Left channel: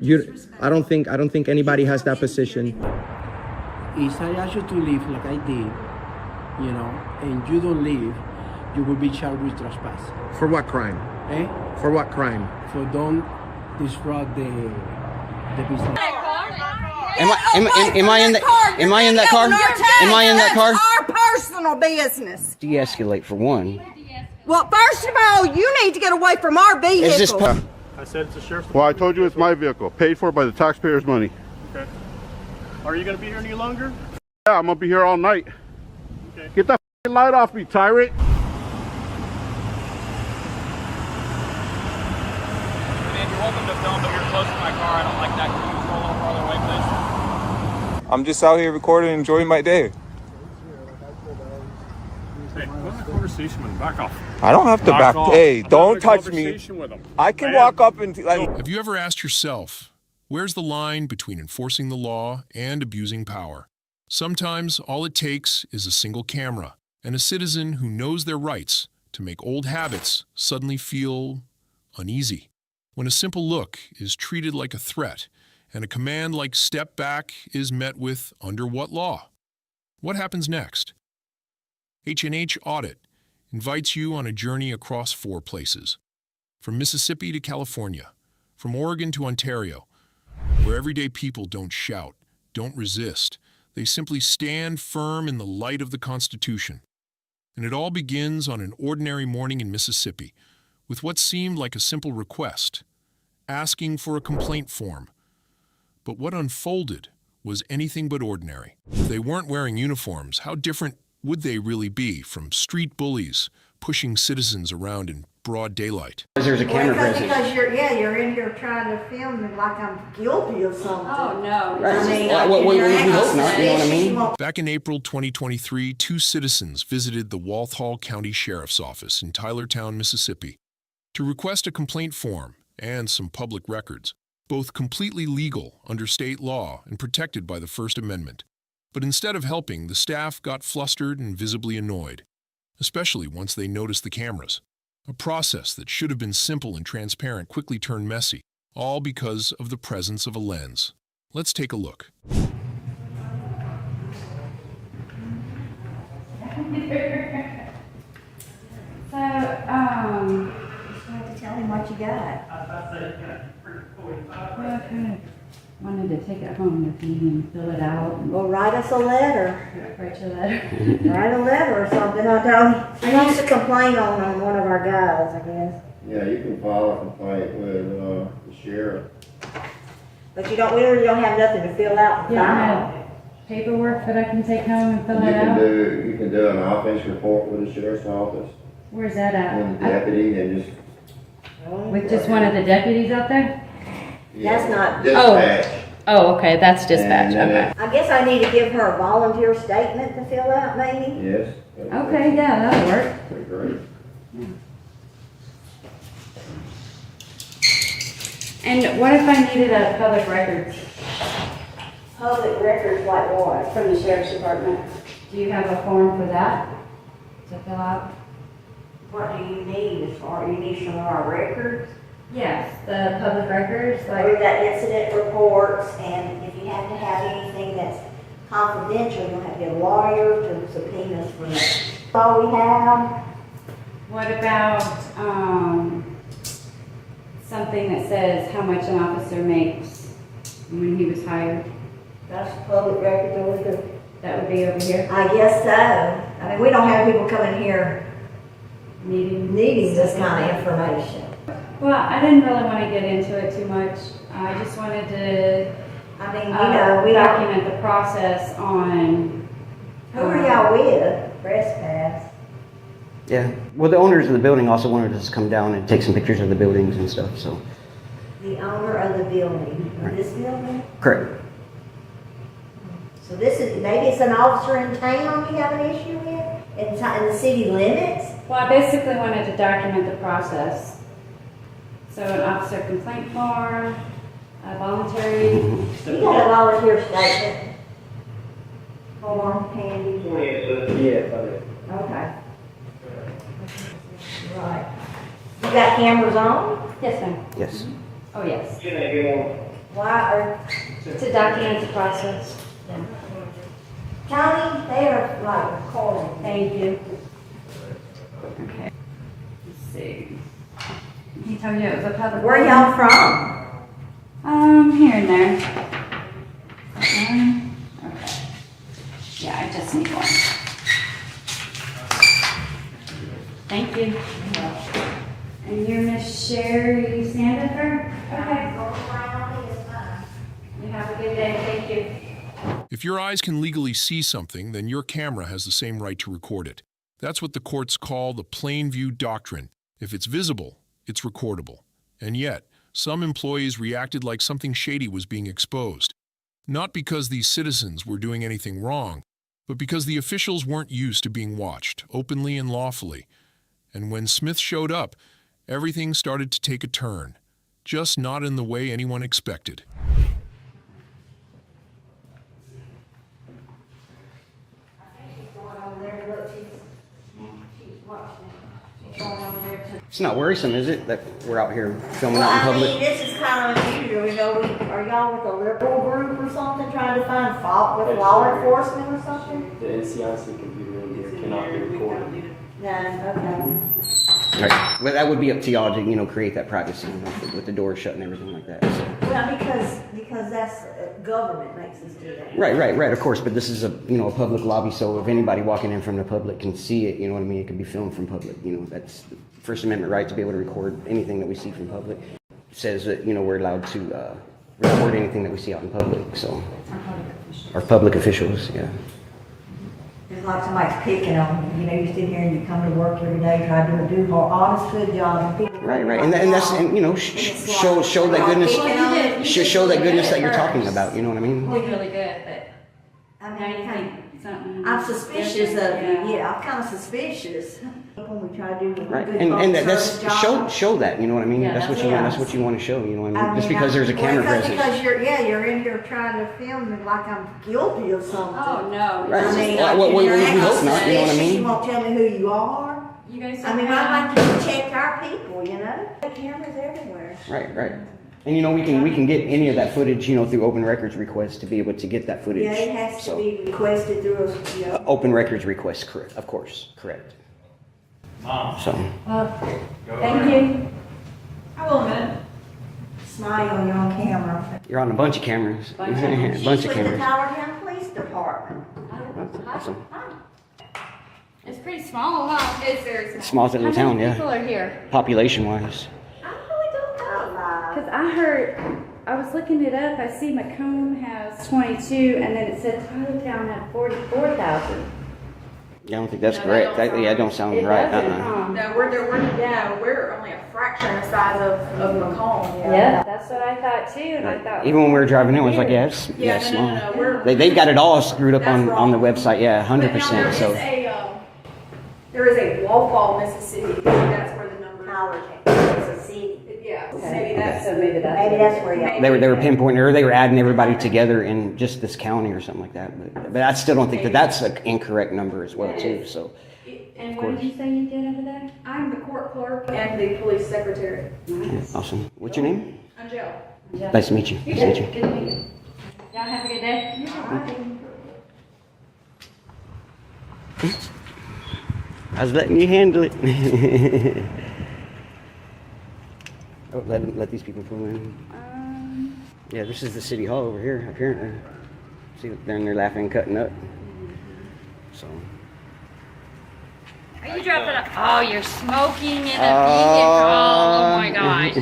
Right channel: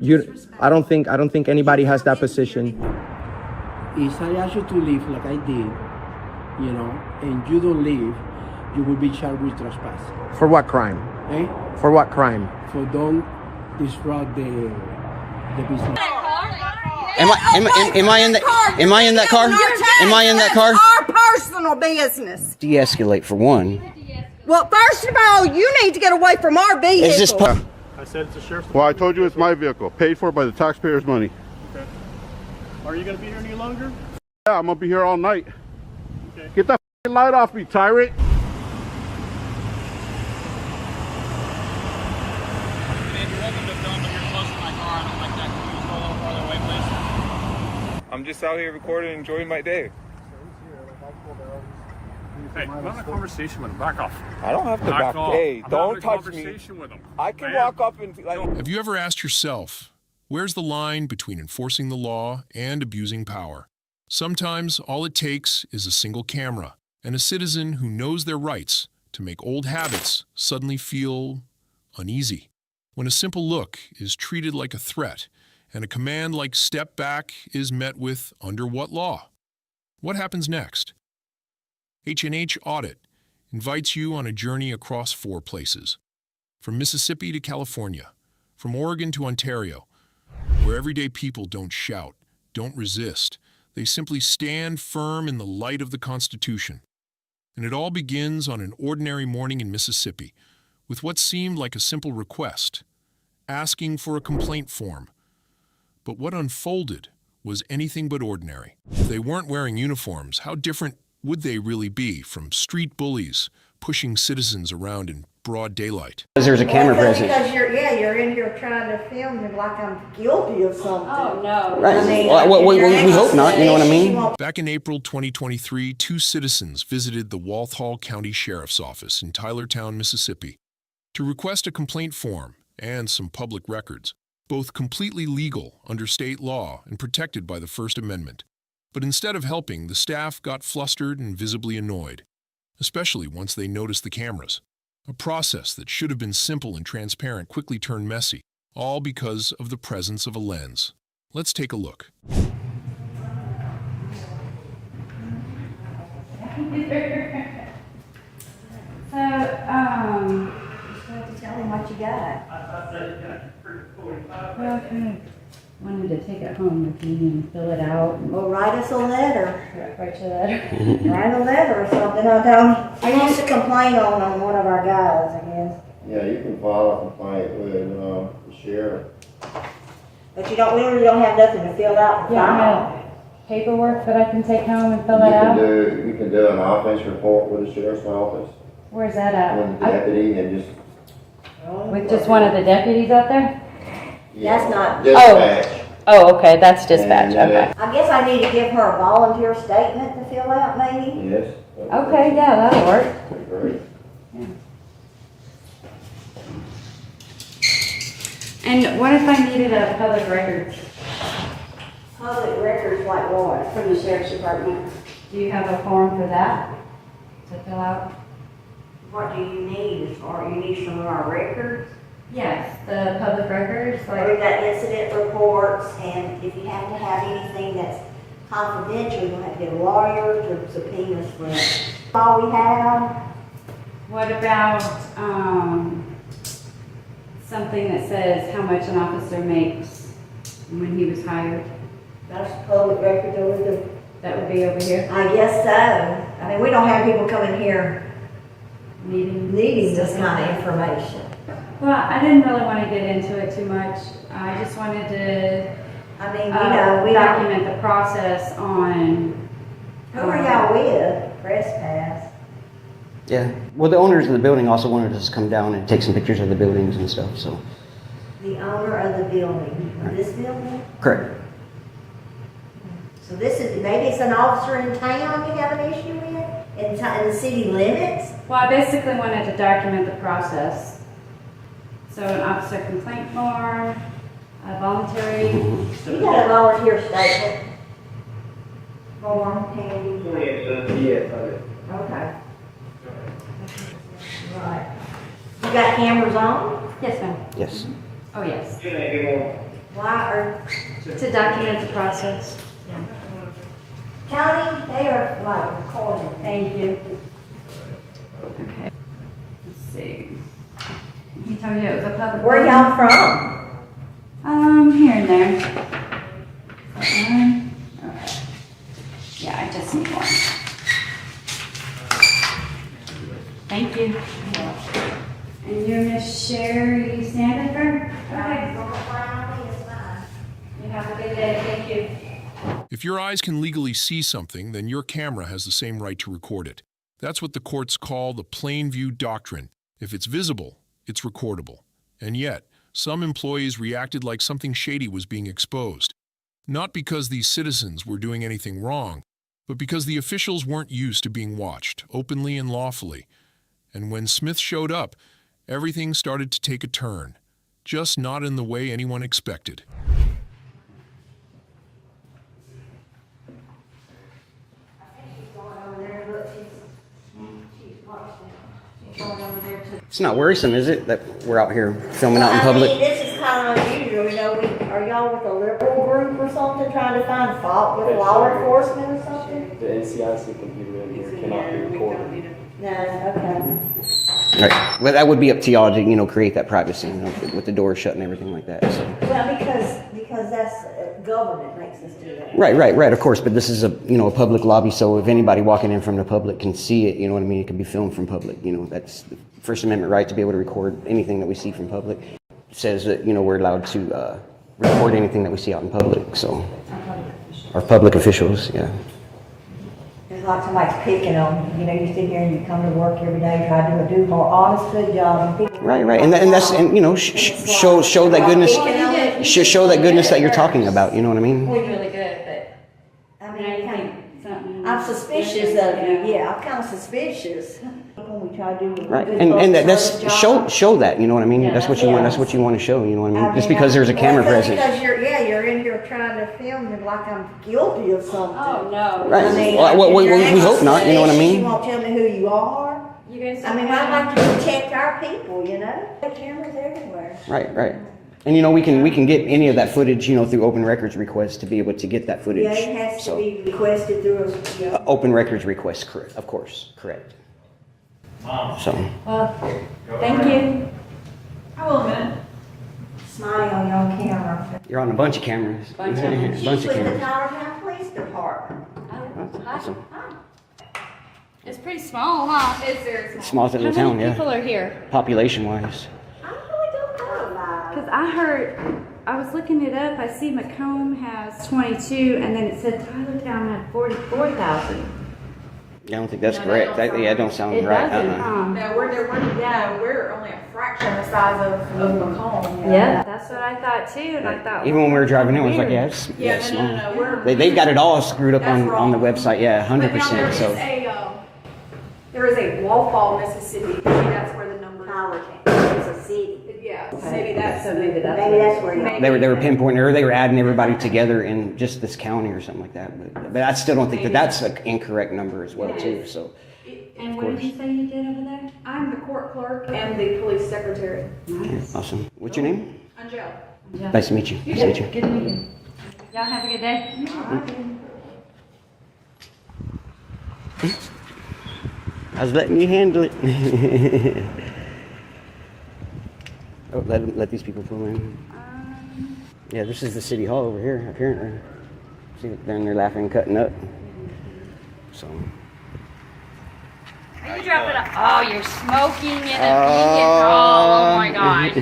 I don't think anybody has that position. If I ask you to leave like I did, you know, and you don't leave, you will be charged with trespass. For what crime? Eh? For what crime? For don't disrupt the business. Am I in that? Am I in that car? Am I in that car? Our personal business. De-escalate for one. Well, first of all, you need to get away from our vehicle. Is this? I said it's a sheriff's. Well, I told you it's my vehicle, paid for by the taxpayers' money. Okay. Are you going to be here any longer? Yeah, I'm gonna be here all night. Okay. Get that light off me, tyrant. Man, you're welcome to film, but you're close to my car. I don't like that. Can you go a little farther away, please? I'm just out here recording and enjoying my day. Hey, I'm having a conversation with him. Back off. I don't have to back off. Hey, I'm don't having a touch me. conversation with him. I can walk up and Have you ever asked yourself, where's the line between enforcing the law and abusing power? Sometimes all it takes is a single camera and a citizen who knows their rights to make old habits suddenly feel uneasy. When a simple look is treated like a threat and a command like step back is met with under what law? What happens next? H&H Audit invites you on a journey across 4 places. From Mississippi to California, from Oregon to Ontario, where everyday people don't shout, don't resist. They simply stand firm in the light of the Constitution. And it all begins on an ordinary morning in Mississippi with what seemed like a simple request, asking for a complaint form. But what unfolded was anything but ordinary. If they weren't wearing uniforms, how different would they really be from street bullies pushing citizens around in broad daylight? Because there's a camera present. Because you're in here trying to film me like I'm guilty of something. Oh, no. Right. I mean, Well, we hope not, you know what I mean? Back in April 2023, 2 citizens visited the Walthall County Sheriff's Office in Tylertown, Mississippi, to request a complaint form and some public records, both completely legal under state law and protected by the First Amendment. But instead of helping, the staff got flustered and visibly annoyed, especially once they noticed the cameras. A process that should have been simple and transparent quickly turned messy, all because of the presence of a lens. Let's take a look. Tell him what you got. Okay. Wanted to take it home with me and fill it out. Well, write us a letter. Write your letter. Write a letter or something. I don't. He wants to complain on one of our guys, I guess. Yeah, you can file a complaint with the sheriff. But you don't. We really don't have nothing to fill out. Yeah, I have paperwork that I can take home and fill it out. You can do an offense report with the sheriff's office. Where's that at? With the deputy and just. With just one of the deputies out there? Yeah, That's not. dispatch. Oh, okay, that's dispatch. Okay. I guess I need to give her a volunteer statement to fill out, maybe. Yes. Okay, yeah, that'll work. That'd be great. And what if I needed a public records Public records like what? from the sheriff's department? Do you have a form for that to fill out? What do you need as far? You need some of our records. Yes, the public records, We've like, got incident reports, and if you have to have anything that's confidential, you'll have to get a lawyer to subpoena us for that. All we have. what about, something that says how much an officer makes when he was hired? That's a public record over there. That would be over here, I guess so. I mean, we don't have people coming here needing this kind of information. Well, I didn't really want to get into it too much. I just wanted to I mean, you know, we don't. document the process on. Who are y'all with? Press pass. Yeah. Well, the owners of the building also wanted us to come down and take some pictures of the buildings and stuff, so. The owner of the building. Of this building? Correct. So this is, maybe it's an officer in town you have an issue with? In the city limits? Well, I basically wanted to document the process. So an officer complaint form, a voluntary. You got a volunteer statement form handy? Yes, I did. Okay. Right. You got cameras on? Yes, ma'am. Yes. Oh, yes. Why are, To document the process. Johnny, they are like recording. Thank you. Okay. Let's see. He told you it was a public. Where building? y'all from? Here and there. Okay. Yeah, I just need one. Thank you. And you're Miss Sherry Sandifer? Okay. You have a good day. Thank you. If your eyes can legally see something, then your camera has the same right to record it. That's what the courts call the plain view doctrine. If it's visible, it's recordable. And yet, some employees reacted like something shady was being exposed. Not because these citizens were doing anything wrong, but because the officials weren't used to being watched, openly and lawfully. And when Smith showed up, everything started to take a turn, just not in the way anyone expected. It's not worrisome, is it, that we're out here filming out in I mean, public? this is kind of unusual, you know, are y'all with a liberal group or something trying to find fault with law enforcement or something? The NCIC computer in here cannot be recorded. No, okay. Right. Well, that would be up to y'all to, create that privacy, with the door shut and everything like that. So. Well, because that's, government makes us do that. Right, of course, but this is a public lobby, so if anybody walking in from the public can see it, you know what I mean, it can be filmed from public, that's the First Amendment right to be able to record anything that we see from public. It says that, we're allowed to record anything that we see out in public, so, our public officials, yeah. It's like somebody's picking on you, you sit here and you come to work every day, try to do a more honest, good job, and people. Right, and that's show that goodness, show that goodness that you're talking about. You know what I mean? We're really good, but I now mean, you think something. I'm suspicious of you. Yeah, I'm kind of suspicious. When we try to do Right, good and that's service job. show that. You know what I mean? Yeah, that's what you want. That's what you want to show. You know what I mean? Just mean, because there's a camera present. Because you're in here trying to film me like I'm guilty of something. Oh no. Right. I mean, Well, if you're we hope not. You know what I suspicious, mean? You won't tell me who you are. You guys. I mean, I like to protect our people. The cameras everywhere. Right. And we can get any of that footage, through open records request to be able to get that footage. Yeah, it has to be requested through a. Open records request, correct? Of course, correct. So. Thank you. Smile on your own camera. You're on a bunch of cameras. Bunch of bunch of With the cameras. Tyler County Police Department. That's awesome. It's pretty small, huh? It's very small. Small little How town, many yeah. people are here? Population-wise. I really don't know. Because I heard, I was looking it up. I see Macomb has 22, and then it said Tylertown had 44,000. I don't think that's correct. That don't sound It right. doesn't. No, we're only a fraction the size of Macomb. Yeah, that's what I thought too, and I thought. Even when we were driving in, I was like, yeah, it's small. No. They've got it all screwed up That's on the wrong. website. Yeah, 100%. So There is a Wallfall, Mississippi. That's where the number. Tyler County, it's a city. Yeah, Okay. maybe that's maybe That's where you. they were pinpointing, or they were adding everybody together in just this county or something like that. But I still don't think that's an incorrect number as well too. So. And what did you say you did over there? I'm the court clerk and the police secretary. Yeah, awesome. What's your name? Angel. Nice to meet you. Nice to meet you. Good to meet you. Y'all have a good day. I was letting you handle it. Oh, let these people pull in. Yeah, this is the city hall over here, apparently. See, they're in there laughing and cutting up. So. Are you dropping it? Oh, you're smoking in a vehicle. Oh my gosh.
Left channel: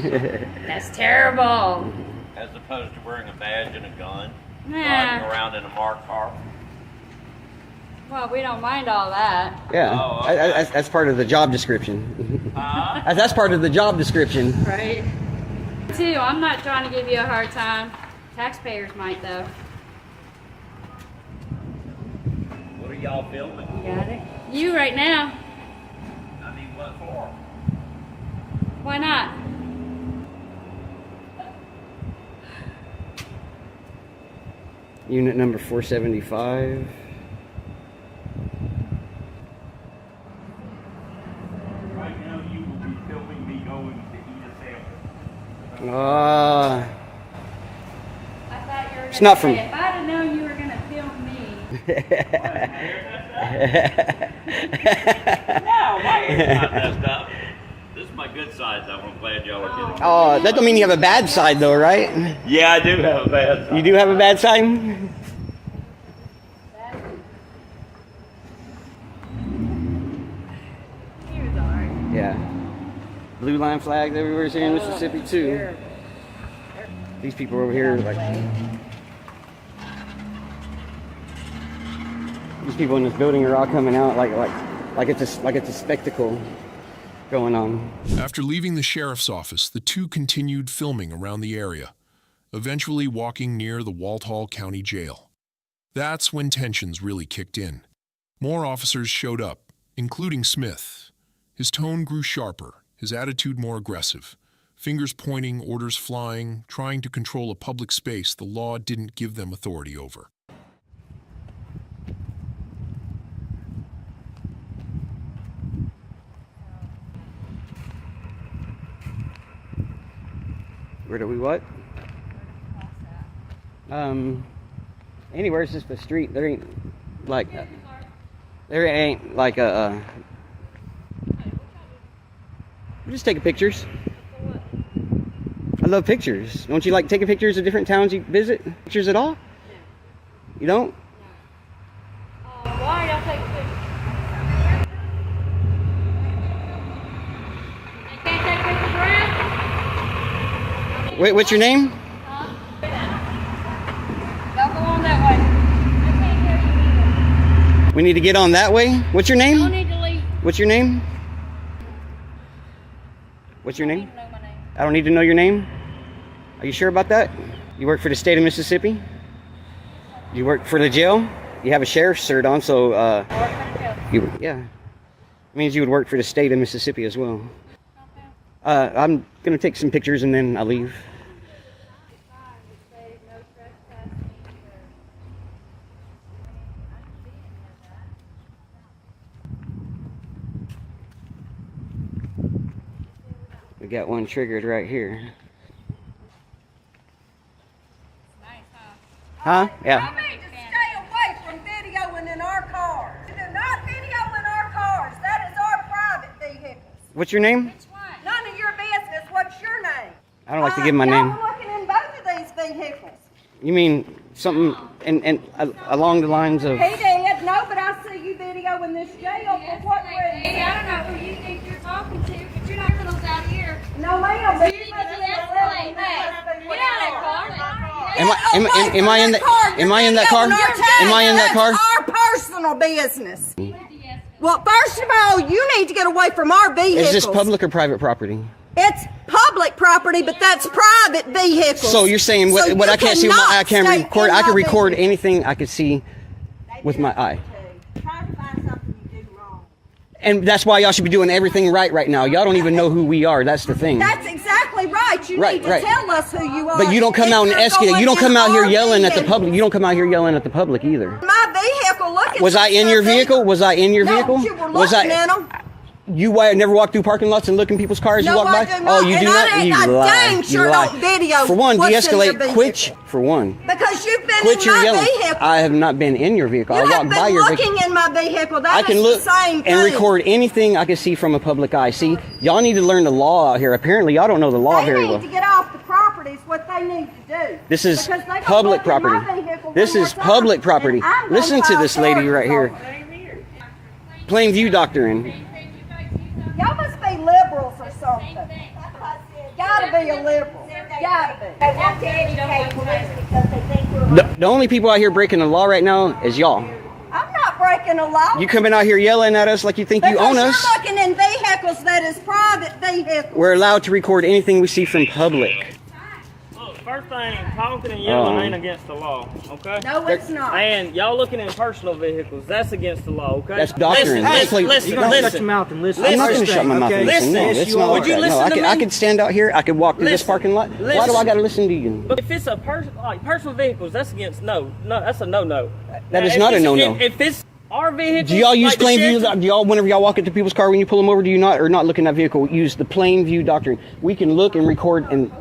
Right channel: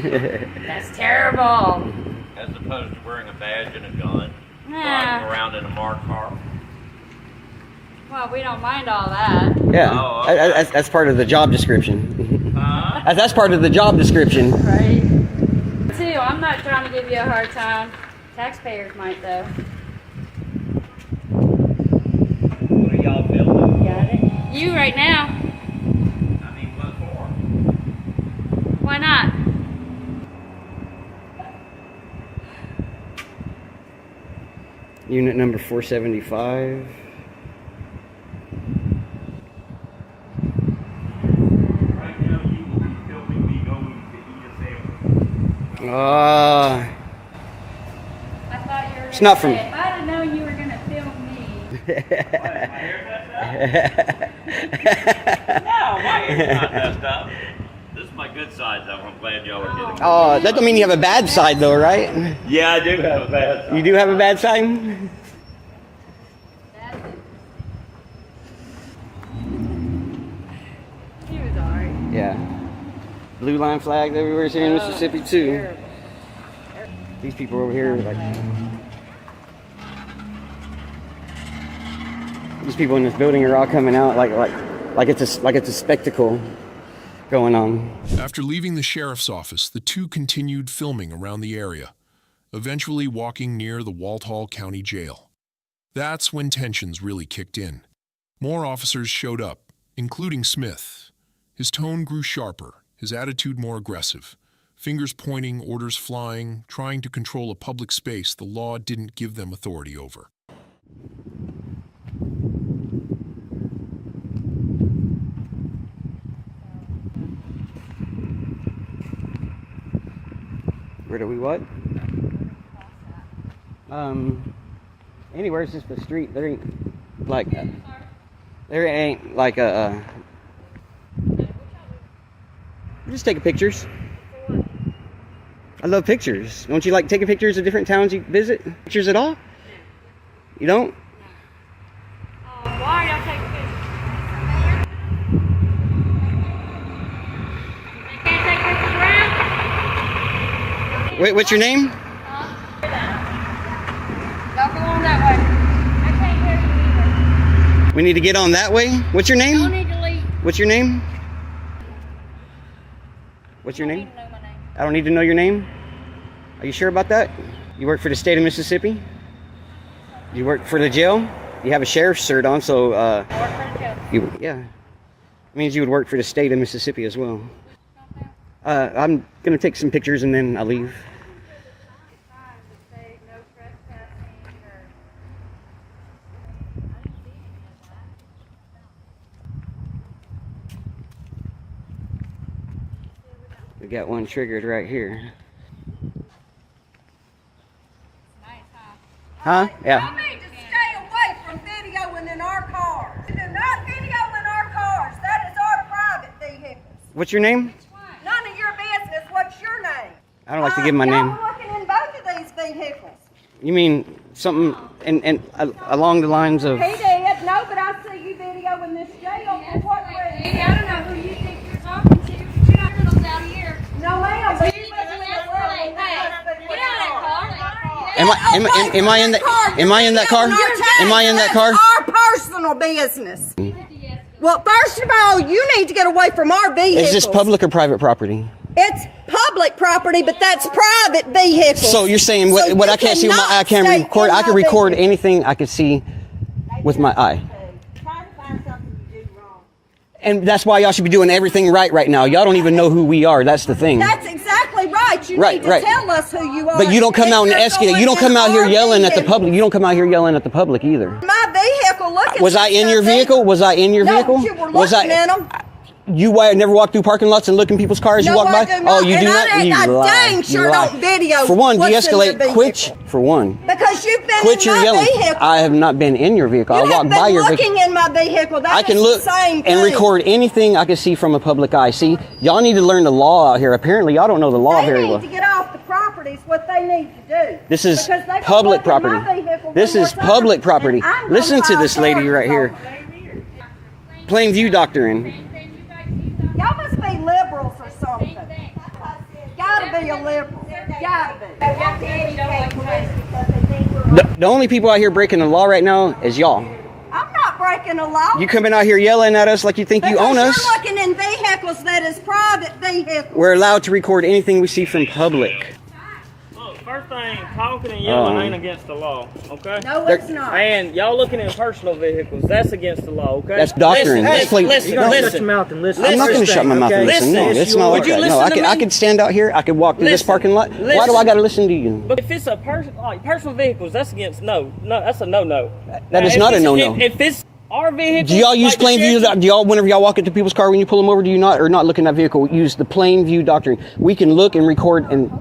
That's terrible. As opposed to wearing a badge and a gun, Yeah. driving around in a marked car. Well, we don't mind all that. Yeah, Oh, okay. that's part of the job description. Huh? That's part of the job description. Right? Too, I'm not trying to give you a hard time. Taxpayers might, though. What are y'all filming? Got it? You right now. I mean, what for? Why not? Unit number 475. Right now, you will be filming me going to eat a sandwich. It's not from. If I'd have known you were going to film me. No, my hair's not messed up. This is my good side, though. I'm glad y'all are getting. Oh, that don't mean you have a bad side, though, right? Yeah, I do have a bad side. You do have a bad side? Yeah. Blue line flags everywhere in Mississippi, too. These people over here, like... These people in this building are all coming out like it's a spectacle going on. After leaving the sheriff's office, the two continued filming around the area, eventually walking near the Walthall County Jail. That's when tensions really kicked in. More officers showed up, including Smith. His tone grew sharper, his attitude more aggressive. Fingers pointing, orders flying, trying to control a public space the law didn't give them authority over. Where do we what? Anywhere, it's just the street. There ain't like just taking pictures. I love pictures. Don't you like taking pictures of different towns you visit? Pictures at all? You don't? Why y'all take pictures? They can't take pictures around? Wait, what's your name? Don't go on that way. We need to get on that way. What's your name? Don't need to leave. What's your name? What's your name? I don't need to know your name. Are you sure about that? You work for the state of Mississippi? You work for the jail? You have a sheriff's cert on, so I work for the jail. yeah. It means you would work for the state of Mississippi as well. I'm gonna take some pictures and then I'll leave. We got one triggered right here. Huh? Yeah. You need to stay away from videoing in our cars. Do not video in our cars. That is our private vehicles. What's your name? None of your business. What's your name? I don't like to give my name. Y'all were looking in both of these vehicles. You mean something and along the lines of? He did. No, but I see you videoing this jail. For what reason? Hey, I don't know who you think you're talking to, but you're not going to out here. No, ma'am. But you must be Am I in that car? Am I in that car? That's our personal business. Well, first of all, you need to get away from our vehicles. Is this public or private property? It's public property, but that's private vehicles. So you're saying what I can't see with my eye, I can't record. I can record anything I can see with my eye. And that's why y'all should be doing everything right now. Y'all don't even know who we are. That's the thing. That's exactly right. You need to tell us who you are. But you don't come out and escalate. You don't come out here yelling at the public. You don't come out here yelling at the public either. My vehicle, look at Was I in your vehicle? Was I in your vehicle? No, you were looking at them. You never walk through parking lots and look in people's cars? You walk by? No, Oh, you do not? You lie. You lie. For one, de-escalate. Quit. For one. Because you've been Quit in your my yelling. vehicle. I have not been in your vehicle. I walked by your vehicle. looking in my vehicle. That I can look the same thing. and record anything I can see from a public eye. See, y'all need to learn the law out here. Apparently, y'all don't know the law very well. They need to get off the property is what they need to do. This is Because they public go look in my property. vehicle This one is more time, public property. and I'm gonna Listen to file this lady right charges here. on it. Plain view doctrine. Y'all must be liberals or something. Gotta be a liberal. Gotta be. They want to educate police because they think we're The only people out here breaking the law right now is y'all. I'm not breaking a law. You coming out here yelling at us like you think you own us. Because you're looking in vehicles that is private vehicles. We're allowed to record anything we see from public. Look, first thing, talking and yelling ain't against the law, okay? No, it's not. And y'all looking in personal vehicles, that's against the law, okay? That's doctrine. Listen, That's like- listen, no. listen. Shut your mouth and listen. I'm not going to shut my mouth and listen. No, Listen, it's not like would you that. No, listen to I me? could stand out here. I could walk through this Listen. parking lot. Why do Listen. I got to listen to you? But if it's a personal vehicles, that's against no, that's a no. That is not a no-no. If it's our vehicle, Do y'all use plain view? Do y'all, whenever y'all walk into people's car when you pull them over, do you not or not look in that vehicle? Use the plain view doctrine. We can look and record and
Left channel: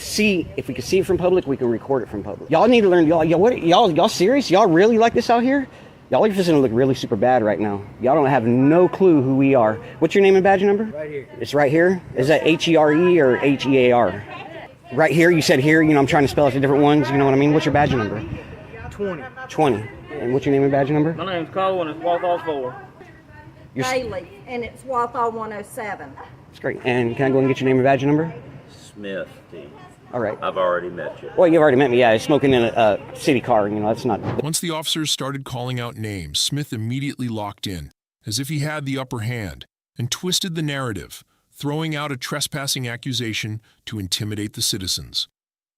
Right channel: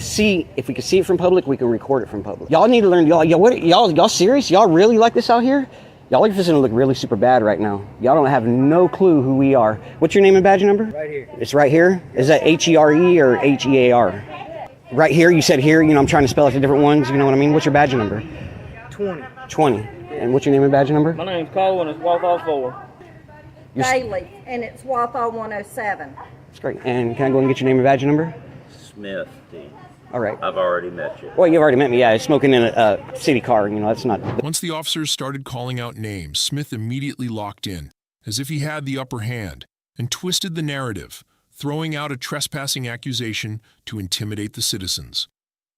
see it from public, we can record it from public. Y'all need to learn. Y'all serious? Y'all really like this out here? Y'all are just gonna look really super bad right now. Y'all don't have no clue who we are. What's your name and badge number? Right here. It's right here? Is that HERE or HEAR? Right here, you said here, I'm trying to spell out the different ones, you know what I mean? What's your badge number? 20. 20. And what's your name and badge number? My name's Cole and it's Walthall 4. Daily, and it's Walthall 107. That's great. And can I go and get your name and badge number? Smith, Steve. All right. I've already met you. Well, you've already met me, yeah. Smoking in a city car, that's not... Once the officers started calling out names, Smith immediately locked in, as if he had the upper hand, and twisted the narrative, throwing out a trespassing accusation to intimidate the citizens.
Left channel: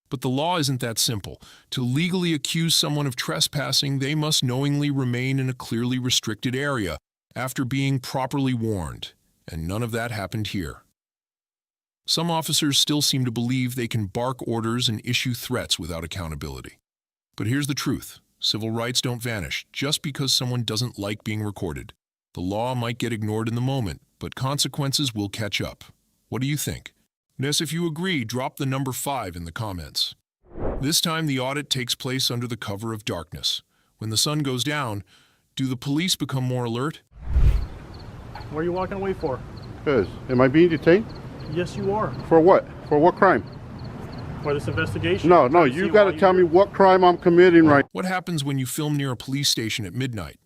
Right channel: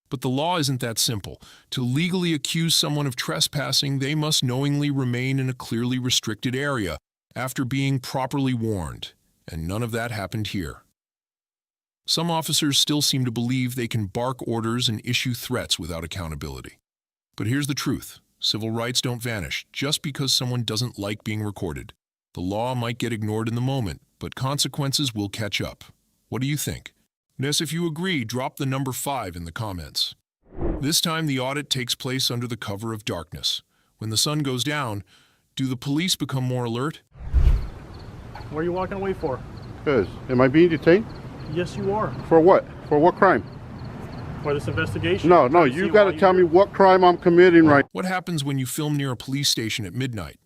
But the law isn't that simple. To legally accuse someone of trespassing, they must knowingly remain in a clearly restricted area after being properly warned, and none of that happened here. Some officers still seem to believe they can bark orders and issue threats without accountability. But here's the truth. Civil rights don't vanish just because someone doesn't like being recorded. The law might get ignored in the moment, but consequences will catch up. What do you think? Yes, if you agree, drop the number 5 in the comments. This time the audit takes place under the cover of darkness. When the sun goes down, do the police become more alert? What are you walking away for? Because, am I being detained? Yes, you are. For what? For what crime? For this investigation. No, you got to tell me what crime I'm committing right. What happens when you film near a police station at midnight?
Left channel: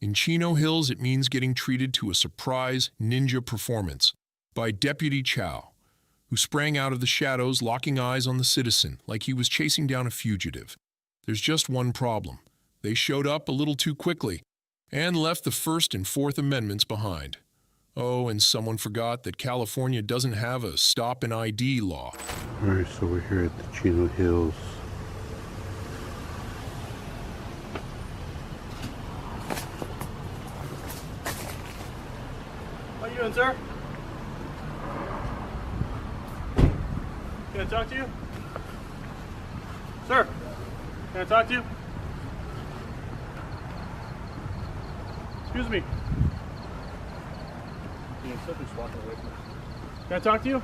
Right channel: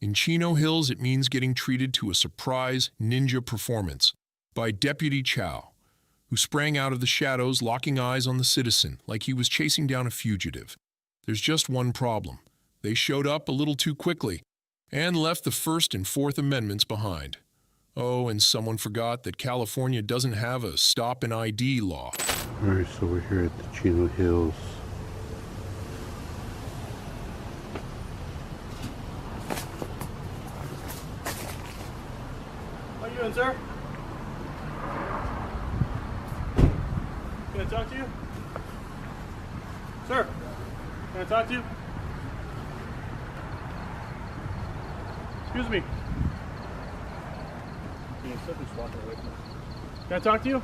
In Chino Hills, it means getting treated to a surprise ninja performance by Deputy Chow, who sprang out of the shadows, locking eyes on the citizen like he was chasing down a fugitive. There's just one problem. They showed up a little too quickly and left the First and Fourth Amendments behind. Oh, and someone forgot that California doesn't have a stop and ID law. All right, so we're here at the Chino Hills. How you doing, sir? Can I talk to you? Sir, can I talk to you? Excuse me. Can I talk to you?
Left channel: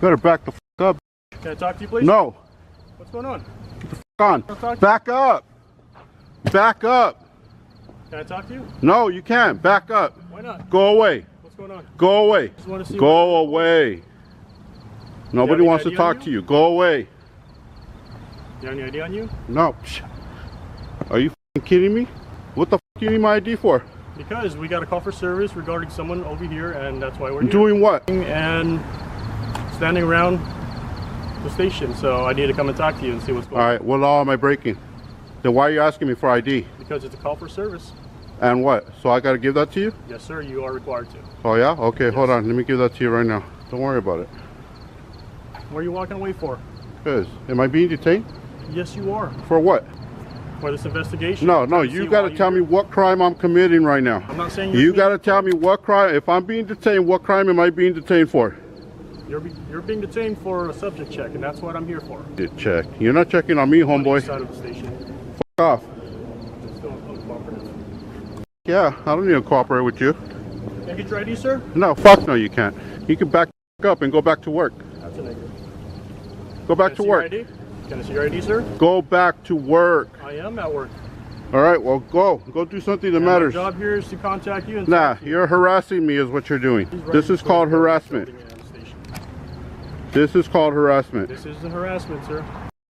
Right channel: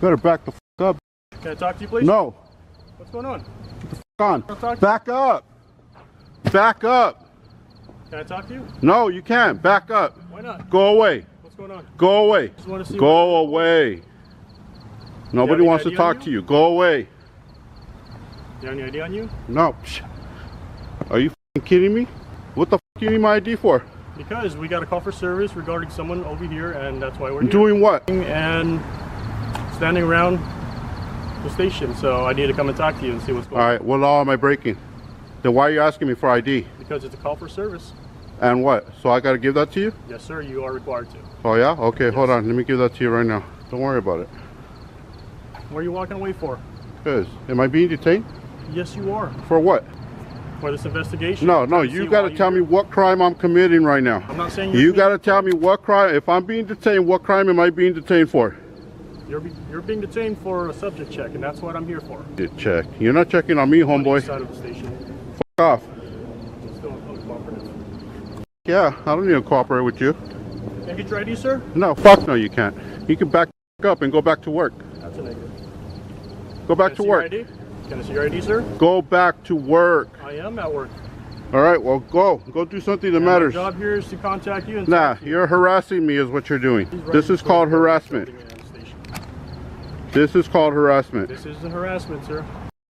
Better back the f up. Can I talk to you, please? No. What's going on? On. Back up. Back up. Can I talk to you? No, you can't. Back up. Why not? Go away. What's going on? Go away. Just want to see Go away. Nobody wants to talk to you. Go away. Do you have any ID on you? No. Are you f***ing kidding me? What the f*** do you need my ID for? Because we got a call for service regarding someone over here, and that's why we're here. Doing what? And standing around the station, so I need to come and talk to you and see what's going on. All right, what law am I breaking? Then why are you asking me for ID? Because it's a call for service. And what? So I got to give that to you? Yes, sir, you are required to. Oh, yeah? Okay, hold on. Let me give that to you right now. Don't worry about it. What are you walking away for? Because, am I being detained? Yes, you are. For what? For this investigation. No, you got to tell me what crime I'm committing right now. I'm not saying you got to tell me what crime. If I'm being detained, what crime am I being detained for? You're being detained for a subject check, and that's what I'm here for. Get checked. You're not checking on me, homeboy. Side of the station. F off. Still uncooperative. Yeah, I don't need to cooperate with you. Can I get your ID, sir? No, fuck no, you can't. You can back up and go back to work. That's a negative. Go back to work. Can I see your ID, sir? Go back to work. I am at work. All right, well, go do something that matters. My job here is to contact you. And nah, you're harassing me is what you're doing. This is called harassment. This is called harassment. This isn't harassment, sir.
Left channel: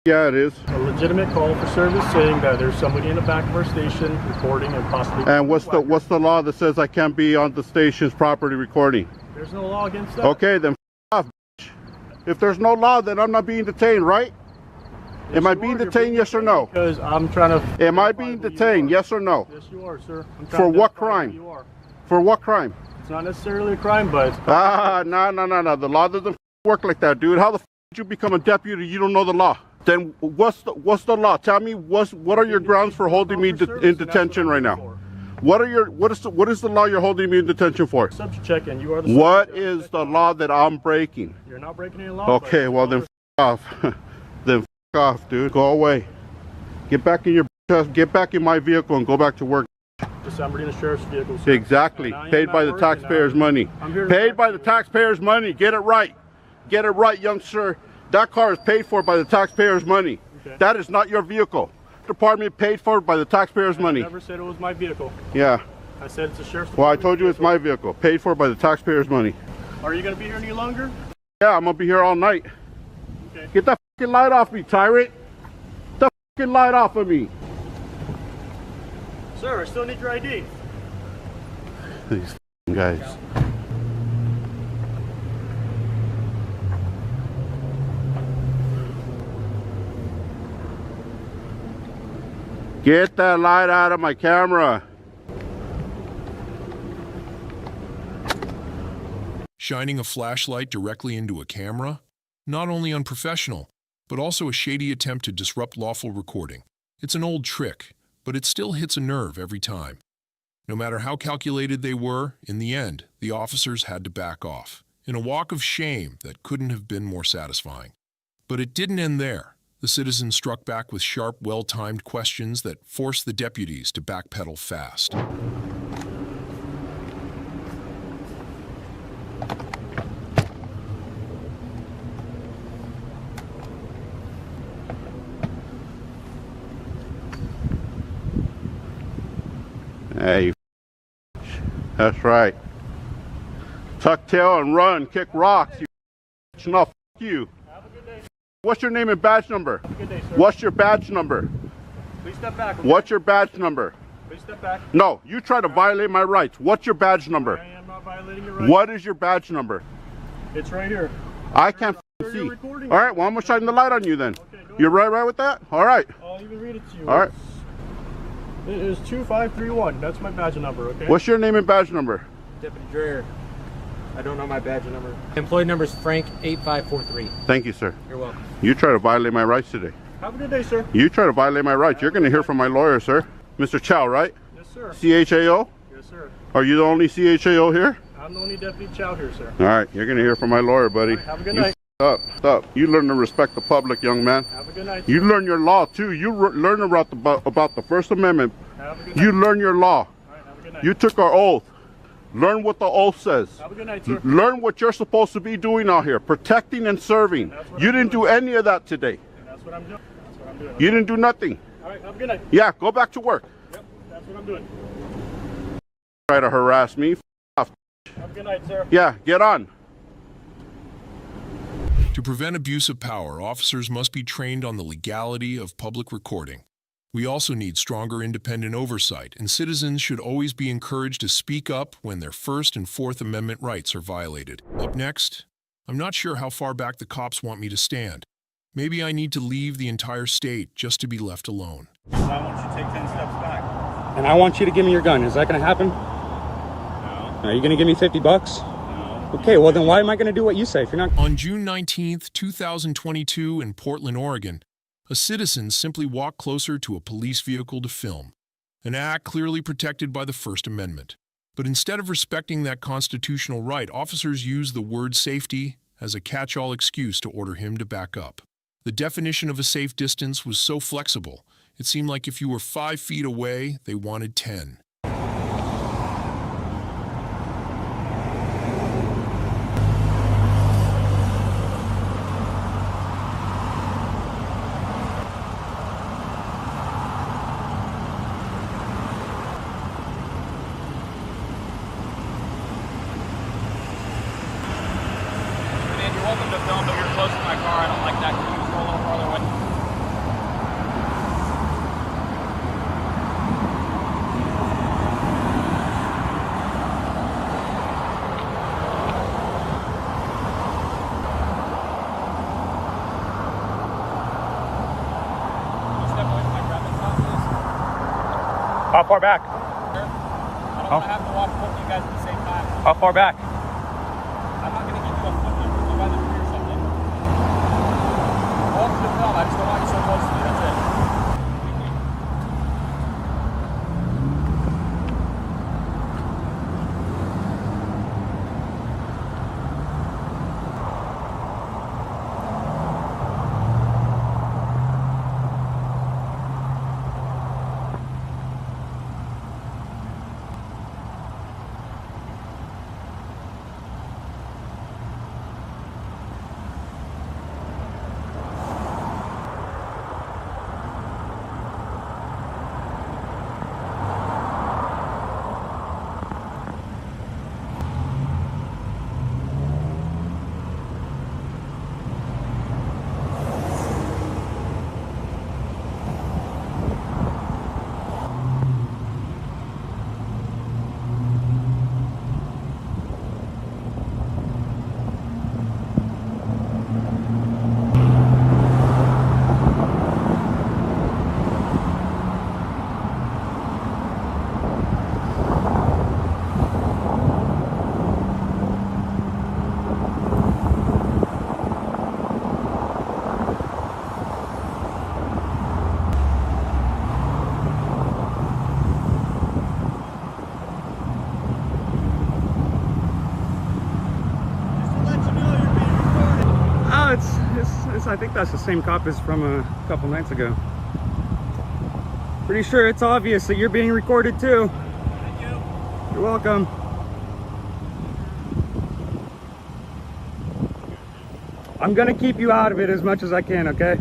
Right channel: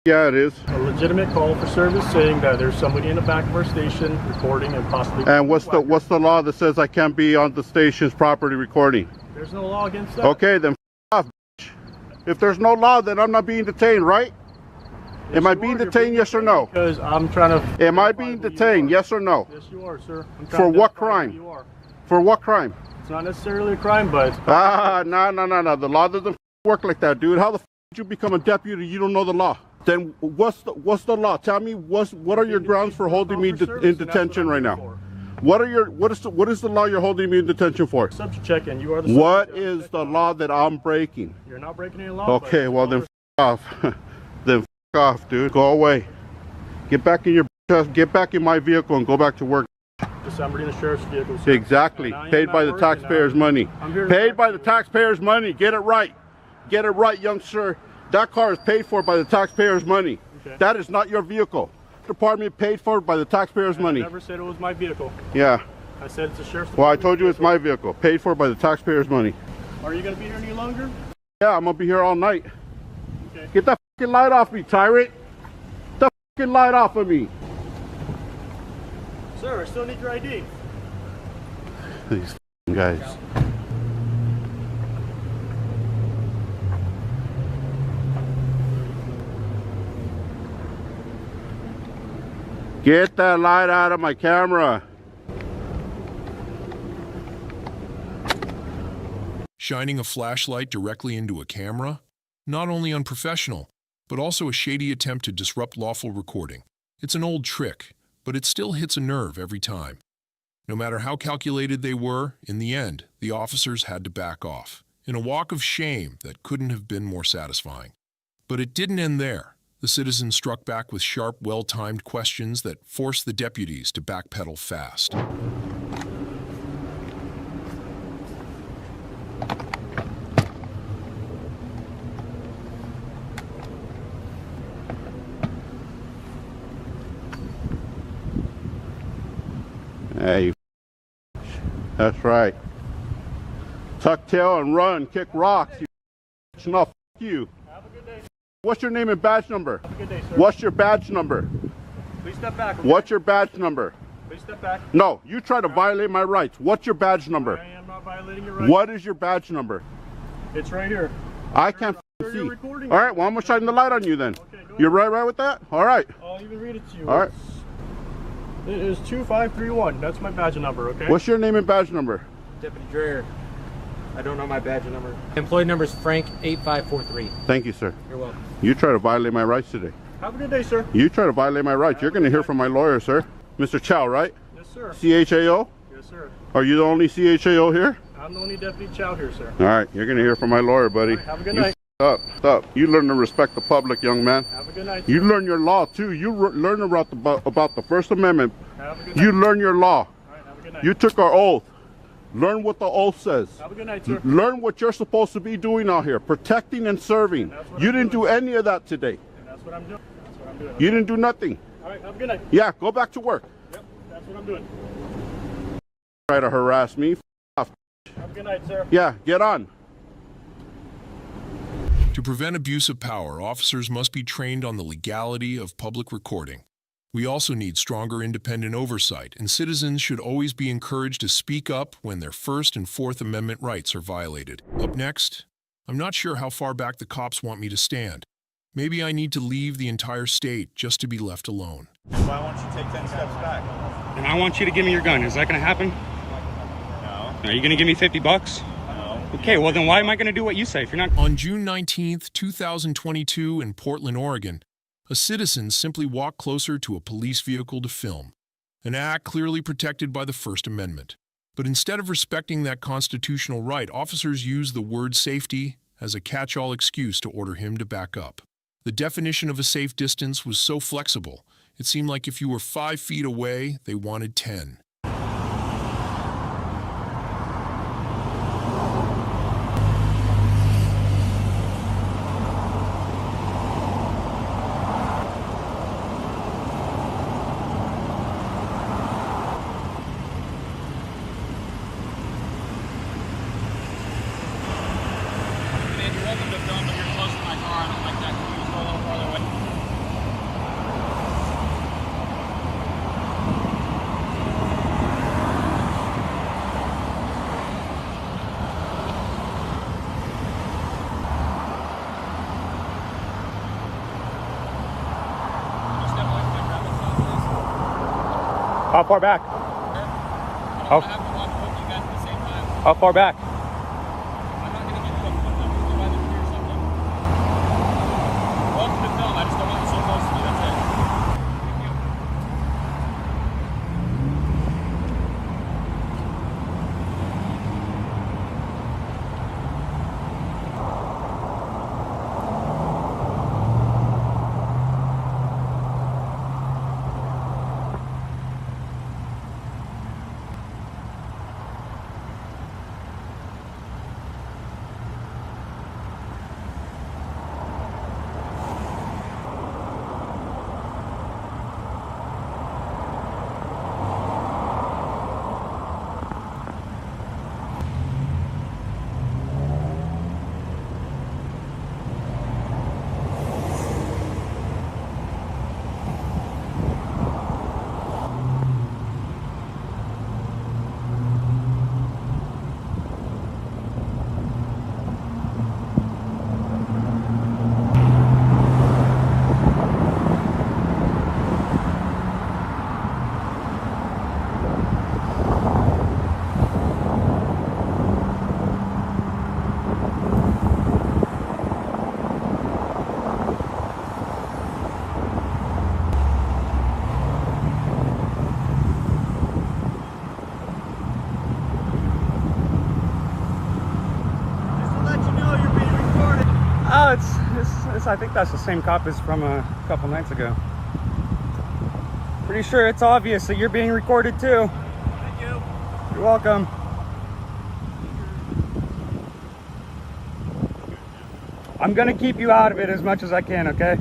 Yeah, it is. A legitimate call for service saying that there's somebody in the back of our station recording and possibly... And what's the law that says I can't be on the station's property recording? There's no law against that. Okay, then f off, bitch. If there's no law, then I'm not being detained, right? Yes, am I being detained, yes or no? Because I'm trying to... Am I being detained, yes or no? Yes, you are, sir. For what crime? You are. For what crime? It's not necessarily a crime, but... No. The law doesn't work like that, dude. How the f did you become a deputy? You don't know the law. Then what's the law? Tell me what are your grounds for holding me in detention right now? What is the law you're holding me in detention for? Subject check, and you are the What is the law that I'm breaking? You're not breaking any law. Okay, well then f off. Then f off, dude. Go away. Get back in my vehicle and go back to work. Somebody in the sheriff's vehicle. Sir. Exactly. Paid by the taxpayers' money. Paid by the taxpayers' money. Get it right. Get it right, young sir. That car is paid for by the taxpayers' money. Okay. That is not your vehicle. Department paid for by the taxpayers' money. I never said it was my vehicle. Yeah. I said it's a sheriff's department. Well, I told you it's my vehicle, paid for by the taxpayers' money. Are you going to be here any longer? Yeah, I'm gonna be here all night. Okay. Get that fucking light off me, tyrant. Get the fucking light off of me. Sir, I still need your ID. These fucking guys. Get that light out of my camera. Shining a flashlight directly into a camera? Not only unprofessional, but also a shady attempt to disrupt lawful recording. It's an old trick, but it still hits a nerve every time. No matter how calculated they were, in the end, the officers had to back off, in a walk of shame that couldn't have been more satisfying. But it didn't end there. The citizens struck back with sharp, well-timed questions that forced the deputies to backpedal fast. Hey, you that's right. Tuck tail and run, kick rocks. You no, you. Have a good day. What's your name and badge number? Have a good day, sir. What's your badge number? Please step back. Okay? What's your badge number? Please step back. No, you try to violate my rights. What's your badge number? I am not violating your rights. What is your badge number? It's right here. I can't Sir, see. you're recording. All right, well, I'm going to shine the light on you then. Okay, go You're ahead. right with that? All right. I'll even read it to you. All right. It is 2531. That's my badge number, okay? What's your name and badge number? Deputy Dreher. I don't know my badge number. Employee number is Frank8543. Thank you, sir. You're welcome. You try to violate my rights today. Have a good day, sir. You try to violate my rights. You're going to hear from my lawyer, sir. Mr. Chow, right? Yes, sir. CHAO? Yes, sir. Are you the only CHAO here? I'm the only Deputy Chow here, sir. All right, you're going to hear from my lawyer, buddy. All right, have a good You night. Up. You learn to respect the public, young man. Have a good night, You sir. learn your law, too. You learn about the First Amendment. Have a good night. You learn your law. All right, have a good night. You took our oath. Learn what the oath says. Have a good night, sir. Learn what you're supposed to be doing out here, protecting and serving. You didn't do any of that today. And that's what I'm doing. That's what I'm doing. You didn't do nothing. All right, have a good night. Yeah, go back to work. Yep, that's what I'm doing. Try to harass me. Have a good night, sir. Yeah, get on. To prevent abuse of power, officers must be trained on the legality of public recording. We also need stronger independent oversight, and citizens should always be encouraged to speak up when their First and Fourth Amendment rights are violated. Up next, I'm not sure how far back the cops want me to stand. Maybe I need to leave the entire state just to be left alone. Why won't you take 10 steps back? And I want you to give me your gun. Is that going to happen? No. Are you going to give me $50? No. Okay, well then why am I going to do what you say if you're not? On June 19, 2022, in Portland, Oregon, a citizen simply walked closer to a police vehicle to film, an act clearly protected by the First Amendment. But instead of respecting that constitutional right, officers used the word safety as a catch-all excuse to order him to back up. The definition of a safe distance was so flexible, it seemed like if you were 5 feet away, they wanted 10. Man, you're welcome to film, but you're close to my car. I don't like that. Can you just go a little farther away? Can you step away from my traffic stop, please? How far back? I don't want to have to watch both of you guys at the same time. How far back? I'm not going to get you a foot number. Go by the tree or something. You're welcome to film. I just don't want you so close to me. That's it. Thank you. I think that's the same cop as from a couple nights ago. Pretty sure it's obvious that you're being recorded too. Thank you. You're welcome. I'm gonna keep you out of it as much as I can, okay?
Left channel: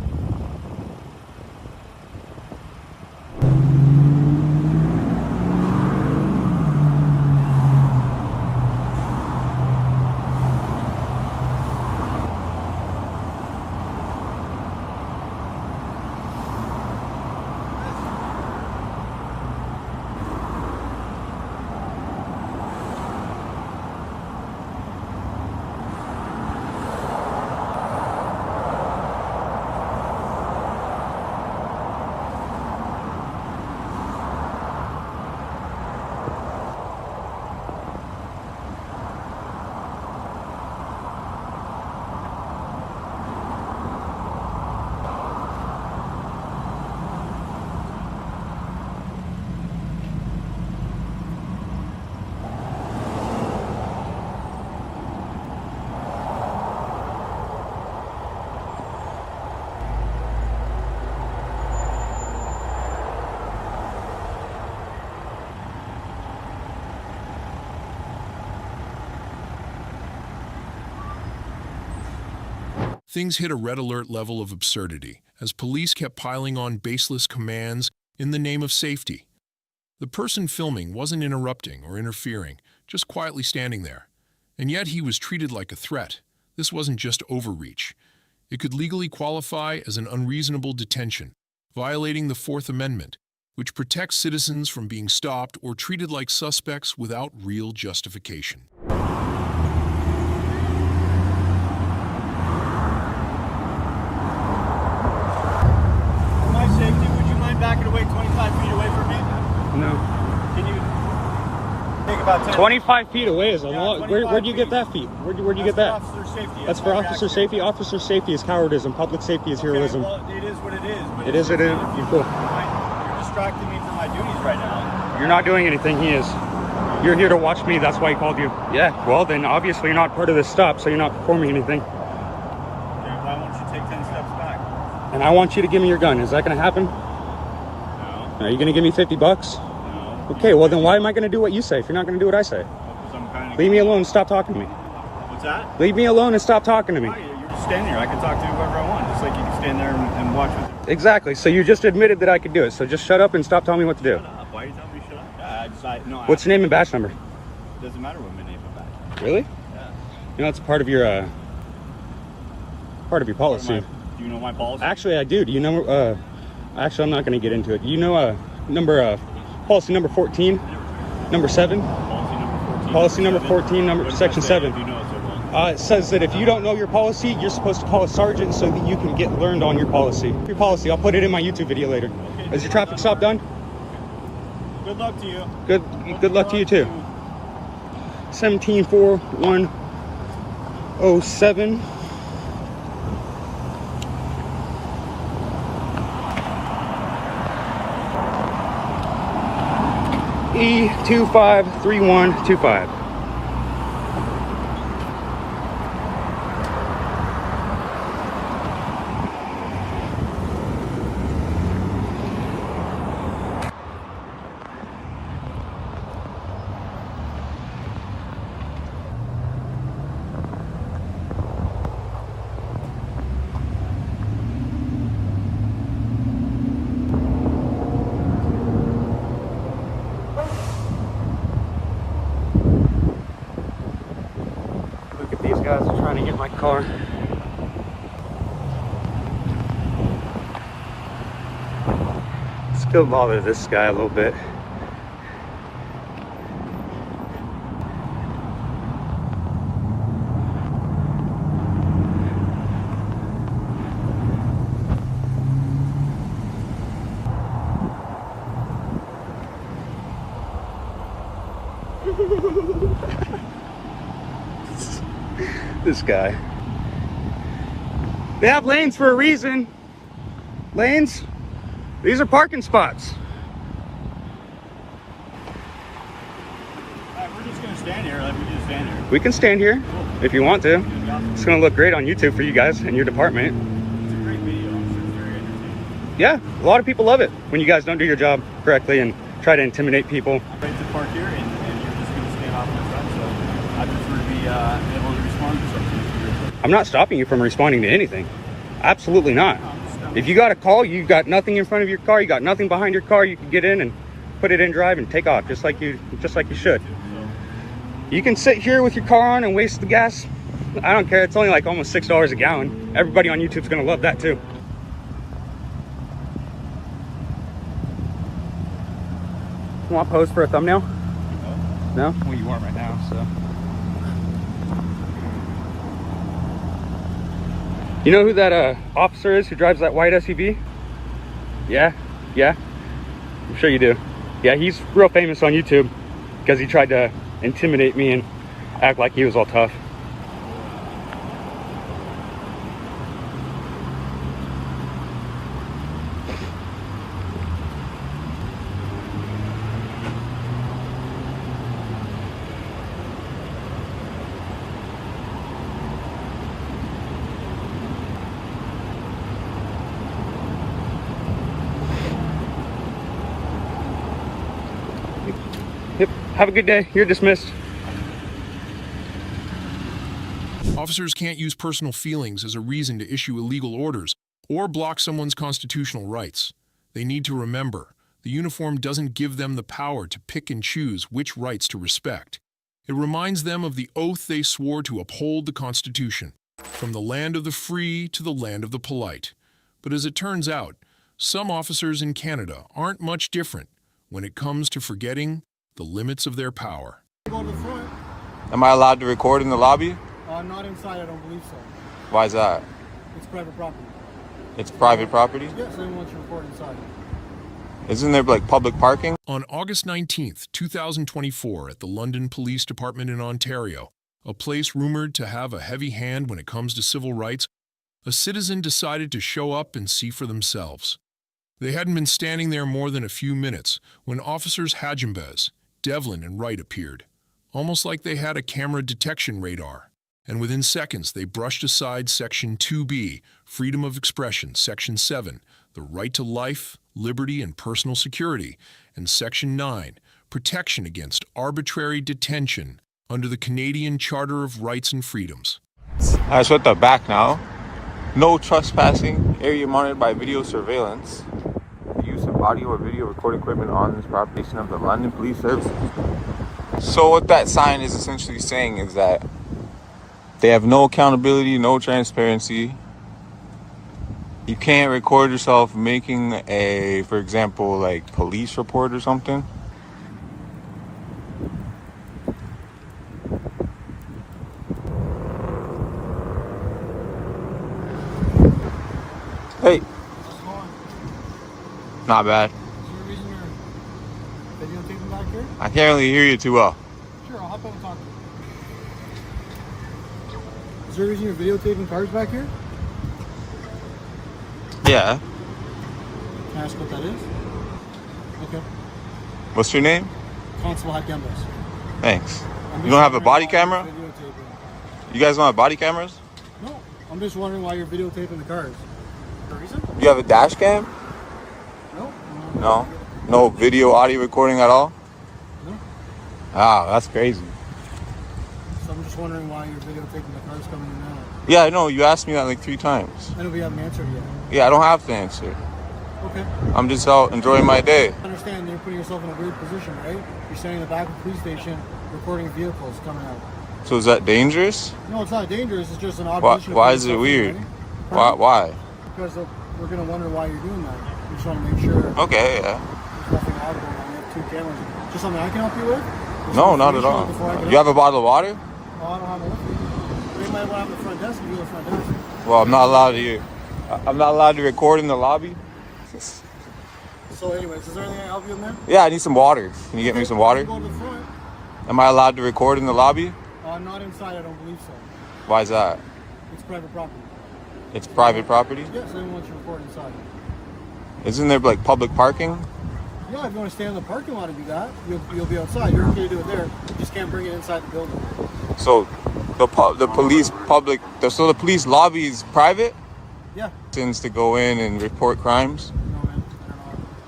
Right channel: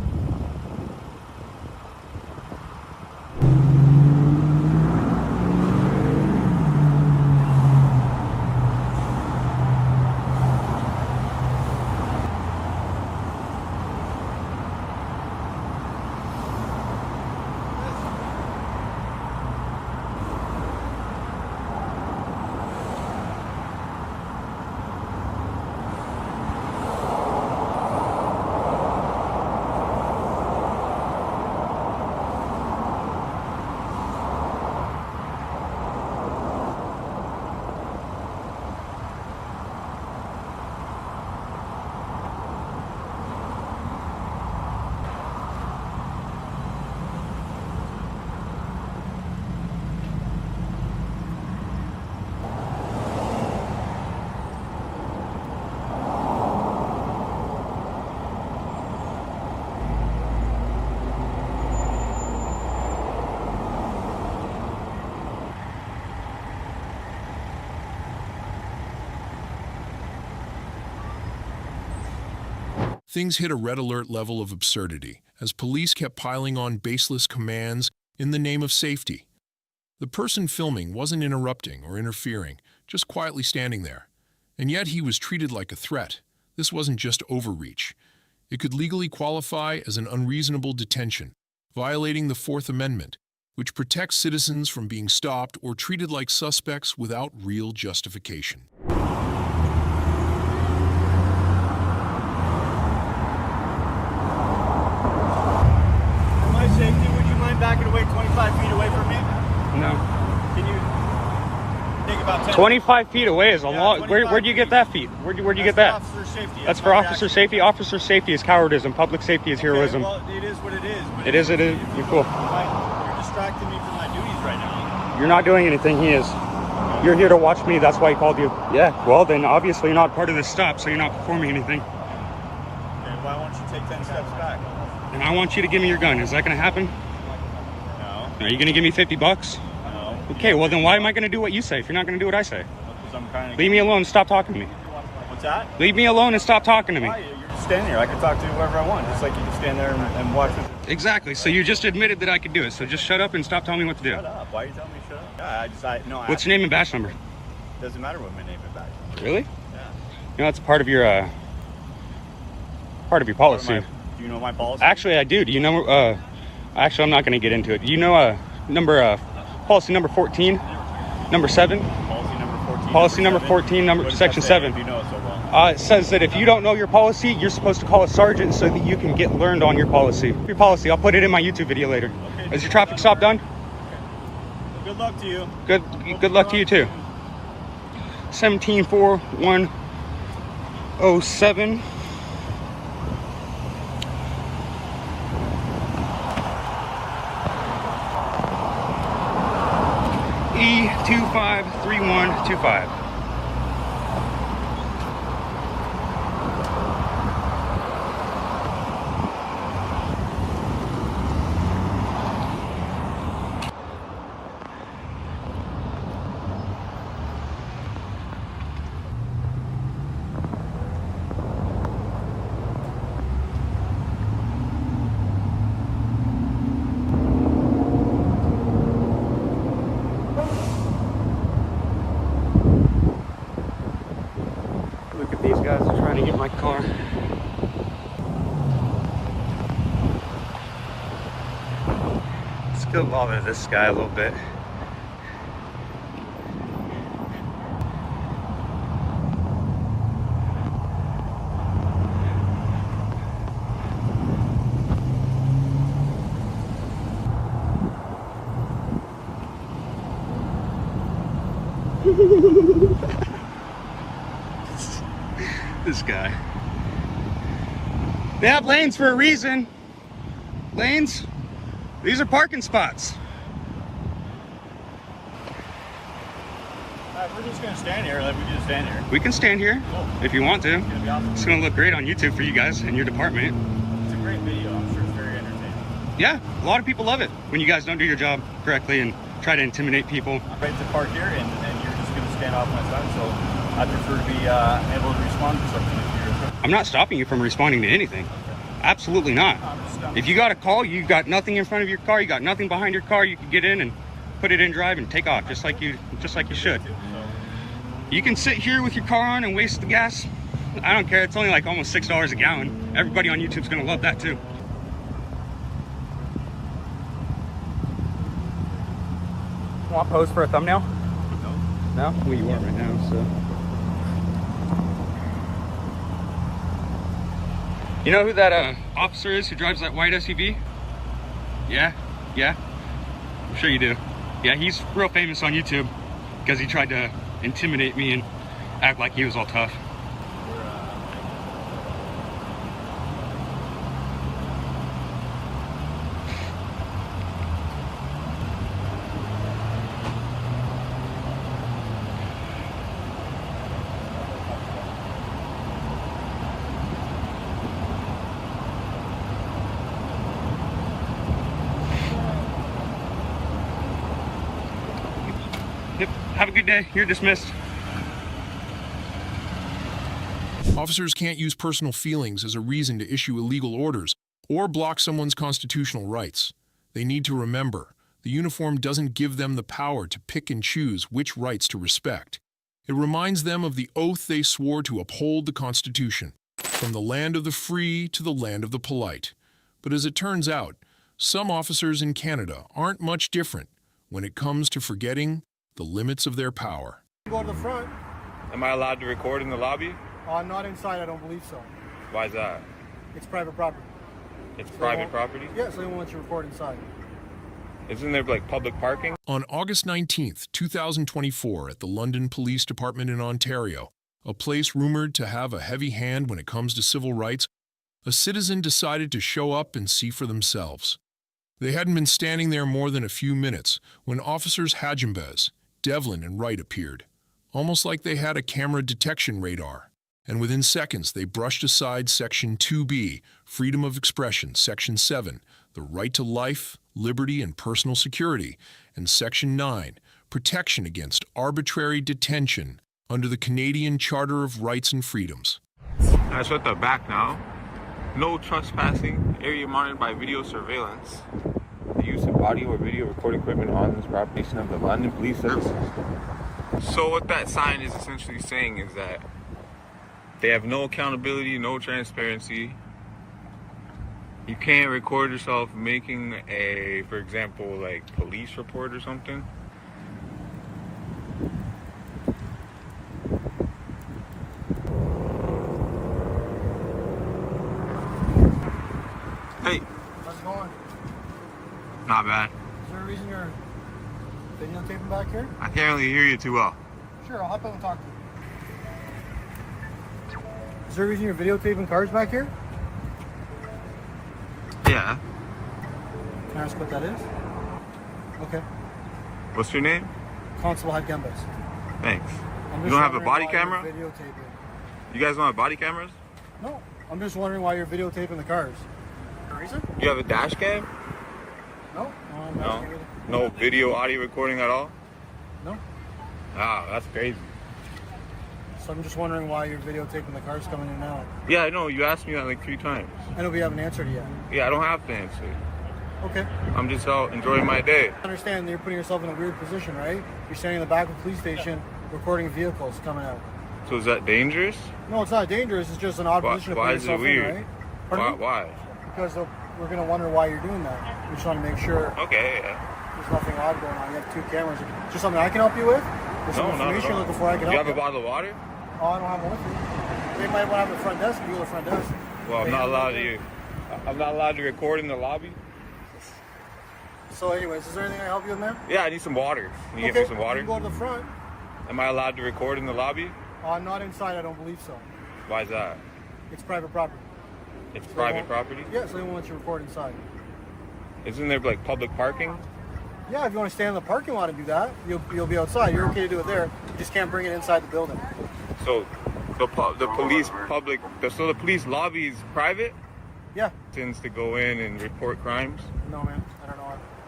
Things hit a red alert level of absurdity as police kept piling on baseless commands in the name of safety. The person filming wasn't interrupting or interfering, just quietly standing there. And yet he was treated like a threat. This wasn't just overreach. It could legally qualify as an unreasonable detention, violating the Fourth Amendment, which protects citizens from being stopped or treated like suspects without real justification. Safety, would you mind backing away 25 feet away from me? No. Can you take about 10? 25 feet away is a lot. Where'd you get that feet? Where'd you get that? Officer safety. That's for officer safety. Officer safety is cowardice, public safety is heroism. Well, it is what it is. But It is. You're cool. You're distracting me from my duties right now. You're not doing anything. He is. You're here to watch me. That's why he called you. Yeah. Well, then obviously you're not part of this stop, so you're not performing anything. Okay, why won't you take 10 steps back? And I want you to give me your gun. Is that going to happen? No. Are you going to give me 50 bucks? No. Okay, well then why am I going to do what you say if you're not going to do what I say? Leave me alone and stop talking to me. What's that? Leave me alone and stop talking to me. Why? You're just standing here. I can talk to whoever I want, just like you can stand there and watch it. Exactly. So you just admitted that I could do it. So just shut up and stop telling me what to do. Shut up. Why are you telling me shut up? What's your name and badge number? Doesn't matter what my name and badge number. Really? Yeah. You know, that's part of your policy. Do you know my policy? Actually, I do. Do you know? Actually, I'm not going to get into it. Do you know policy number 14, number 7? Policy number 14, section 7. You know it so well. It says that if you don't know your policy, you're supposed to call a sergeant so that you can get learned on your policy. Your policy. I'll put it in my YouTube video later. Okay. Is your traffic stop done? Good luck to you. Good luck to you too. 174107. E253125. Car. Still bother this guy a little bit. This guy. They have lanes for a reason. Lanes. These are parking spots. We're just gonna stand here. We can just stand here. We can stand here if you want to. It's gonna look great on YouTube for you guys and your department. Yeah, a lot of people love it when you guys don't do your job correctly and try to intimidate people. I'm ready to park here, and you're just going to stand off my side, so I prefer to be able to respond to something. I'm not stopping you from responding to anything. Absolutely not. If you got a call, you got nothing in front of your car, you got nothing behind your car, you can get in and put it in drive and take off just like you should. You can sit here with your car on and waste the gas. I don't care. It's only like almost $6 a gallon. Everybody on YouTube's gonna love that too. You want pose for a thumbnail? No. No? Well, you are right now, so. You know who that officer is who drives that white SUV? Yeah? Yeah? I'm sure you do. Yeah, he's real famous on YouTube because he tried to intimidate me and act like he was all tough. Yep. Have a good day. You're dismissed. Officers can't use personal feelings as a reason to issue illegal orders or block someone's constitutional rights. They need to remember, the uniform doesn't give them the power to pick and choose which rights to respect. It reminds them of the oath they swore to uphold the Constitution, from the land of the free to the land of the polite. But as it turns out, some officers in Canada aren't much different when it comes to forgetting the limits of their power. Go to the front. Am I allowed to record in the lobby? Not inside, I don't believe so. Why is that? It's private property. It's private property? Yeah, so they won't let you record inside. Isn't there like public parking? On August 19th, 2024, at the London Police Department in Ontario, a place rumored to have a heavy hand when it comes to civil rights, a citizen decided to show up and see for themselves. They hadn't been standing there more than a few minutes when officers Hajimbez, Devlin, and Wright appeared, almost like they had a camera detection radar. And within seconds, they brushed aside Section 2B, Freedom of Expression, Section 7, the right to life, liberty, and personal security, and Section 9, Protection against arbitrary detention under the Canadian Charter of Rights and Freedoms. Alright, so at the back now. No trespassing, area monitored by video surveillance. The use of audio or video recording equipment on this property of the London Police Services. So what that sign is essentially saying is that they have no accountability, no transparency. You can't record yourself making a, for example, like police report or something. Hey. How's it going? Not bad. Is there a reason you're videotaping back here? I can't really hear you too well. Sure, I'll hop in and talk to you. Is there a reason you're videotaping cars back here? Yeah. Can I ask what that is? Okay. What's your name? Constable Gembas. Thanks. You don't have a body camera? Videotaping. You guys don't have body cameras? No, I'm just wondering why you're videotaping the cars. For a reason? You have a dash cam? No. No. No video, audio recording at all? No. Ah, that's crazy. So I'm just wondering why you're videotaping the cars coming in and out. Yeah, I know. You asked me that like 3 times. I know we haven't answered it yet. Yeah, I don't have to answer. Okay. I'm just out enjoying my day. I understand you're putting yourself in a weird position, right? You're standing in the back of the police station recording vehicles coming out. So is that dangerous? No, it's not dangerous. It's just an odd Why, position. why is it weird? Right? Why? Because we're going to wonder why you're doing that. We just want to make sure Okay, yeah. there's nothing odd going on. You have 2 cameras. Just something I can help you with? No, not at all. You have a bottle of water? Oh, I don't have one with me. They might want to have the front desk and do the front desk. Well, I'm not allowed to. I'm not allowed to record in the lobby. So anyways, is there anything I can help you with, man? Yeah, I need some water. Can you get me some water? You can go to the front. Am I allowed to record in the lobby? Not inside, I don't believe so. Why is that? It's private property. It's private property? Yeah, so they won't let you record inside. Isn't there like public parking? Yeah, if you want to stand in the parking lot and do that, you'll be outside. You're okay to do it there. You just can't bring it inside the building. So the police so the police lobby is private? Yeah. Tends to go in and report crimes? No,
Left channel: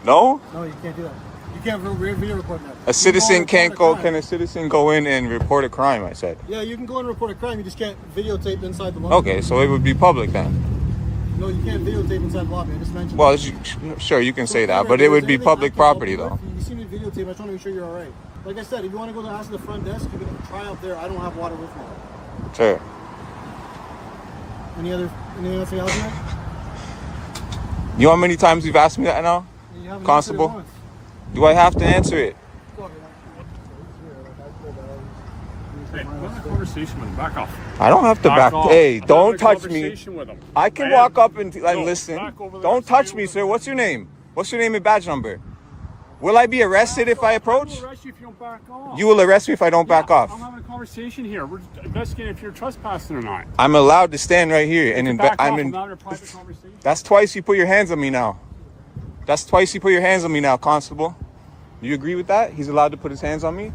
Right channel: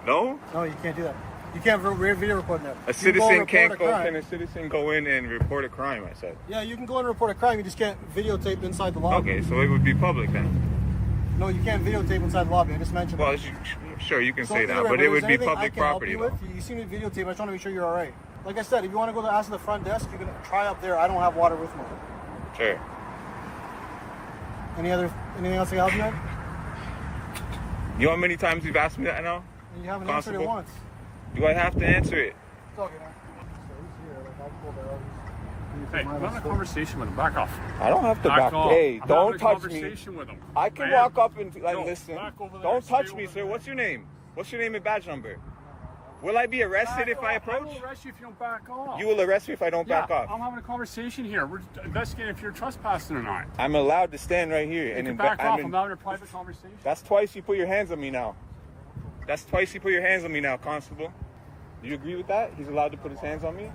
No? No, you can't do that. You can't video record that. A citizen can't go. Can a citizen go in and report a crime? I said. Yeah, you can go and report a crime. You just can't videotape inside the lobby. Okay, so it would be public then. No, you can't videotape inside the lobby. I just mentioned. Well, sure, you can say that, but it would be public property though. You see me videotape. I just want to make sure you're all right. Like I said, if you want to go to ask the front desk, you can try up there. I don't have water with me. Sure. Anything else you have, man? You know how many times you've asked me that now? You haven't Constable? answered it once. Do I have to answer it? Hey, I'm having a conversation with him. Back off. I don't have to back. Off. Hey, I'm don't having a touch me. conversation with him. I can walk up and listen. Don't touch me, sir. What's your name? What's your name and badge number? Will I be arrested if I approach? I will arrest you if you don't back off. You will arrest me if I don't back off. I'm having a conversation here. We're investigating if you're trespassing or not. I'm allowed to stand right here and I'm having a private conversation. That's twice you put your hands on me now. That's twice you put your hands on me now, Constable. You agree with that? He's allowed to put his hands on me?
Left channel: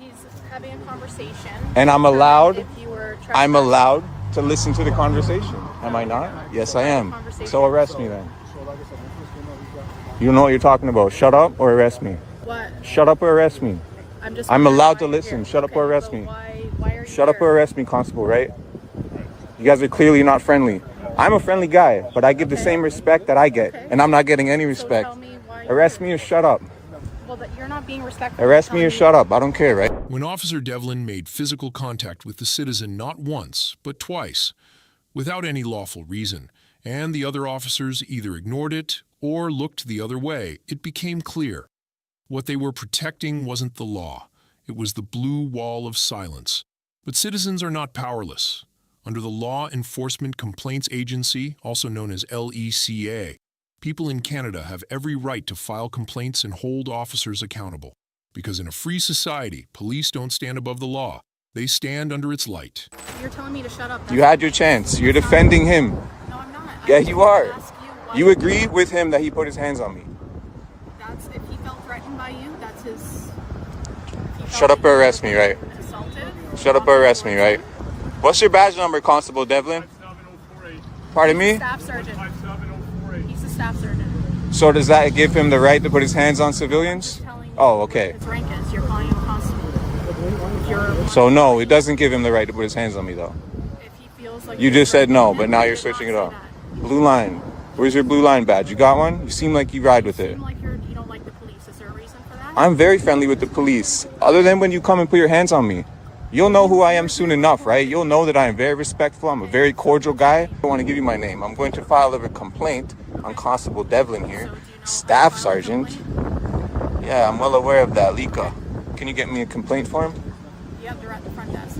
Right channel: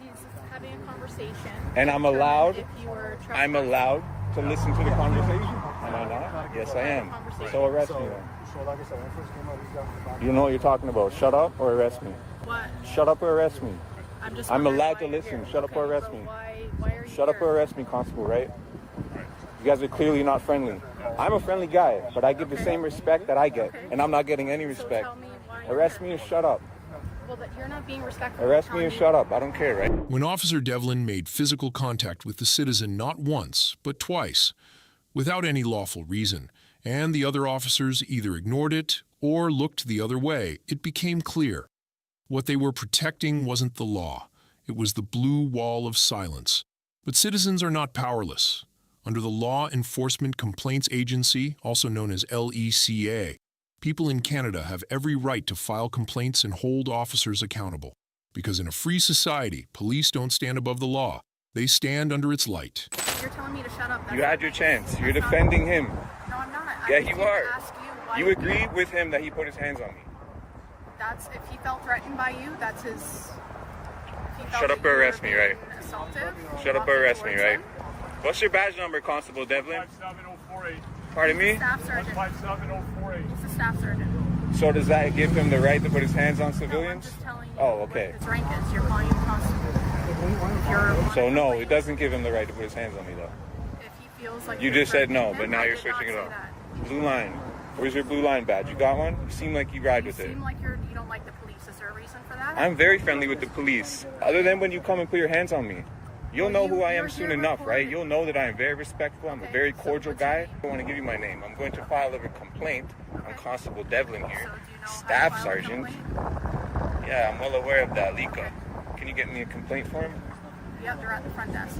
He's having a conversation. And I'm allowed to to listen to the conversation. Am I not? Yes, I am. So arrest me then. You know what you're talking about. Shut up or arrest me. What? Shut up or arrest me. I'm allowed to listen. Shut up or arrest me. Why are you Shut up or arrest me, Constable, right? You guys are clearly not friendly. I'm a friendly guy, but I give the same respect that I get, and I'm not getting any respect. Arrest me or shut up. Well, but you're not being respectful. Arrest me or shut up. I don't care, right? When Officer Devlin made physical contact with the citizen not once, but twice, without any lawful reason, and the other officers either ignored it or looked the other way, it became clear. What they were protecting wasn't the law. It was the blue wall of silence. But citizens are not powerless. Under the Law Enforcement Complaints Agency, also known as LECA, people in Canada have every right to file complaints and hold officers accountable. Because in a free society, police don't stand above the law. They stand under its light. You're telling me to shut up. You had your chance. You're defending him. No, I'm not. Yeah, you are. You agree with him that he put his hands on me. That's if he felt threatened by you. That's his. Shut up or arrest me, right? Shut up or arrest me, right? What's your badge number, Constable Devlin? 57048. Pardon me? Staff sergeant. 57048. He's a staff sergeant. So does that give him the right to put his hands on civilians? Oh, okay. His rank is. You're calling him a constable. So no, it doesn't give him the right to put his hands on me, though. If he feels like You just said no, but now you're switching it up. Blue line. Where's your blue line badge? You got one? You seem like you ride with it. You seem like you don't like the police. Is there a reason for that? I'm very friendly with the police. Other than when you come and put your hands on me. You'll know who I am soon enough, right? You'll know that I am very respectful. I'm a very cordial guy. I want to give you my name. I'm going to file a complaint on Constable Devlin here. Staff Sergeant. Yeah, I'm well aware of that, Lika. Can you get me a complaint for him? Yep, they're at the front desk.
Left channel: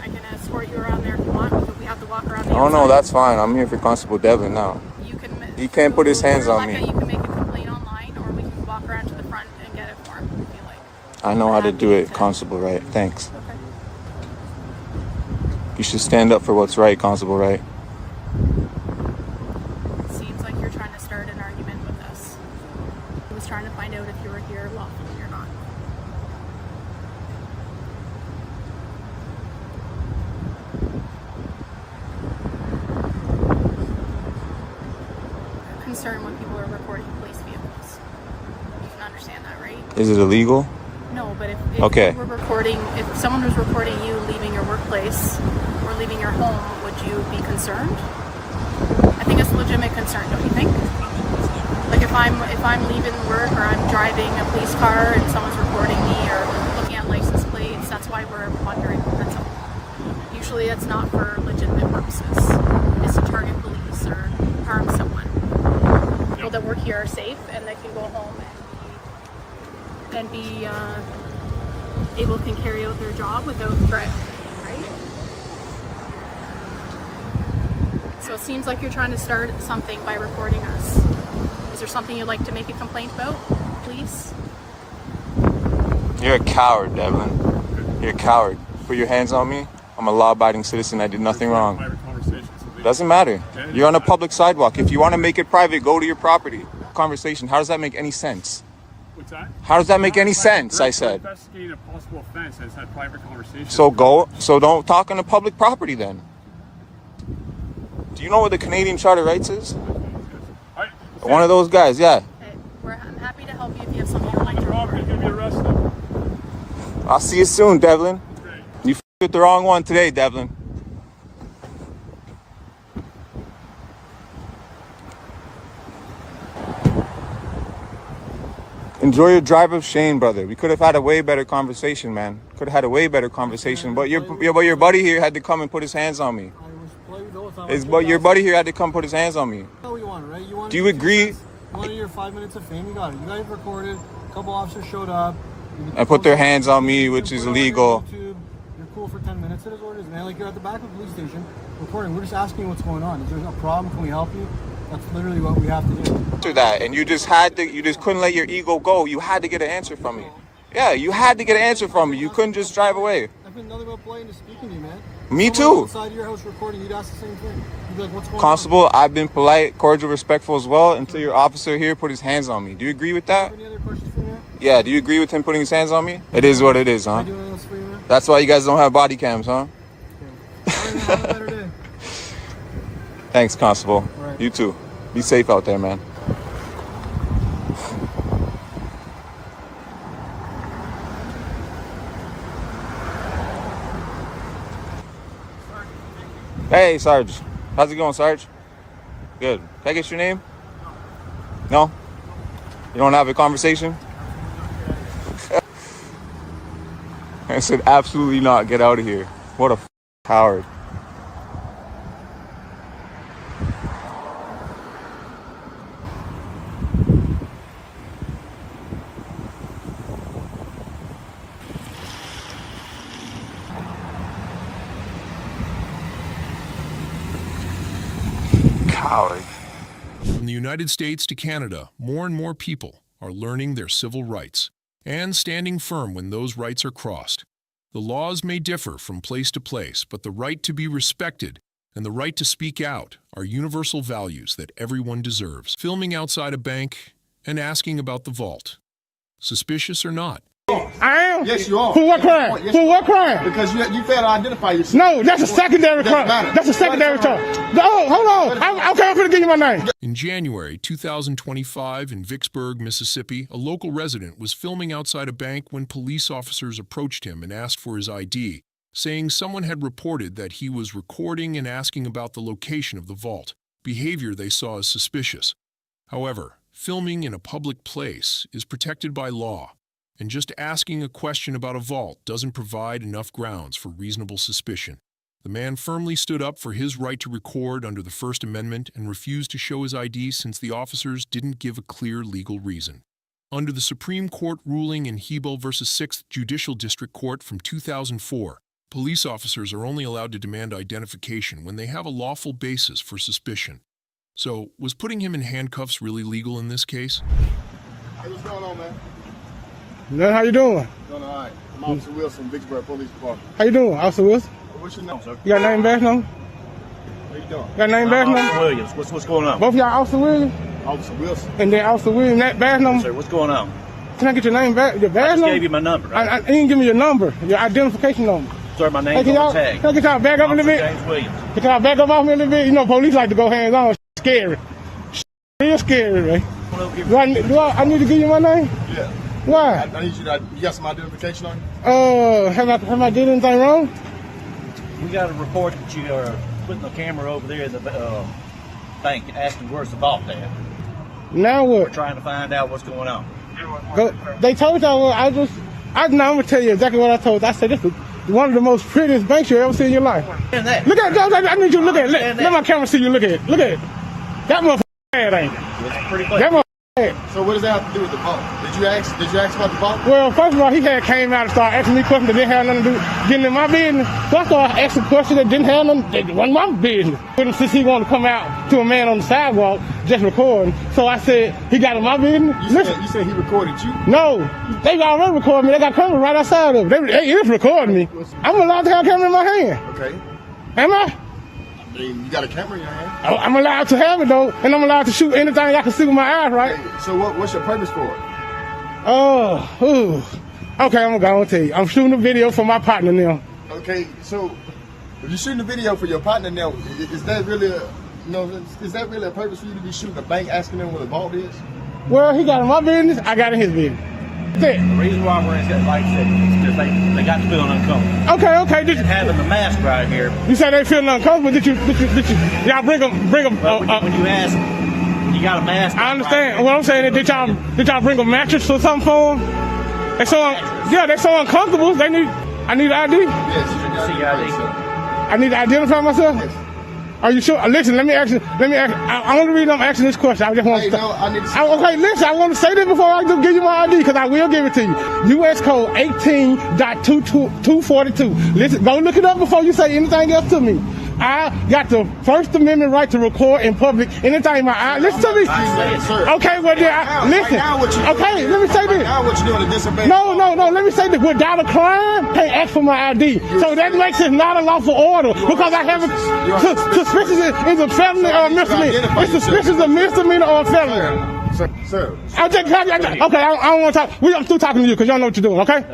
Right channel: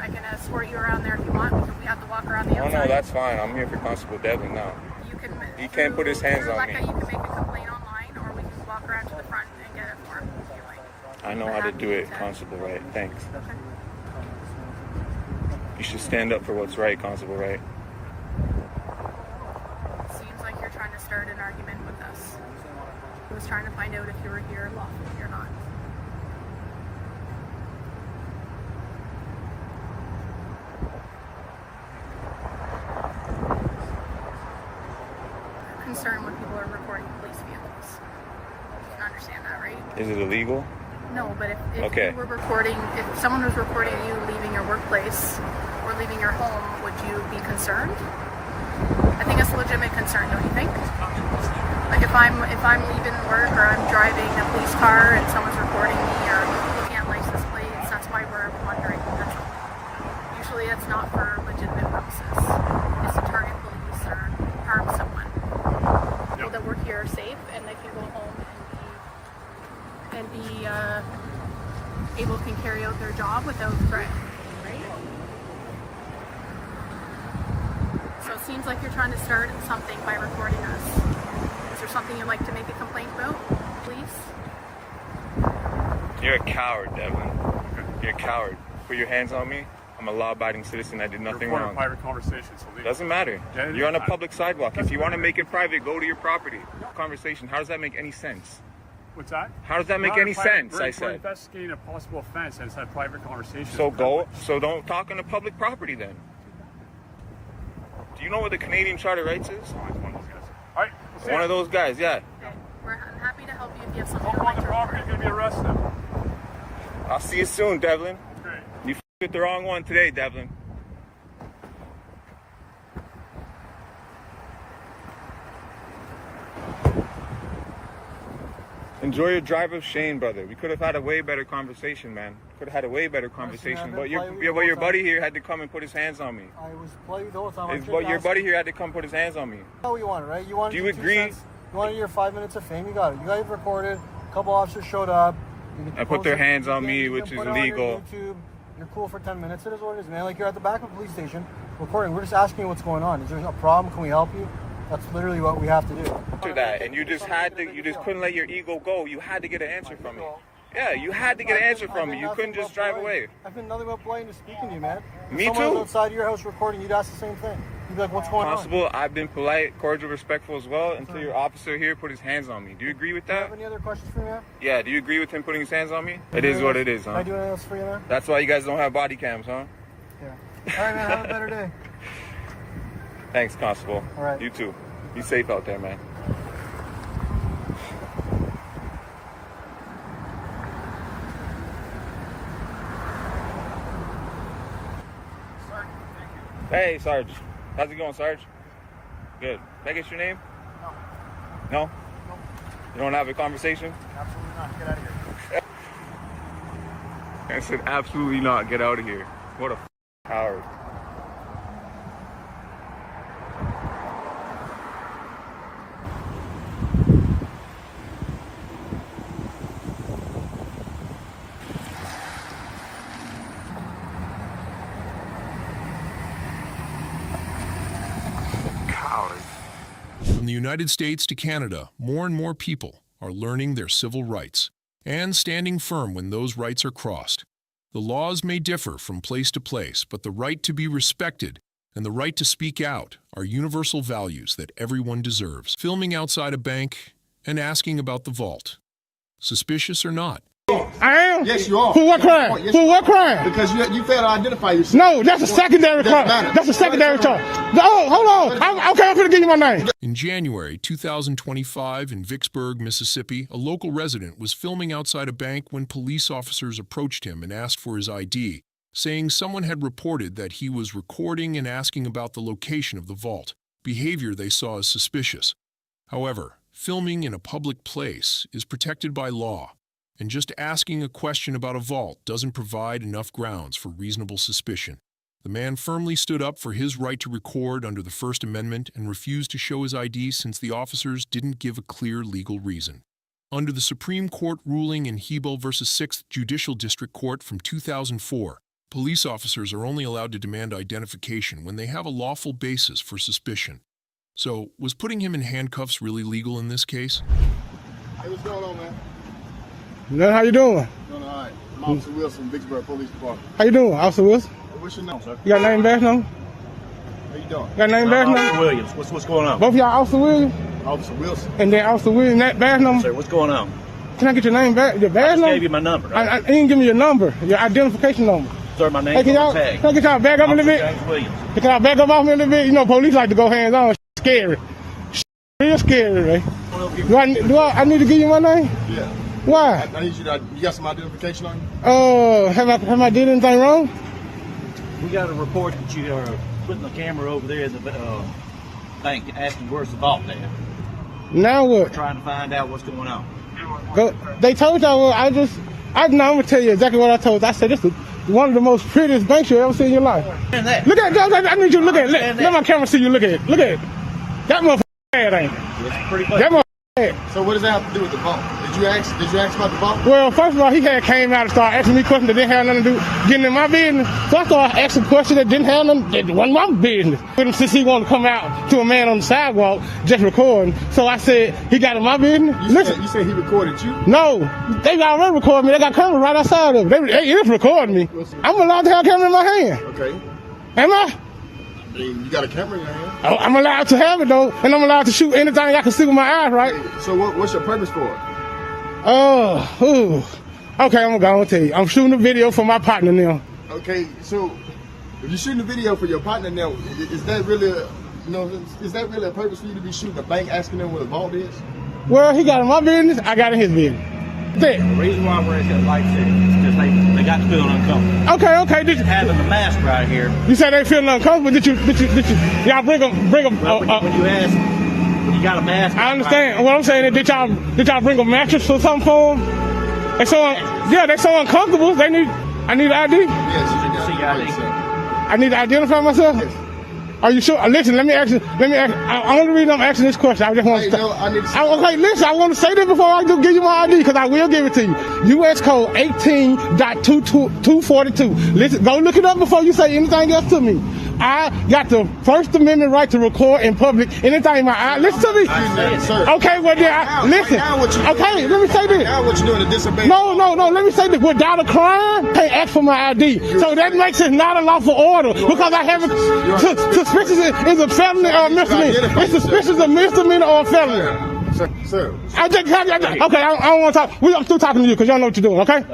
I can escort you around there if you want. But we have to walk around the Oh, outside. no, that's fine. I'm here for Constable Devlin now. He can't put his hands on me. You can make a complaint online, or we can walk around to the front and get it for him if you like. I know how to do it, Constable Wright. Thanks. Okay. You should stand up for what's right, Constable Wright. It seems like you're trying to start an argument with us. I was trying to find out if you were here lawfully or not. Concerned when people are reporting police vehicles. You can understand that, right? Is it illegal? No, but if Okay. you were reporting, if someone was reporting you leaving your workplace or leaving your home, would you be concerned? I think that's a legitimate concern, don't you think? Like if I'm leaving work or I'm driving a police car and someone's reporting me or looking at license plates, that's why we're wondering. Usually that's not for legitimate purposes. It's to target police or harm someone. People that work here are safe and they can go home and be able to carry out their job without threat, right? So it seems like you're trying to start something by reporting us. Is there something you'd like to make a complaint about, please? You're a coward, Devlin. You're a coward. Put your hands on me. I'm a law-abiding citizen. I did nothing wrong. Doesn't matter. You're on a public sidewalk. If you want to make it private, go to your property. Conversation. How does that make any sense? What's that? How does that make any sense? I said. We're investigating a possible offense and it's a private conversation. So don't talk on a public property then. Do you know what the Canadian Charter of Rights is? All right, One of those guys, yeah. We're I'll see you soon, Devlin. You with the wrong one today, Devlin. Enjoy your drive of shame, brother. We could have had a way better conversation, man. Could have had a way better conversation. But your buddy here had to come and put his hands on me. But your buddy here had to come put his hands on me. How you want it, right? You want. Do you agree? You wanted your 5 minutes of fame. You got it. You got it recorded. A couple officers showed up. And put their hands on me, which is illegal. You're cool for 10 minutes. It is what it is, man. Like, you're at the back of a police station recording. We're just asking you what's going on. Is there a problem? Can we help you? That's literally what we have to do. After that, and you just couldn't let your ego go. You had to get an answer from me. Yeah, you had to get an answer from me. You couldn't just drive away. I've been nothing but polite to speaking to you, man. Me too. Someone outside your house recording, you'd ask the same thing. You'd be like, what's going Constable, I've been polite, cordial, respectful as well until your officer here put his hands on me. Do you agree with on? Do you that? have any other questions for me, man? Yeah, do you agree with him putting his hands on me? It is what it is, Can I huh? do anything else for you, man? That's why you guys don't have body cams, huh? Yeah. All right, man. Have a better day. Thanks, Constable. All right. You too. Be safe out there, man. Hey, Sarge. How's it going, Sarge? Good. Can I get your name? No. No? You don't have a conversation? Absolutely not. Get out of here. I said, absolutely not. Get out of here. What a coward. Coward. From the United States to Canada, more and more people are learning their civil rights and standing firm when those rights are crossed. The laws may differ from place to place, but the right to be respected and the right to speak out are universal values that everyone deserves. Filming outside a bank and asking about the vault. Suspicious or not? I am? Yes, you are. For what crime? Yes, For what crime? Because you failed to identify yourself. No, that's a secondary crime. That's a secondary charge. Oh, hold on. I'm going to give you my name. In January 2025 in Vicksburg, Mississippi, a local resident was filming outside a bank when police officers approached him and asked for his ID, saying someone had reported that he was recording and asking about the location of the vault, behavior they saw as suspicious. However, filming in a public place is protected by law, and just asking a question about a vault doesn't provide enough grounds for reasonable suspicion. The man firmly stood up for his right to record under the First Amendment and refused to show his ID since the officers didn't give a clear legal reason. Under the Supreme Court ruling in Hebel v. 6th Judicial District Court from 2004, police officers are only allowed to demand identification when they have a lawful basis for suspicion. So, was putting him in handcuffs really legal in this case? Hey, what's going on, man? How you doing? Doing all right. I'm Officer Wilson, Vicksburg Police Department. How you doing, Officer Wilson? What's your name, sir? You got a name badge number? How you doing? Got a name badge number? Officer Williams, what's going on? Both of y'all Officer Williams? Officer Wilson. And then Officer Williams, that badge number? Sir, what's going on? Can I get your name back? Your badge I just number? gave you my number. I didn't give me your number, your identification number. Sir, my name Hey, is can on the y'all, tag. can I get y'all back up a little bit? James Williams. Can y'all back up off me a little bit? You know, police like to go hands on. It's scary. Real scary, man. I need to give you my name? Yeah. Why? I need you to, you got some identification on you? Have I did anything wrong? We got a report that you are putting the camera over there in the bank asking where's the vault at. Now what? We're trying to find out what's going on. They told y'all, I'm gonna tell you exactly what I told. I said, this is one of the most prettiest banks you've ever seen in your life. And that. Look at that. I need you to look at it. Let my camera see you look at it. Look at it. That motherfucker bad, ain't it? It's pretty close. That motherfucker bad. So what does that have to do with the vault? Did you ask about the vault? Well, first of all, he had came out and started asking me questions that didn't have nothing to do getting in my business. So I started asking questions that didn't have nothing, that wasn't my business. But since he wanted to come out to a man on the sidewalk just recording, so I said, he got in my business. You said he recorded you? No, they got already recording me. They got cameras right outside of them. They is recording me. I'm allowed to have a camera in my hand. Okay. Am I? I mean, you got a camera in your hand? I'm allowed to have it though, and I'm allowed to shoot anything I can see with my eyes, right? Hey, so what's your purpose for it? Okay, I'm gonna tell you. I'm shooting a video for my partner now. Okay, so if you're shooting a video for your partner now, is that really a purpose for you to be shooting a bank asking them where the vault is? Well, he got in my business, I got in his business. The reason why I'm bringing that light is because they got to feel uncomfortable. Okay. And having the mask right here. You said they feeling uncomfortable. Did you? Y'all bring them. When you ask them, when you got a mask. I understand. Right. What I'm saying is, did y'all bring a mattress or something for them? They're so uncomfortable. I need ID. Yes, I need to identify myself. Yes. Are you sure? Listen, let me ask. I only reason I'm asking this question. I just want to. Okay, listen. I want to say this before I give you my ID because I will give it to you. U.S. Code 18.242. Listen, go look it up before you say anything else to me. I got the First Amendment right to record in public anything my eye. Listen to me. Okay, well then, listen. Okay, let me say this. Now what you doing to disobey? No. Let me say this. Without a crime, I can't ask for my ID. So that makes it not a lawful order because I have suspicion is a felony or a misdemeanor. It's suspicion of misdemeanor or a felony. Sir. Okay, I don't want to talk. I'm still talking to you because y'all know what you're doing. Okay.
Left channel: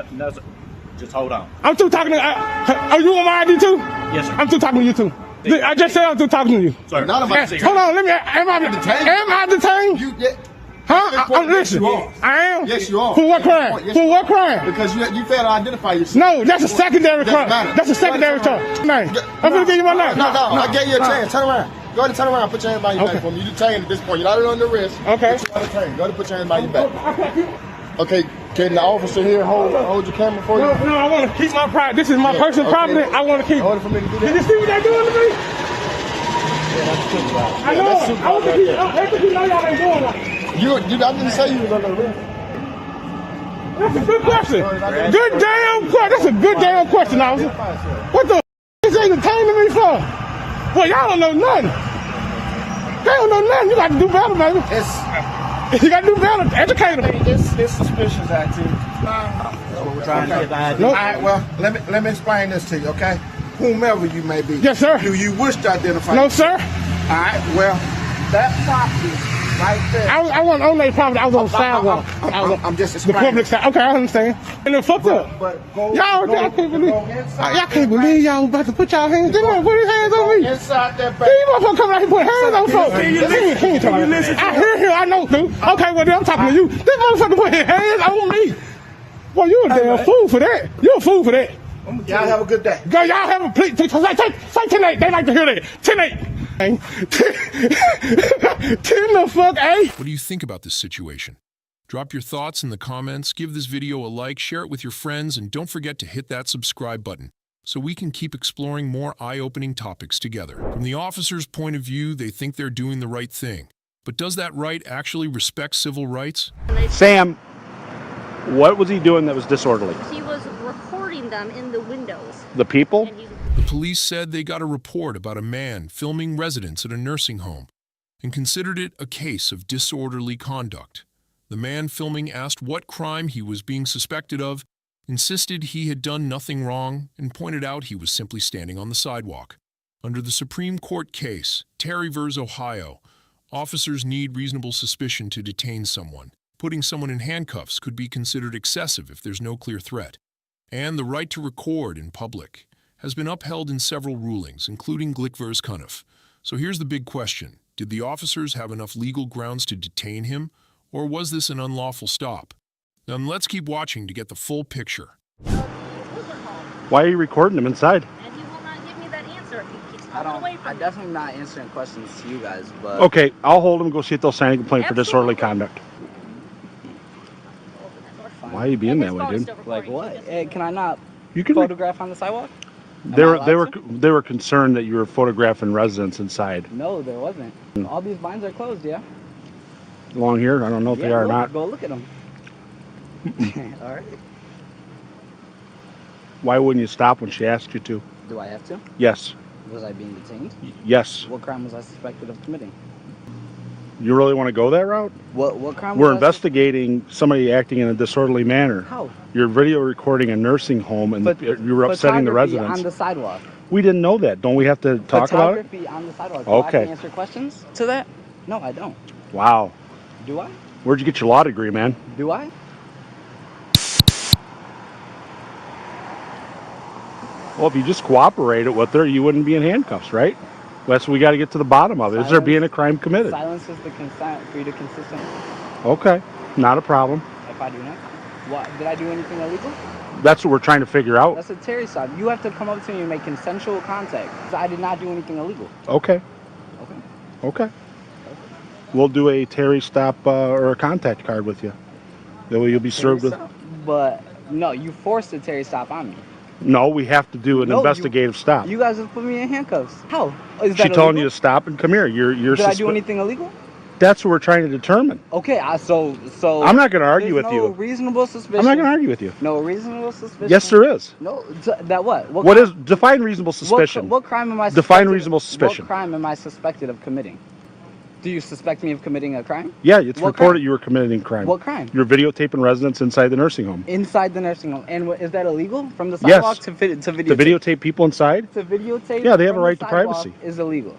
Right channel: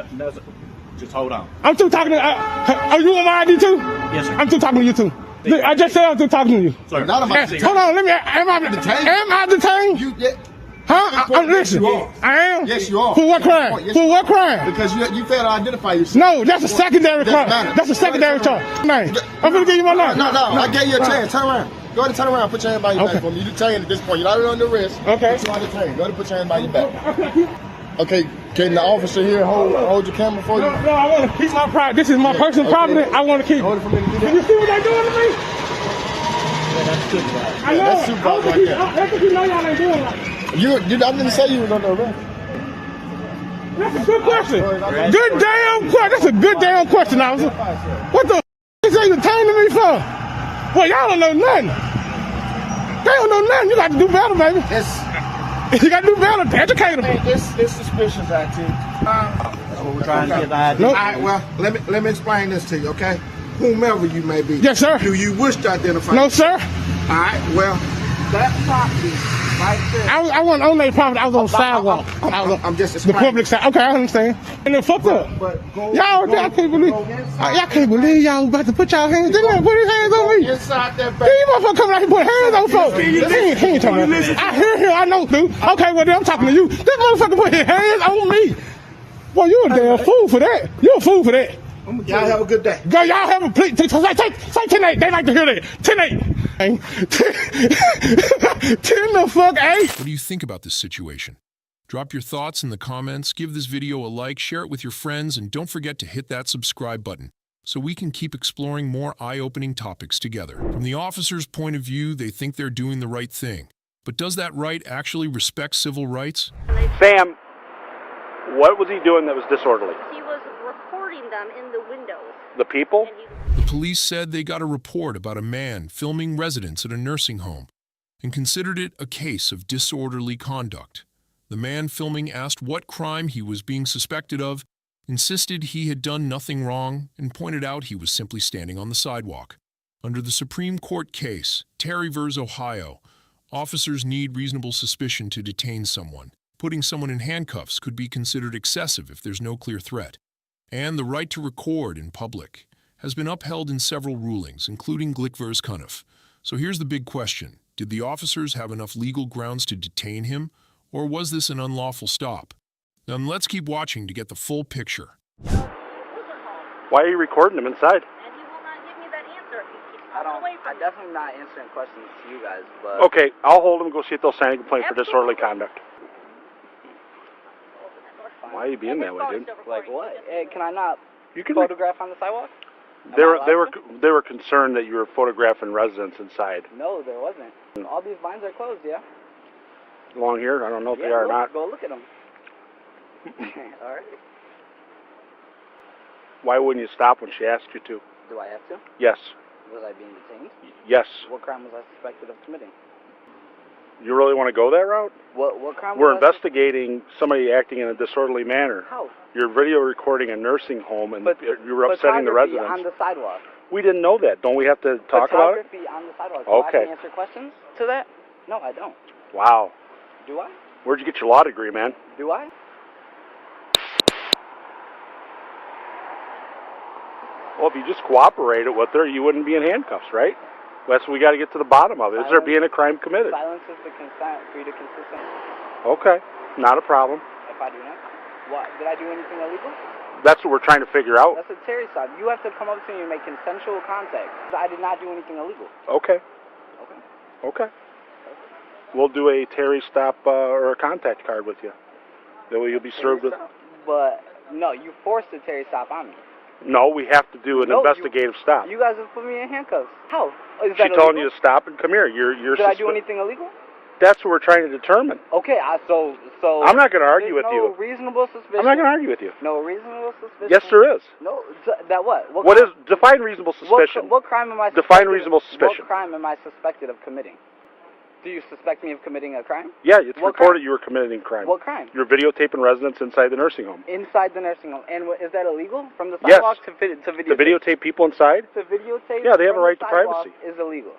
Just hold on. I'm still talking to. Are you on my ID too? Yes, sir. I'm still talking to you too. I just said I'm still talking to you. Sir, hold on, let me. Am I detained? Huh? Listen. I am. Yes, you are. For what crime? Yes, For what crime? Because you failed to identify yourself. No, that's a secondary crime. That's a secondary charge. Name. I'm gonna give you my name. No. I gave you a chance. Turn around. Go ahead and turn around. Put your hand by your back for me. You detained at this point. You're not on the wrist. Okay. You're not detained. Go ahead and put your hand by your back. Okay, can the officer here hold your camera for you? No, I want to keep my private. This is my personal property. I want to keep. Hold it for me to do that. Did you see what they doing to me? I know. That's super I think you know y'all ain't doing right. I didn't say you were gonna know that. That's a good question. Good damn question. That's a good damn question, officer. What the f*** is they detaining me for? Well, y'all don't know nothing. They don't know nothing. You got to do better, baby. You got to do better. Educate them. It's suspicious activity. We're trying to get the ID. All right, well, let me explain this to you, okay? Whomever you may be. Yes, sir. Do you wish to identify No, yourself? sir. All right, well, that property right there. I wasn't on that property. I was on the sidewalk. I'm just The explaining. public side. Okay, I understand. And then fuck up. But Y'all can't believe. Y'all can't believe y'all about to put y'all hands. They gonna put his hands on me. Inside that These motherfuckers come out here and put hands on folks. I hear here. I know, dude. Okay, well then I'm talking to you. This motherfucker put his hands on me. Well, you a damn fool for that. You a fool for that. Y'all have a good day. Y'all have a please. Say 10-8. They like to hear that. 10-8. 10 the fuck 8. What do you think about this situation? Drop your thoughts in the comments, give this video a like, share it with your friends, and don't forget to hit that subscribe button so we can keep exploring more eye-opening topics together. From the officer's point of view, they think they're doing the right thing. But does that right actually respect civil rights? Sam, what was he doing that was disorderly? He was recording them in the windows. The people? The police said they got a report about a man filming residents at a nursing home and considered it a case of disorderly conduct. The man filming asked what crime he was being suspected of, insisted he had done nothing wrong, and pointed out he was simply standing on the sidewalk. Under the Supreme Court case, Terry v. Ohio, officers need reasonable suspicion to detain someone. Putting someone in handcuffs could be considered excessive if there's no clear threat. And the right to record in public has been upheld in several rulings, including Glick v. Cuniff. So here's the big question. Did the officers have enough legal grounds to detain him, or was this an unlawful stop? Then let's keep watching to get the full picture. Why are you recording him inside? And he will not give me that answer. He keeps pulling away from I'm definitely not answering questions to you guys, but... Okay, I'll hold him, go see if they'll sign a complaint for disorderly conduct. Why are you being that way, dude? Like what? Hey, can I not You can photograph on the sidewalk? They were concerned that you were photographing residents inside. No, there wasn't. All these blinds are closed, yeah? Along here, I don't know if they are or not. Go look at them. All right. Why wouldn't you stop when she asked you to? Do I have to? Yes. Was I being detained? Yes. What crime was I suspected of committing? You really want to go that route? What crime? We're investigating somebody acting in a disorderly manner. How? You're video recording a nursing home, and you were upsetting the residents. On the sidewalk. We didn't know that. Don't we have to talk about it? Photography on the sidewalk. Okay. Do I have to answer questions to that? No, I don't. Wow. Do I? Where'd you get your law degree, man? Do I? Well, if you just cooperated with her, you wouldn't be in handcuffs, right? That's what we got to get to the bottom of. Is there being a crime committed? Silence is the consent for you to consistently. Okay, not a problem. If I do not? What? Did I do anything illegal? That's what we're trying to figure out. That's a Terry stop. You have to come up to me and make consensual contact. I did not do anything illegal. Okay. Okay. Okay. We'll do a Terry stop or a contact card with you. That way you'll be served with. But no, you forced a Terry stop on me. No, we have to do an investigative stop. You guys just put me in handcuffs. How? Is She that telling illegal? you to stop and come here. You're Did I do anything illegal? That's what we're trying to determine. Okay, so I'm not going to argue with there's you. no reasonable suspicion. I'm not going to argue with you. No reasonable suspicion. Yes, there is. No, that what? What is define reasonable suspicion? What crime am I? Define reasonable suspicion. What crime am I suspected of committing? Do you suspect me of committing a crime? Yeah, it's What reported crime? you were committing crime. What crime? You're videotaping residents inside the nursing home. Inside the nursing home, and is that illegal from the Yes. sidewalk to videotape? To videotape people inside? To videotape. Yeah, they have a from right the to sidewalk privacy. Is illegal.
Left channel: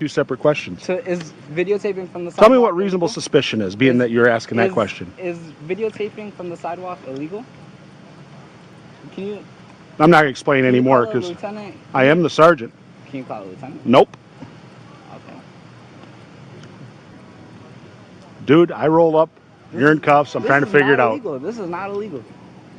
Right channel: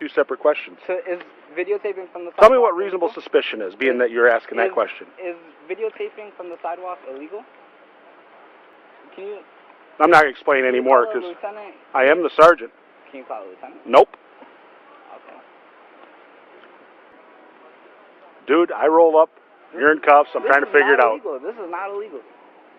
Two separate questions. Is videotaping from the sidewalk? Tell me what reasonable suspicion is, being that you're asking that question. Is videotaping from the sidewalk illegal? Can you? I'm not going to explain anymore call a because lieutenant? I am the sergeant. Can you call a lieutenant? Nope. Okay. Dude, I roll up. You're in cuffs. I'm trying to figure it out. Illegal. This is not illegal.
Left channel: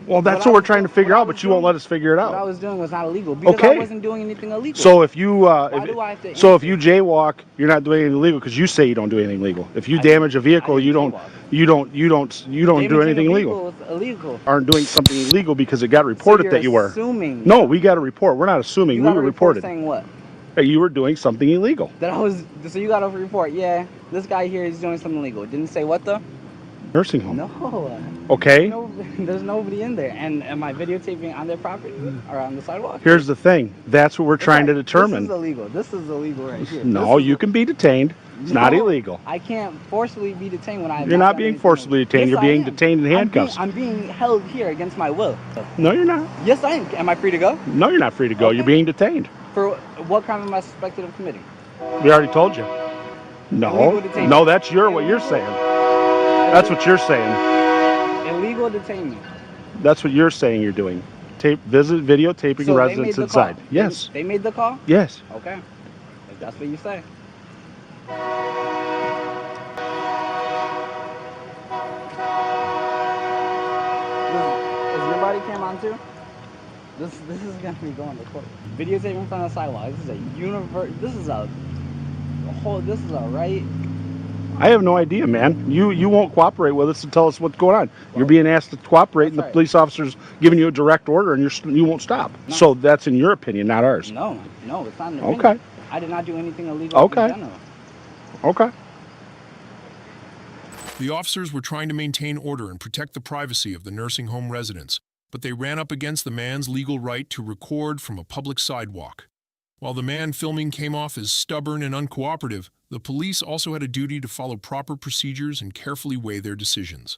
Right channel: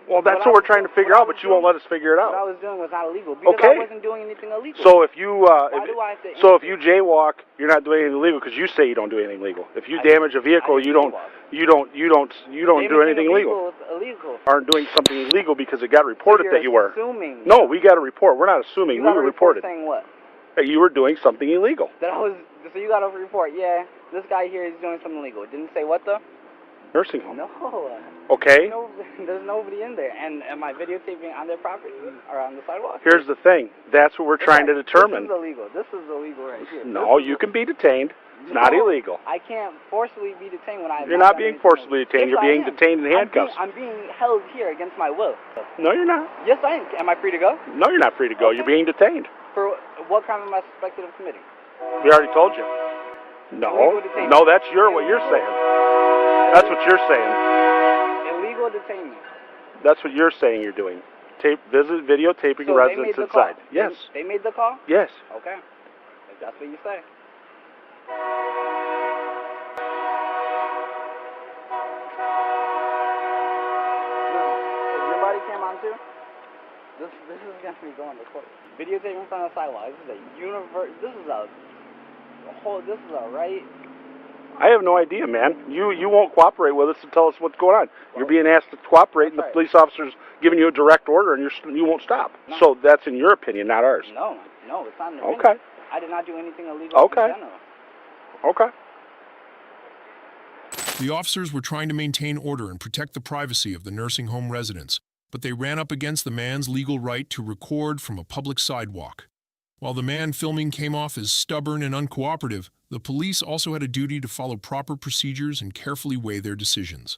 Well, that's what we're trying to figure out, but you won't let us figure it What I out. was doing was not illegal because Okay. I wasn't doing anything illegal. So if you do I have to if you jaywalk, you're not doing anything illegal because you say you don't do anything illegal. If you damage a vehicle, you don't do anything illegal. Illegal. Aren't doing something illegal because it got reported you're that you were. assuming. No, we got a report. We're not assuming. You We got were a report reported saying what? that you were doing something illegal. That I was. So you got a report? Yeah. This guy here is doing something illegal. It didn't say what though? Nursing home. No. Okay. There's nobody in there. And am I videotaping on their property or on the sidewalk? Here's the thing. That's what we're trying to determine. This is illegal. This is illegal right here. No, you can be detained. It's not No, illegal. I can't forcibly be detained when I'm. You're not being forcibly detained. You're being detained in handcuffs. I'm being held here against my will. No, you're not. Yes, I am. Am I free to go? No, you're not free to go. You're being detained. For what crime am I suspected of committing? We already told you. No, Illegal detention. no, that's what you're saying. That's what you're saying. Illegal detainment. That's what you're saying you're doing. Videotaping So they residents made the inside. call. Yes. They made the call? Yes. Okay. If that's what you say. Is your body cam on too? This is gonna be going to court. Videotaping from the sidewalk. This is a this is a right. I have no idea, man. You won't cooperate with us and tell us what's going on. You're being asked to cooperate, and the police officer's giving you a direct order, and you won't stop. No. So that's in your opinion, not ours. No, it's not an opinion. Okay. I did not do anything illegal Okay. in general. Okay. The officers were trying to maintain order and protect the privacy of the nursing home residents, but they ran up against the man's legal right to record from a public sidewalk. While the man filming came off as stubborn and uncooperative, the police also had a duty to follow proper procedures and carefully weigh their decisions.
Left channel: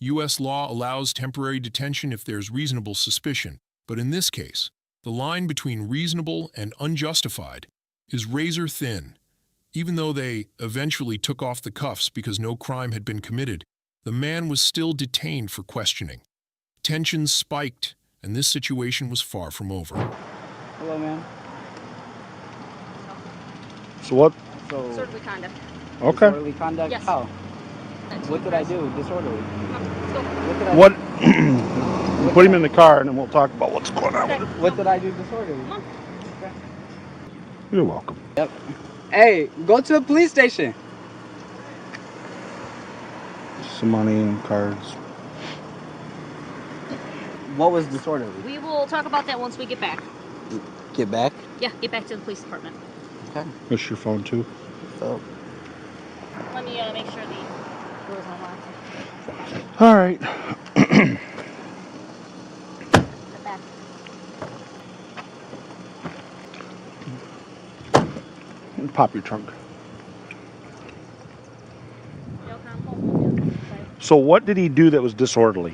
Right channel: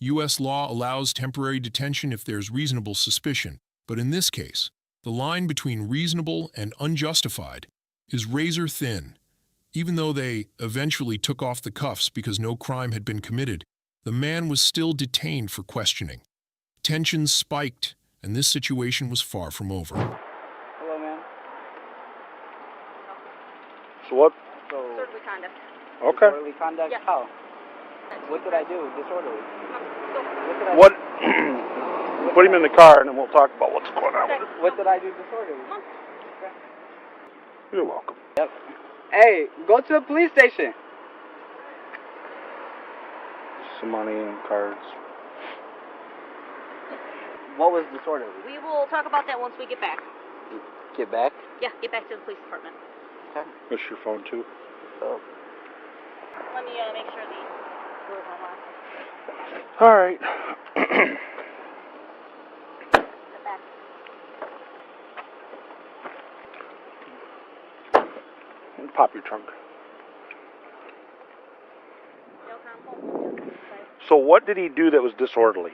U.S. law allows temporary detention if there's reasonable suspicion, but in this case, the line between reasonable and unjustified is razor thin. Even though they eventually took off the cuffs because no crime had been committed, the man was still detained for questioning. Tensions spiked, and this situation was far from over. Hello, man. So what? So, Disorderly conduct. Okay. Disorderly conduct? Yes. How? What did I do disorderly? What did I What? Put him in the car, and then we'll talk about what's going on. What did I do disorderly? You're welcome. Yep. Hey, go to the police station. Some money and cards. What was disorderly? We will talk about that once we get back. Get back? Yeah, get back to the police department. Okay. That's your phone too. So. Let me make sure the door's unlocked. All right. Get back. Pop your trunk. So what did he do that was disorderly?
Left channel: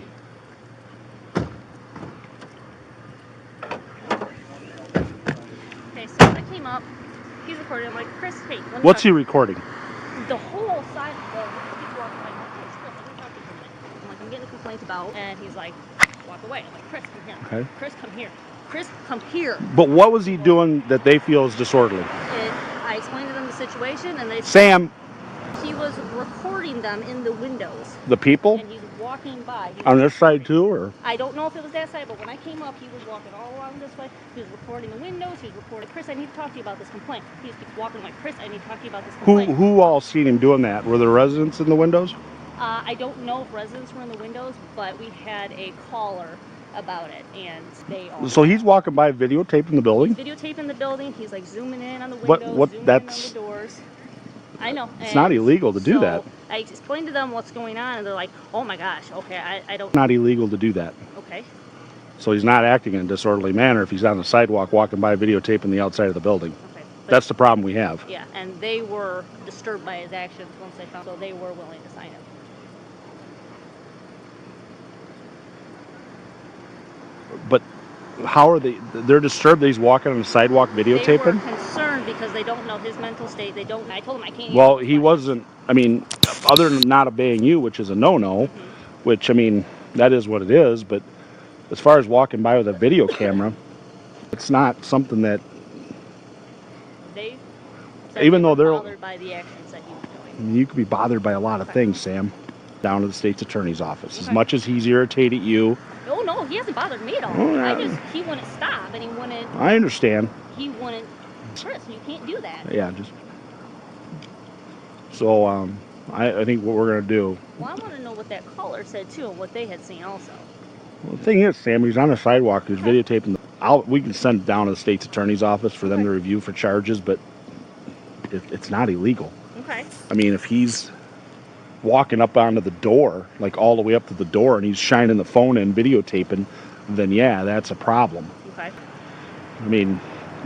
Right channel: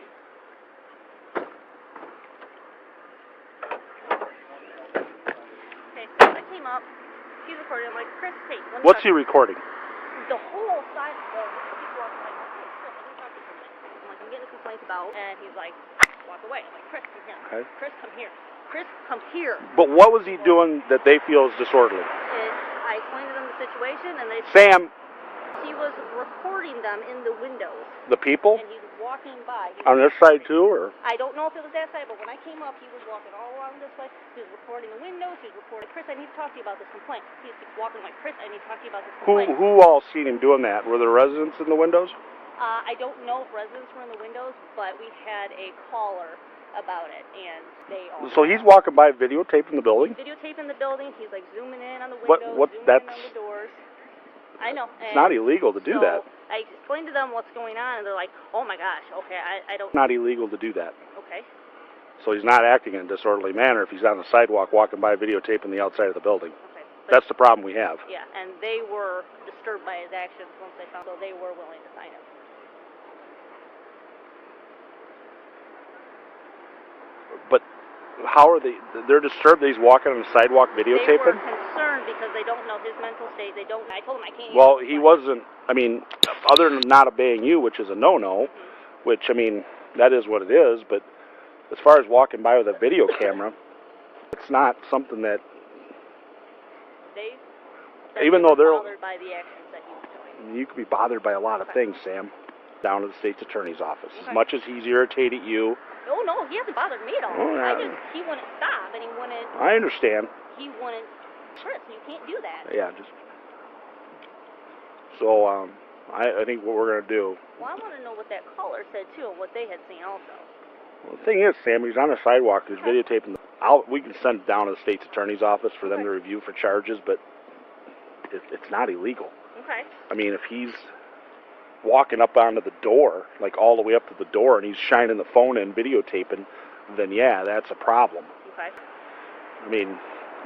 Okay, so I came up. He's recording. I'm like, Chris, hey. let me What's talk- he recording? The whole side of the he's walking like, Chris, let me talk to you for a minute. I'm like, I'm getting a complaint about, and he's like, walk away. I'm like, Chris, come here. Okay. Chris, come here. Chris, come here. But what was he doing that they feel is disorderly? I explained to them the situation, and they Sam, he was recording them in the windows. the people? And he's walking by. On this side too, or? I don't know if it was that side, but when I came up, he was walking all along this way. He was recording the windows. He was recording. Chris, I need to talk to you about this complaint. He was walking like, Chris, I need to talk to you about this complaint. Who all seen him doing that? Were there residents in the windows? I don't know if residents were in the windows, but we had a caller about it, and they all. So he's walking by videotaping the building? He's videotaping the building. He's like zooming in on the windows, zooming in on the doors. I know. It's not illegal to do that. I explained to them what's going on, and they're like, oh my gosh, okay, I don't. It's not illegal to do that. Okay. So he's not acting in a disorderly manner if he's on the sidewalk walking by videotaping the outside of the building. Okay. That's the problem we have. Yeah, and they were disturbed by his actions once they found, so they were willing to sign it. But how are they? They're disturbed that he's walking on the sidewalk videotaping? They were concerned because they don't know his mental state. They don't. I told them I can't. Well, he wasn't. I mean, other than not obeying you, which is a no-no, which, I mean, that is what it is. But as far as walking by with a video camera, it's not something that. They even though they're bothered by the actions that he was doing. I mean, you could be bothered by a lot of things, Sam. Down to the state's attorney's office. As much as he's irritated you. No, he hasn't bothered me at all. Oh, yeah. He wouldn't stop, and he wouldn't. I understand. He wouldn't. Chris, you can't do that. Yeah, just. So, I think what we're gonna do. Well, I want to know what that caller said too, and what they had seen also. Well, the thing is, Sam, he's on the sidewalk. He's videotaping. We can send it down to the state's attorney's office for them to review for charges, but it's not illegal. Okay. I mean, if he's walking up onto the door, like all the way up to the door, and he's shining the phone in, videotaping, then yeah, that's a problem. Okay. I mean,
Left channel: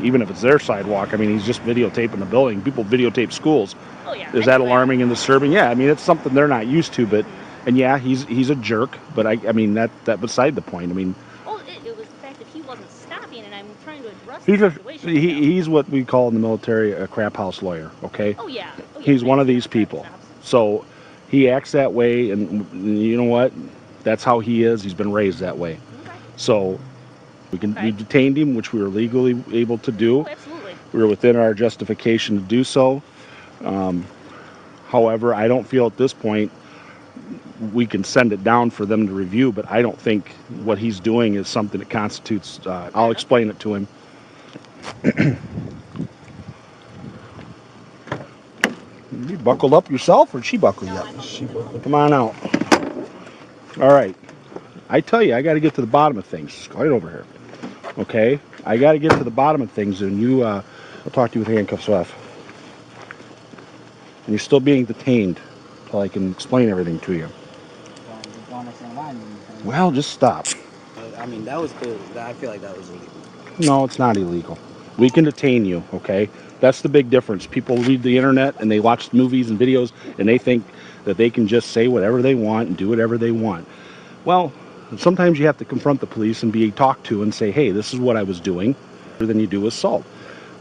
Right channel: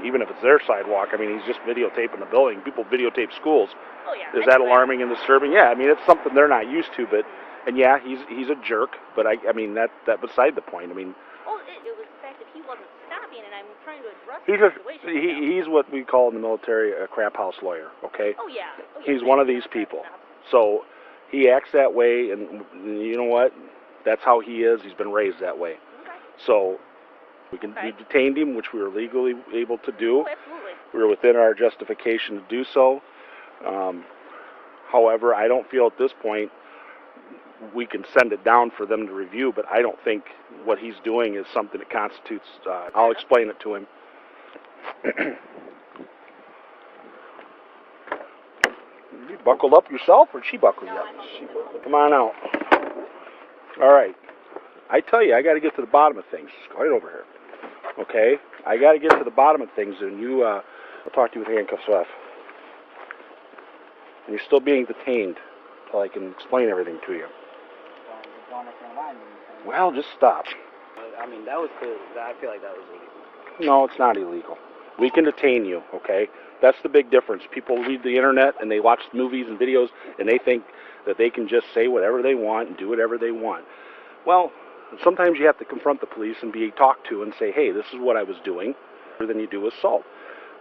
even if it's their sidewalk, I mean, he's just videotaping the building. People videotape schools. Oh yeah. Is that alarming and disturbing? Yeah, I mean, it's something they're not used to, but, and yeah, he's a jerk, but I mean, that beside the point. I mean, well, it was the fact that he wasn't stopping, and I'm trying to address he's the situation. he's what we call in the military a crap house lawyer, okay? Oh yeah. He's one of these people. So he acts that way, and you know what? That's how he is. He's been raised that way. Okay. So we detained him, which we were legally able to do. Oh, absolutely. We were within our justification to do so. However, I don't feel at this point we can send it down for them to review, but I don't think what he's doing is something that constitutes. I'll explain it to him. You buckled up yourself, or she buckled you up? Come on out. All right. I tell you, I got to get to the bottom of things. Go right over here. Okay? I got to get to the bottom of things, and you, I'll talk to you with handcuffs off. And you're still being detained until I can explain everything to you. Well, just stop. I mean, that was cool. I feel like that was illegal. No, it's not illegal. We can detain you, okay? That's the big difference. People read the internet and they watch movies and videos and they think that they can just say whatever they want and do whatever they want. Well, sometimes you have to confront the police and be talked to and say, hey, this is what I was doing, rather than you do assault.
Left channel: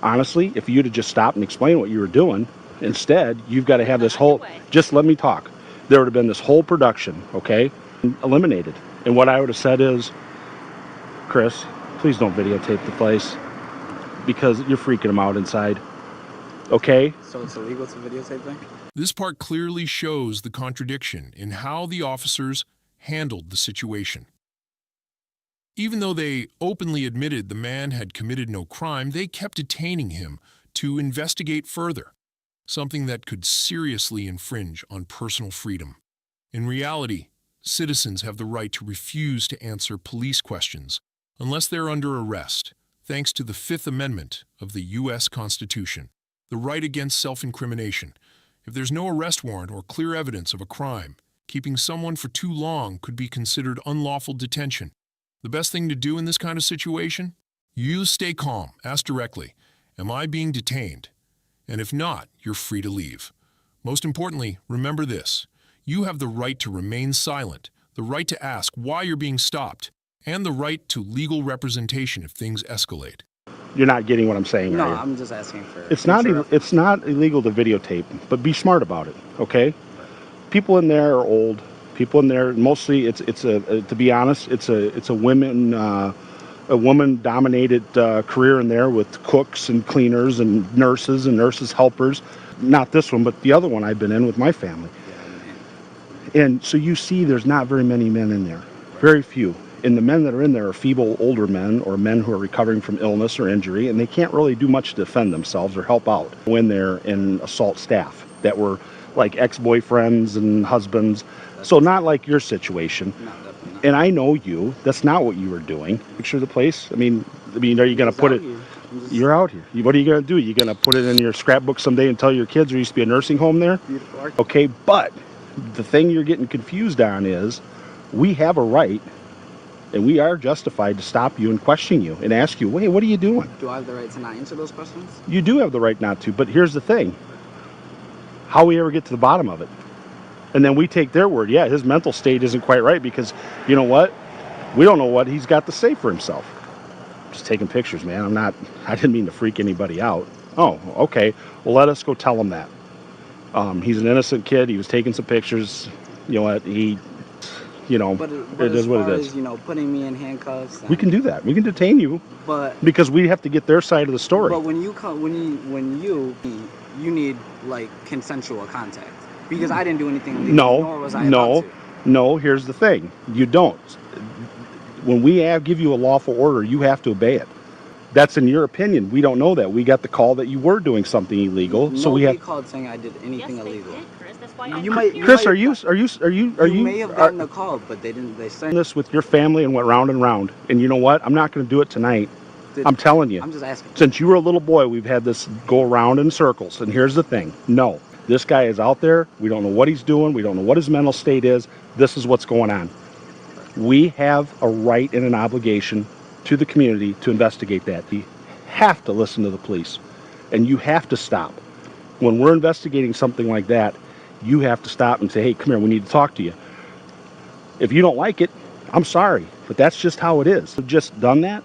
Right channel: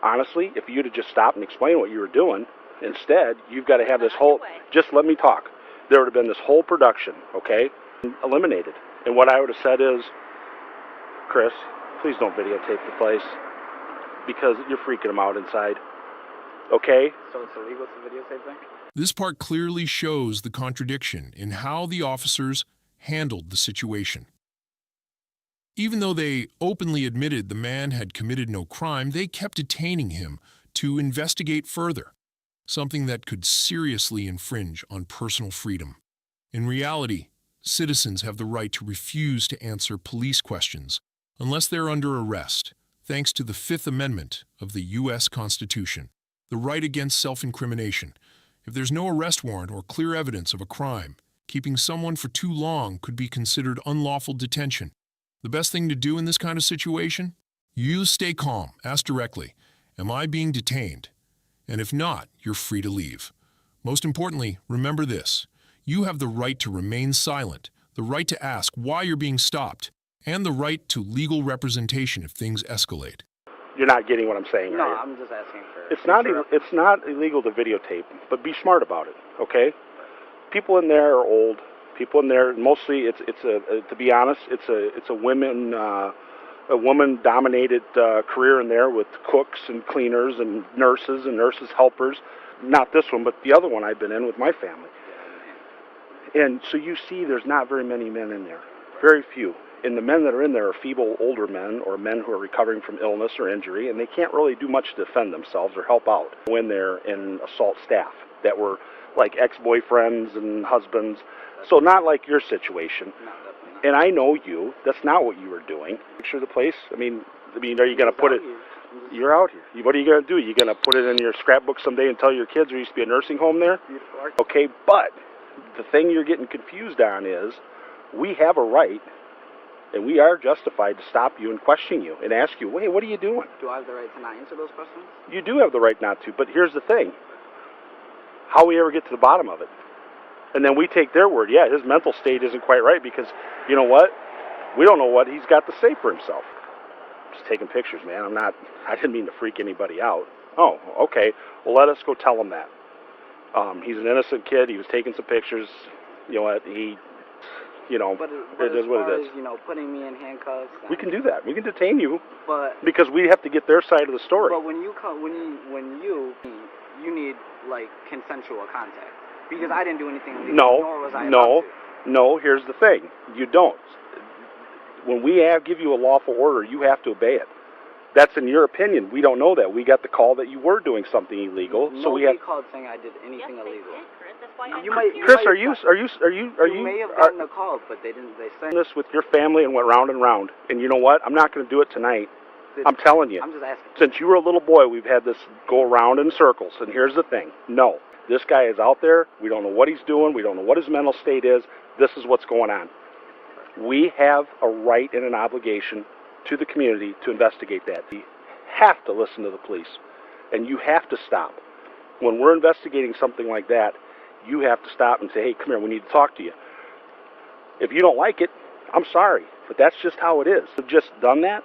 Honestly, if you'd have just stopped and explained what you were doing, instead, you've got to have this whole, just let me talk. There would have been this whole production, okay, eliminated. And what I would have said is, Chris, please don't videotape the place because you're freaking them out inside. Okay? So it's illegal to videotape things? This part clearly shows the contradiction in how the officers handled the situation. Even though they openly admitted the man had committed no crime, they kept detaining him to investigate further, something that could seriously infringe on personal freedom. In reality, citizens have the right to refuse to answer police questions unless they're under arrest, thanks to the Fifth Amendment of the U.S. Constitution, the right against self-incrimination. If there's no arrest warrant or clear evidence of a crime, keeping someone for too long could be considered unlawful detention. The best thing to do in this kind of situation? You stay calm, ask directly, am I being detained? And if not, you're free to leave. Most importantly, remember this. You have the right to remain silent, the right to ask why you're being stopped, and the right to legal representation if things escalate. You're not getting what I'm saying, No, are you? I'm just asking for... It's not illegal to videotape, but be smart about it, okay? People in there are old. People in there, mostly, to be honest, it's a woman-dominated career in there with cooks and cleaners and nurses helpers. Not this one, but the other one I've been in with my family. And so you see there's not very many men in there, very few. And the men that are in there are feeble older men or men who are recovering from illness or injury, and they can't really do much to defend themselves or help out when they're in assault staff that were like ex-boyfriends and husbands. So not like your situation. And I know you. That's not what you were doing. Picture the place. I mean, are you going to put it? You're out here. What are you going to do? You going to put it in your scrapbook someday and tell your kids there used to be a nursing home there? Okay, but the thing you're getting confused on is we have a right, and we are justified to stop you and question you and ask you, wait, what are you doing? Do I have the right to not answer those questions? You do have the right not to, but here's the thing. How we ever get to the bottom of it? And then we take their word. Yeah, his mental state isn't quite right because, you know what? We don't know what he's got to say for himself. Just taking pictures, man. I didn't mean to freak anybody out. Oh, okay. Well, let us go tell him that. He's an innocent kid. He was taking some pictures. You know what? But it is what it is. As, putting me in handcuffs. We can do that. We can detain you. But because we have to get their side of the story. But when you need like consensual contact. Because I didn't do anything illegal, nor was I about to. No, here's the thing. You don't. When we give you a lawful order, you have to obey it. That's in your opinion. We don't know that. We got the call that you were doing something illegal. So we have called saying I did anything illegal. Chris, that's why Chris, are you You may have gotten a call, but they didn't. They sent this with your family and went round and round. And you know what? I'm not going to do it tonight. I'm telling you. I'm just asking. Since you were a little boy, we've had this go around in circles. And here's the thing. No. This guy is out there. We don't know what he's doing. We don't know what his mental state is. This is what's going on. We have a right and an obligation to the community to investigate that. You have to listen to the police, and you have to stop. When we're investigating something like that, you have to stop and say, hey, come here, we need to talk to you. If you don't like it, I'm sorry, but that's just how it is. If just done that,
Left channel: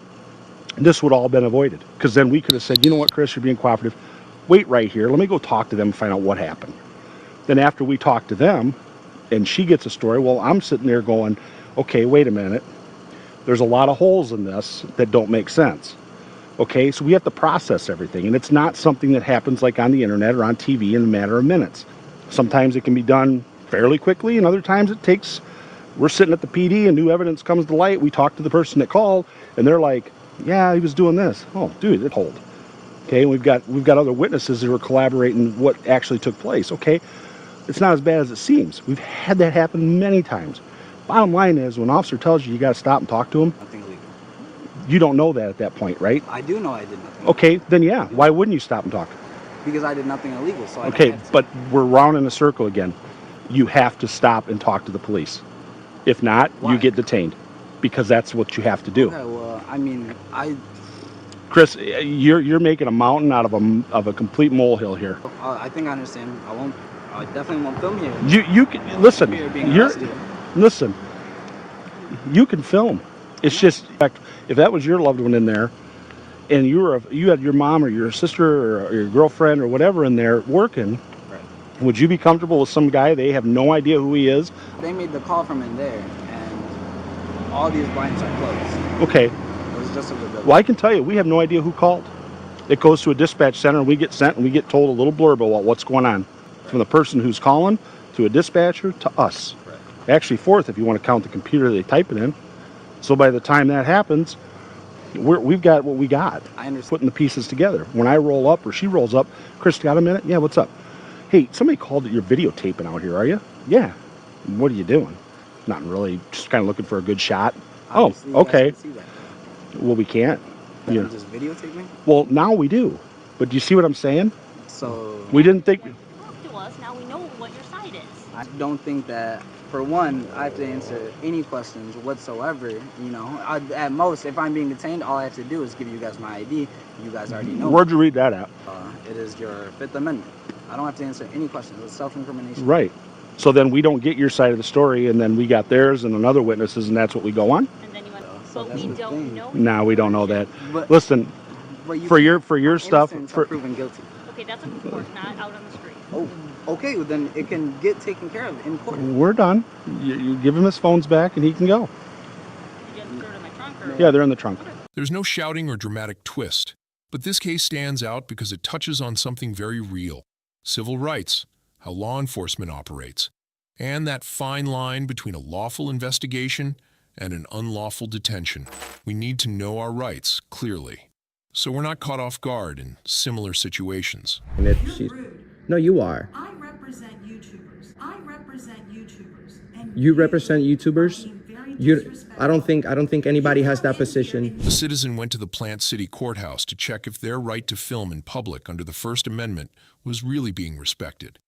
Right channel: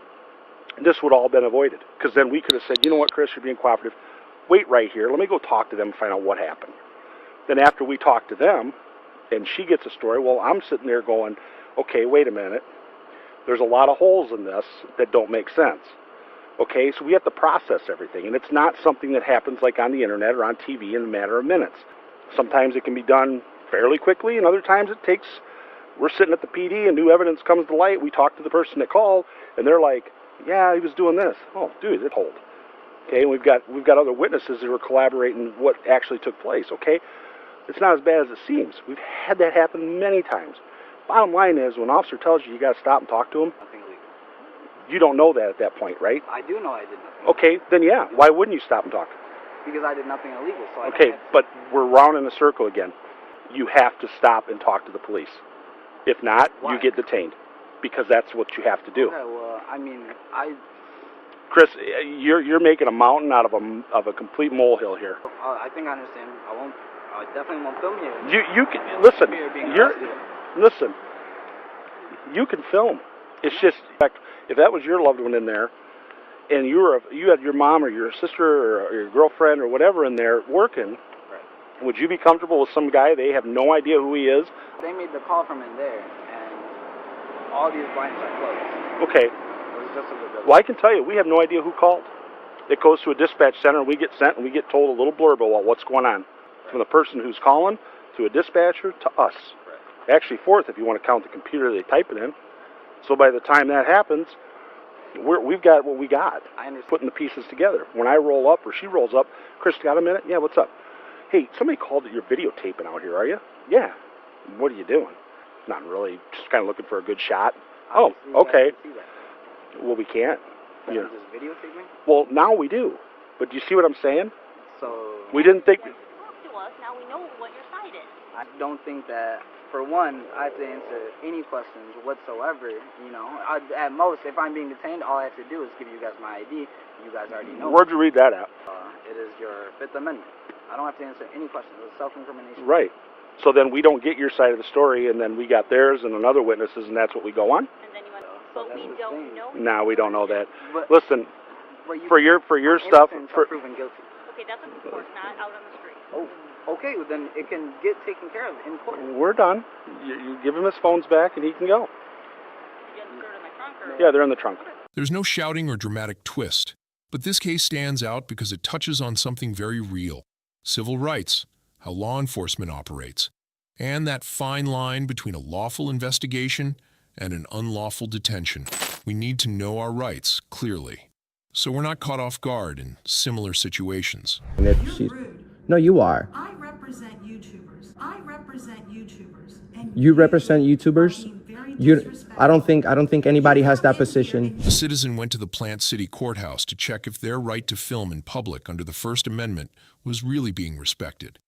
this would all have been avoided, because then we could have said, you know what, Chris, you're being cooperative. Wait right here. Let me go talk to them and find out what happened. Then after we talk to them and she gets a story, well, I'm sitting there going, okay, wait a minute. There's a lot of holes in this that don't make sense. Okay, so we have to process everything. And it's not something that happens like on the internet or on TV in a matter of minutes. Sometimes it can be done fairly quickly, and other times it takes, we're sitting at the PD and new evidence comes to light. We talk to the person that called and they're like, yeah, he was doing this. Oh, dude, it hold. Okay, we've got other witnesses who are collaborating what actually took place. Okay, it's not as bad as it seems. We've had that happen many times. Bottom line is, when an officer tells you got to stop and talk to him, nothing illegal. You don't know that at that point, right? I do know I did nothing. Okay, then yeah, why wouldn't you stop and talk? Because I did nothing illegal. So okay, but we're round in a circle again. You have to stop and talk to the police. If not, you get detained, because that's what you have to do. Okay, well, I mean, Chris, you're making a mountain out of a complete molehill here. I think I understand. I definitely won't film here. You can listen. Listen. You can film. It's just, if that was your loved one in there, and you had your mom or your sister or your girlfriend or whatever in there working, would you be comfortable with some guy they have no idea who he is? They made the call from in there, and all these blinds are closed. Okay. Well, I can tell you, we have no idea who called. It goes to a dispatch center, and we get sent, and we get told a little blurb about what's going on. From the person who's calling, to a dispatcher, to us. Actually, fourth, if you want to count the computer they type it in. So by the time that happens, we've got what we got. I understand. Putting the pieces together. When I roll up, or she rolls up, Chris, got a minute? Yeah, what's up? Hey, somebody called that you're videotaping out here, are you? Yeah. What are you doing? Not really, just kind of looking for a good shot. Obviously, okay. Well, we can't. Yeah. Just videotape me? Well, now we do. But do you see what I'm saying? So we didn't think. Talk to us. Now we know what your side is. I don't think that, for one, I have to answer any questions whatsoever. You know, at most, if I'm being detained, all I have to do is give you guys my ID. You guys already know. Where'd you read that at? It is your Fifth Amendment. I don't have to answer any questions. It's self-incrimination. Right. So then we don't get your side of the story, and then we got theirs and another witnesses, and that's what we go on? And then you went, but we don't know. No, we don't know that. Listen, for your stuff. Proven guilty. Okay, that's in court, not out on the street. Oh, okay. Well, then it can get taken care of in court. We're done. You give him his phones back, and he can go. You just threw it in my trunk, or? Yeah, they're in the trunk. There's no shouting or dramatic twist, but this case stands out because it touches on something very real: civil rights, how law enforcement operates, and that fine line between a lawful investigation and an unlawful detention. We need to know our rights clearly, so we're not caught off guard in similar situations. And if she's, no, you are. I represent YouTubers. And You represent YouTubers? I don't think anybody has that position. The citizen went to the Plant City Courthouse to check if their right to film in public under the First Amendment was really being respected.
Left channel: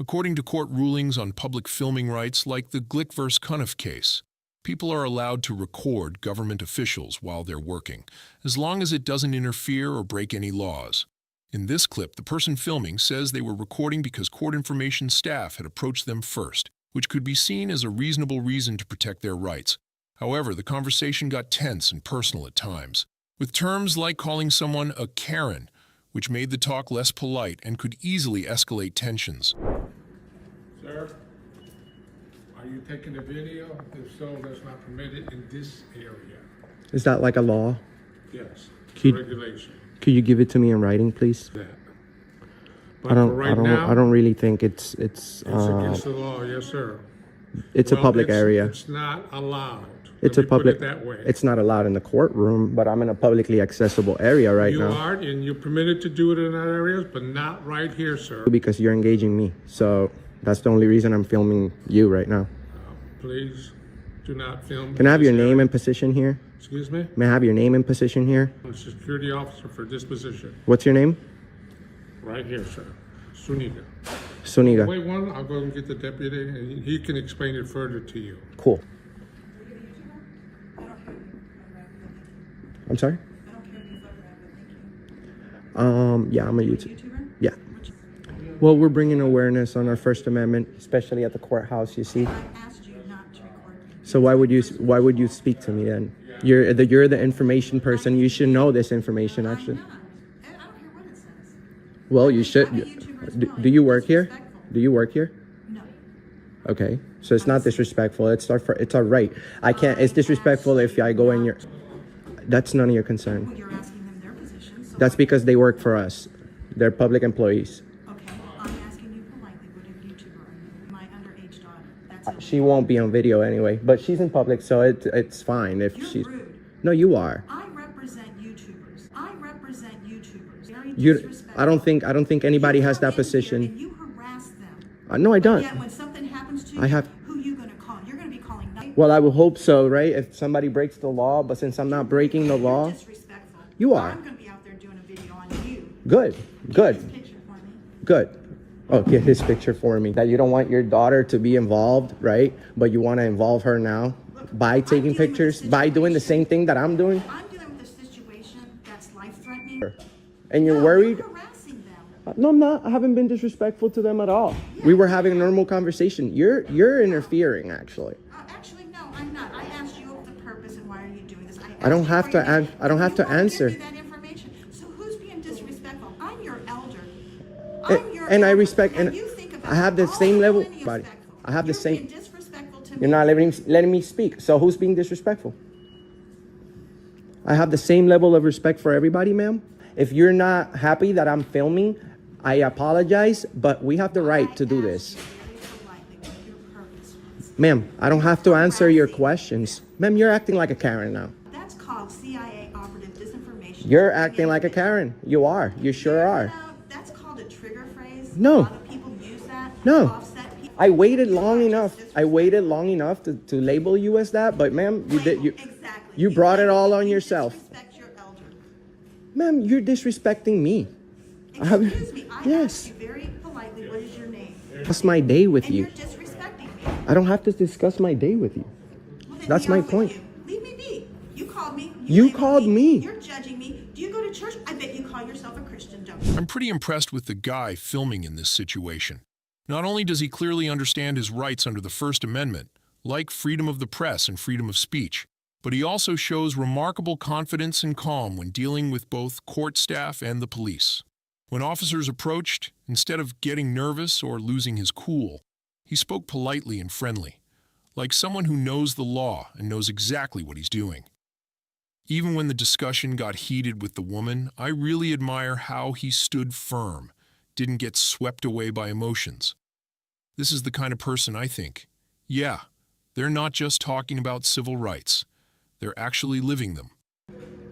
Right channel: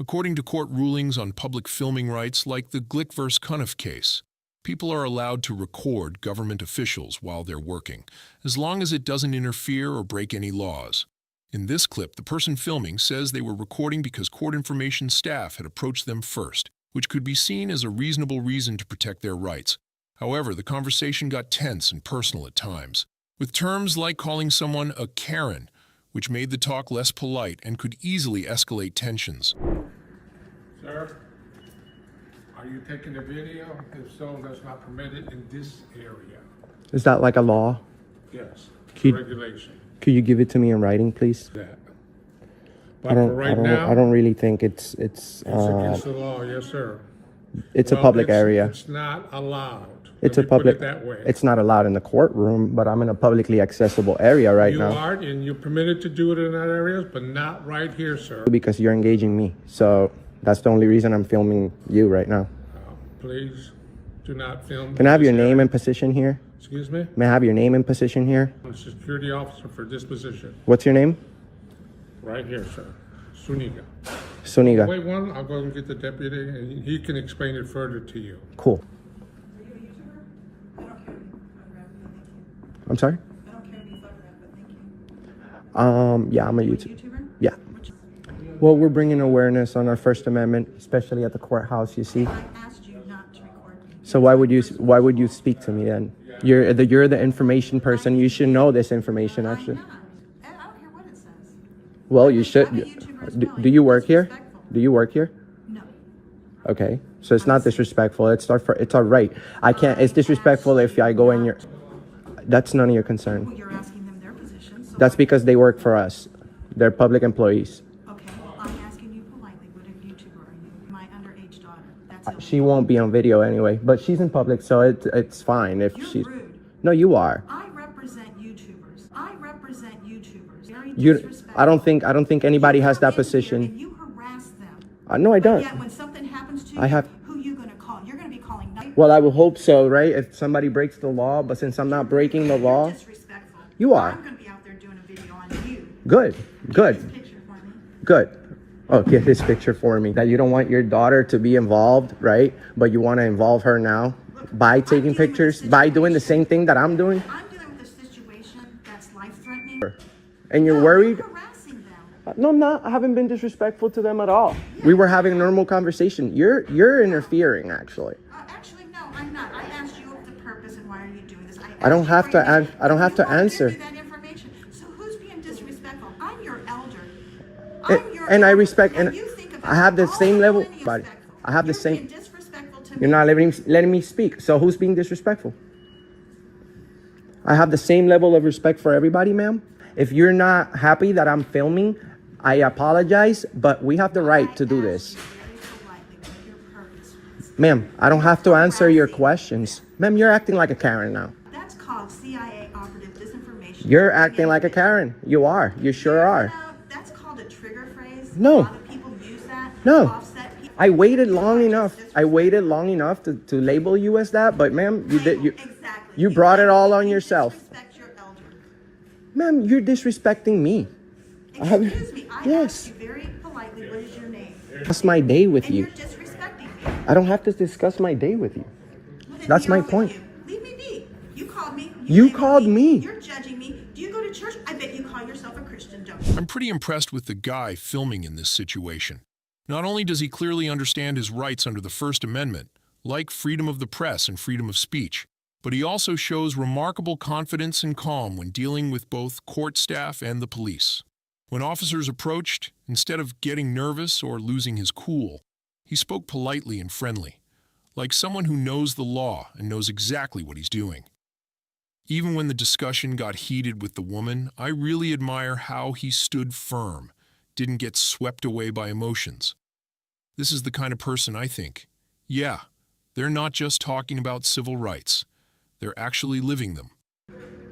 According to court rulings on public filming rights like the Glick vs. Cuniff case, people are allowed to record government officials while they're working, as long as it doesn't interfere or break any laws. In this clip, the person filming says they were recording because court information staff had approached them first, which could be seen as a reasonable reason to protect their rights. However, the conversation got tense and personal at times, with terms like calling someone a Karen, which made the talk less polite and could easily escalate tensions. Sir, are you taking a video? If so, that's not permitted in this area. Is that like a law? Yes, Could- regulation. Could you give it to me in writing, please? That. But for right now, I don't really think it's it's against the law, yes, sir. it's a public area. It's not allowed. It's Let a me put public. it that way. It's not allowed in the courtroom, but I'm in a publicly accessible area right You now are, and you're permitted to do it in that area, but not right here, sir. because you're engaging me. So that's the only reason I'm filming you right now. Please do not film. Can I have in your this name area. and position here? Excuse me? May I have your name and position here? I'm a security officer for this position. What's your name? Right here, sir. Suniga. Suniga. Wait one, I'll go and get the deputy, and he can explain it further to you. Cool. I'm sorry? Yeah, I'm a YouTuber. Yeah. Well, we're bringing awareness on our First Amendment, especially at the courthouse, you see. I asked you not to record me. So why would you speak to me then? You're the information person. You should know this information, actually. I don't care what it says. Well, you should. I'm a YouTuber as well. Do you work here? Do you work here? No. Okay, so it's not disrespectful. It's our right. I can't. It's disrespectful if I go in your. That's none of your concern. Well, you're asking them their position. So That's because they work for us. They're public employees. okay, well, I'm asking you politely, what YouTuber are you? My underage daughter. That's illegal. She won't be on video anyway, but she's in public, so it's fine if You're she's. rude. No, you are. I represent YouTubers. Very You. disrespectful. I don't think anybody has that And position. you harass them. No, I don't. Yet when something happens to you, I have. who you gonna call? You're gonna be calling. Well, I will hope so, right? If somebody breaks the law, but since I'm not breaking the law, disrespectful. you are. I'm gonna be out there doing a video on you. Good. Good. This picture for me. Good. Oh, get this picture for me. That you don't want your daughter to be involved, right? But you want to involve her now by taking pictures, by doing the same thing that I'm doing. I'm dealing with a situation that's life-threatening. And you're worried? No, I'm not. I haven't been disrespectful to them at all. We were having a normal conversation. You're interfering, actually. Actually, no, I'm not. I asked you the purpose and why are you doing this. I don't have to. I don't have to answer. Give me that information. So who's being disrespectful? I'm your elder. And I respect. And I have the same level. Buddy, I have the same. You're not letting me speak. So who's being disrespectful? I have the same level of respect for everybody, ma'am. If you're not happy that I'm filming, I apologize, but we have the right to do this. Ma'am, I don't have to answer your questions. Ma'am, you're acting like a Karen now. That's called CIA operative disinformation. You're acting like a Karen. You are. You sure are. That's called a trigger phrase. No. A lot of people use that. No. I waited long enough. I waited long enough to label you as that, but ma'am, you brought it all on yourself. Ma'am, you're disrespecting me. Excuse me, I yes. asked you very politely, what is your name? Discuss my day with And you. you're disrespecting me. I don't have to discuss my day with you. Well, then That's be my off with point. you. Leave me be. You called me. You labeled called me. You're judging me. Do you go to church? I bet you call yourself a Christian, don't you? I'm pretty impressed with the guy filming in this situation. Not only does he clearly understand his rights under the First Amendment, like freedom of the press and freedom of speech, but he also shows remarkable confidence and calm when dealing with both court staff and the police. When officers approached, instead of getting nervous or losing his cool, he spoke politely and friendly, like someone who knows the law and knows exactly what he's doing. Even when the discussion got heated with the woman, I really admire how he stood firm, didn't get swept away by emotions. This is the kind of person I think, yeah, they're not just talking about civil rights. They're actually living them.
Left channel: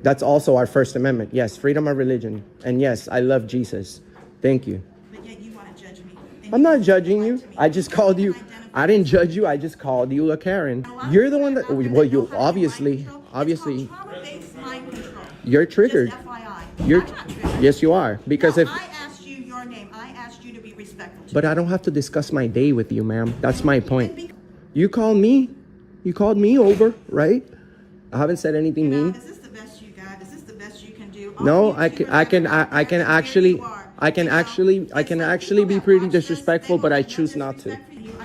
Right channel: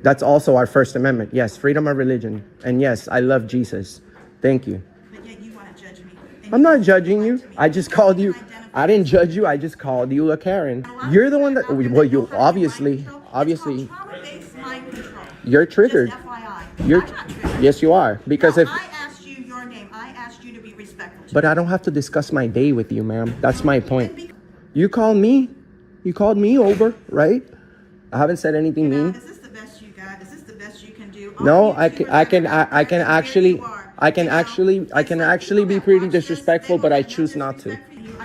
That's also our First Amendment. Yes, freedom of religion. And yes, I love Jesus. Thank you. But yet you want to judge me. I'm not judging you. I just called you. I didn't judge you. I just called you a Karen. You're the one that, well, you obviously, Trauma-based mind control. you're triggered. Just FYI. You're, I'm not triggered. yes, you are. Because No, if, I asked you your name. I asked you to be respectful. but I don't have to discuss my day with you, ma'am. That's my point. You called me. You called me over, right? I haven't said anything mean. Is this the best you got? Is this the best you can do? No, I can actually be pretty disrespectful, but I choose not to. I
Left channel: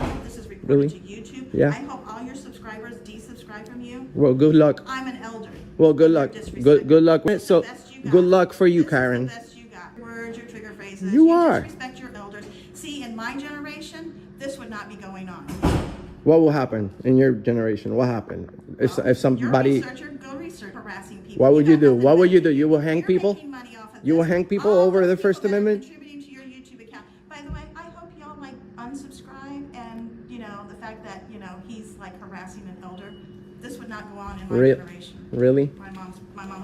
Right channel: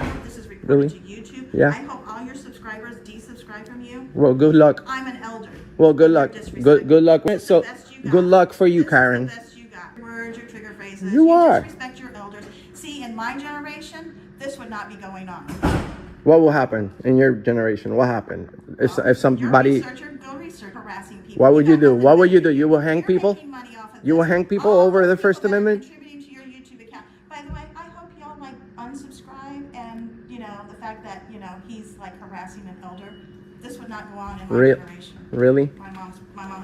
hope this is recorded Really? to YouTube. Yeah. I hope all your subscribers desubscribe from you. Well, good luck. I'm an elder. Well, good luck. Good luck. So, good luck for you, Karen. Words, your trigger phrases. You are. Disrespect your elders. See, in my generation, this would not be going on. What will happen in your generation? What happened if somebody? You're a researcher. Go research harassing people. What would you do? What would you do? You will hang people? You will hang people over the First Amendment? Contributing to your YouTube account. By the way, I hope y'all like unsubscribe and the fact that he's like harassing an elder. This would not go on in my generation. Really? My mom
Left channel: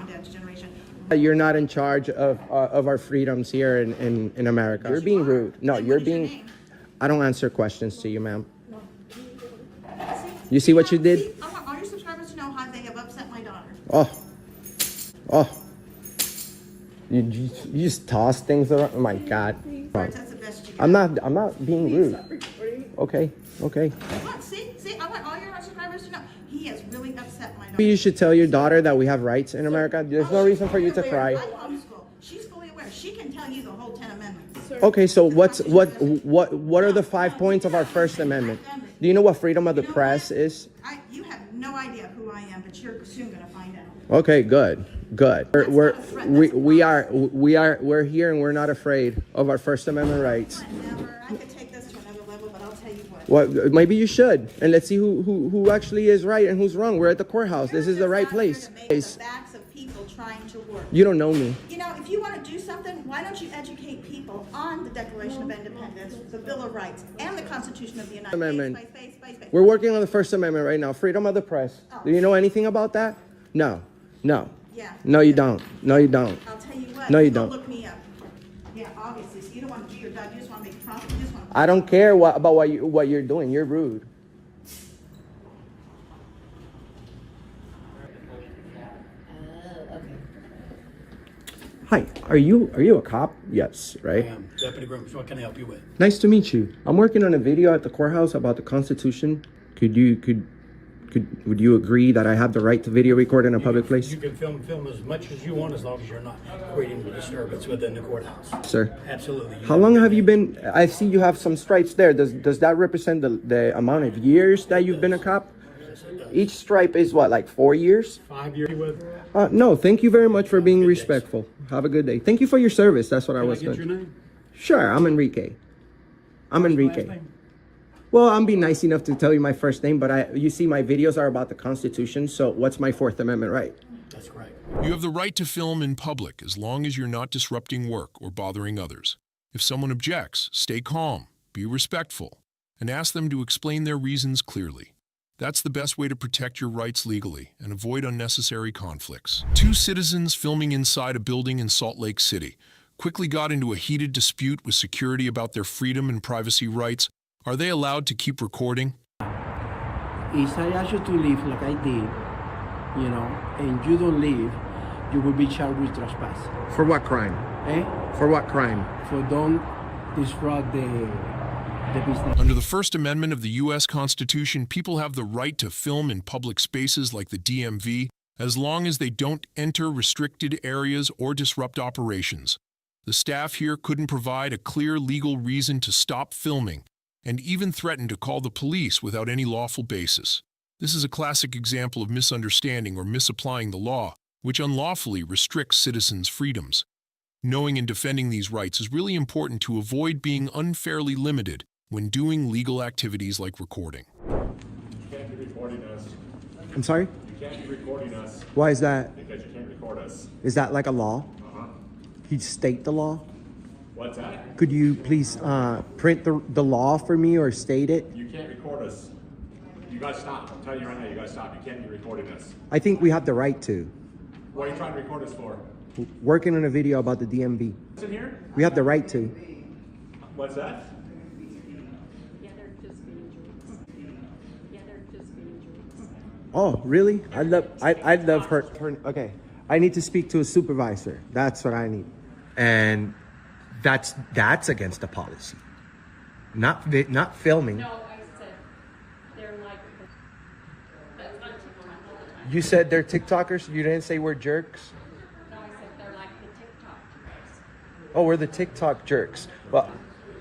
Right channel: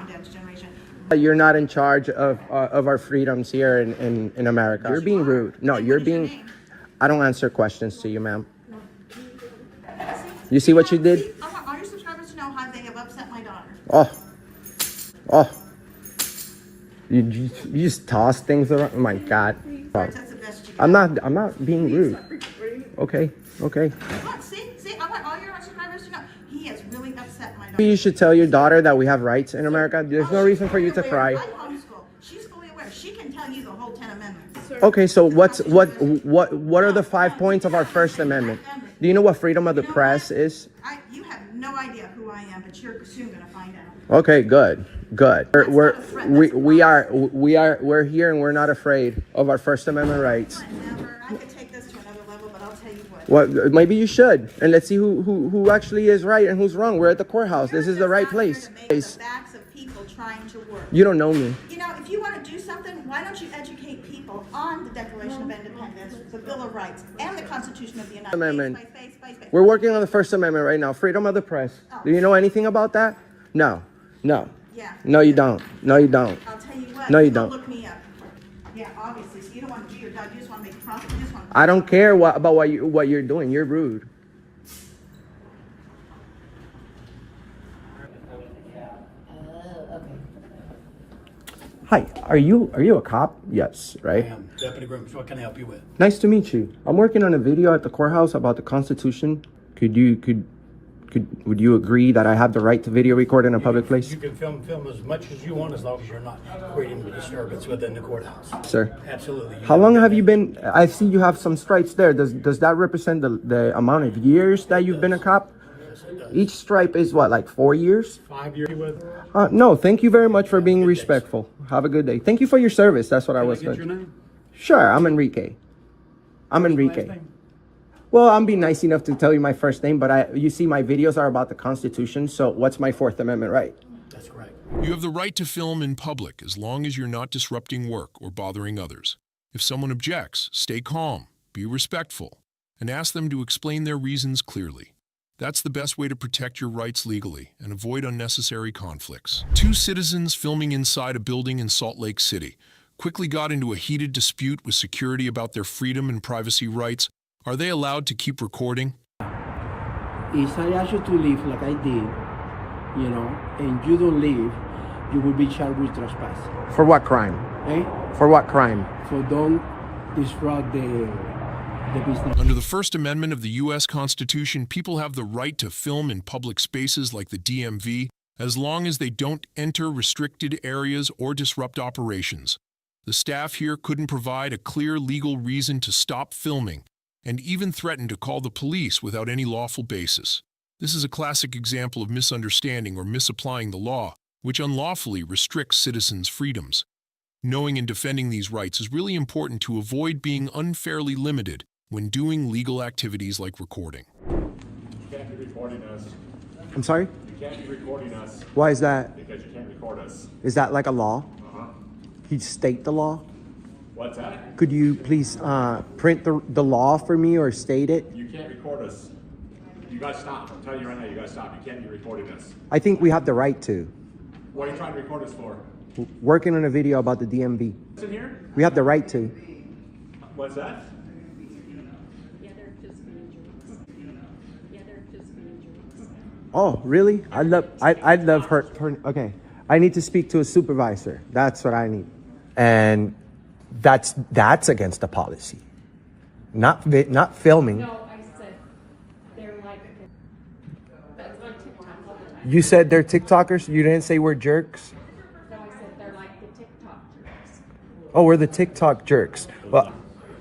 and dad's generation. You're not in charge of our freedoms here in America. You're being rude. No, you're being. I don't answer questions to you, ma'am. You see what you did? I want all your subscribers to know how they have upset my daughter. Oh. You just toss things around. Oh my God. That's the best you got. I'm not being rude. Okay. Look, see, I want all your subscribers to know he has really upset my daughter. You should tell your daughter that we have rights in America. There's no reason for you to cry. I homeschool. She's fully aware. She can tell you the whole 10 amendments. Okay, so what are the 5 points of our First Amendment? Do you know what freedom of the press is? You have no idea who I am, but you're soon gonna find out. Okay, good. We're here and we're not afraid of our First Amendment rights. I could take this to another level, but I'll tell you what. Well, maybe you should, and let's see who actually is right and who's wrong. We're at the courthouse. This is the right place. The backs of people trying to work. You don't know me. If you want to do something, why don't you educate people on the Declaration of Independence, the Bill of Rights, and the Constitution of the United States? We're working on the First Amendment right now. Freedom of the press. Do you know anything about that? No. Yeah. No, you don't. I'll tell you what. No, you don't. Look me up. Yeah, obviously. So you don't want to do your job. You just want to make a profit. I don't care about what you're doing. You're rude. Hi, are you a cop? Yes, right? I am Deputy Grooms. What can I help you with? Nice to meet you. I'm working on a video at the courthouse about the Constitution. Would you agree that I have the right to video record in a public place? You can film as much as you want as long as you're not creating a disturbance within the courthouse. Sir. Absolutely. How long have you been? I see you have some stripes there. Does that represent the amount of years that you've been a cop? Each stripe is what, like 4 years? 5 years with. No, thank you very much for being respectful. Have a good day. Thank you for your service. That's what I was Can I saying. get your name? Sure, I'm Enrique. Well, I'm being nice enough to tell you my first name, but you see my videos are about the Constitution, so what's my Fourth Amendment right? That's correct. You have the right to film in public as long as you're not disrupting work or bothering others. If someone objects, stay calm, be respectful, and ask them to explain their reasons clearly. That's the best way to protect your rights legally and avoid unnecessary conflicts. 2 citizens filming inside a building in Salt Lake City quickly got into a heated dispute with security about their freedom and privacy rights. Are they allowed to keep recording? If I ask you to leave like I did, and you don't leave, you will be charged with trespass. For what crime? For what crime? For don't disrupt the business. Under the First Amendment of the U.S. Constitution, people have the right to film in public spaces like the DMV as long as they don't enter restricted areas or disrupt operations. The staff here couldn't provide a clear legal reason to stop filming, and even threatened to call the police without any lawful basis. This is a classic example of misunderstanding or misapplying the law, which unlawfully restricts citizens' freedoms. Knowing and defending these rights is really important to avoid being unfairly limited when doing legal activities like recording. You can't be recording us. I'm sorry? You can't be recording us. Why is that? Because you can't record us. Is that like a law? Uh-huh. He state the law? What's that? Could you please print the law for me or state it? You can't record us. You guys stop. I'm telling you right now, you guys stop. You can't be recording this. I think we have the right to. What are you trying to record us for? Working on a video about the DMV. What's in here? We have the right to. What's that? Oh, really? I'd love her. Okay. I need to speak to a supervisor. That's what I need. And that's against the policy. Not filming. No, I said they're like, that's on TikTok all the time. You said they're TikTokers? You didn't say we're jerks? No, I said they're like the TikTok jerks. Oh, we're the TikTok jerks.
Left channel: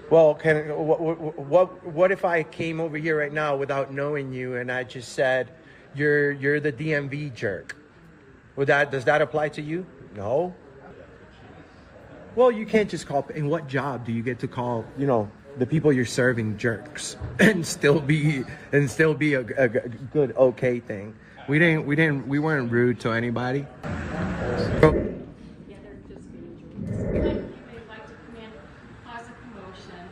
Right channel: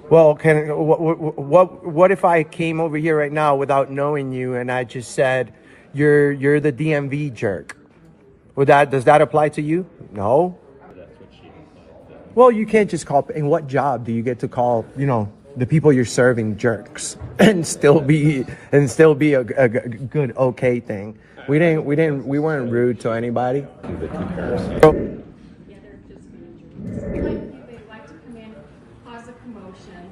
Well, what if I came over here right now without knowing you and I just said you're the DMV jerk? Does that apply to you? No. Well, you can't just call. In what job do you get to call, the people you're serving jerks and still be a good okay thing? We weren't rude to anybody. Yeah, they're just being jerks. They like to come in, cause a commotion.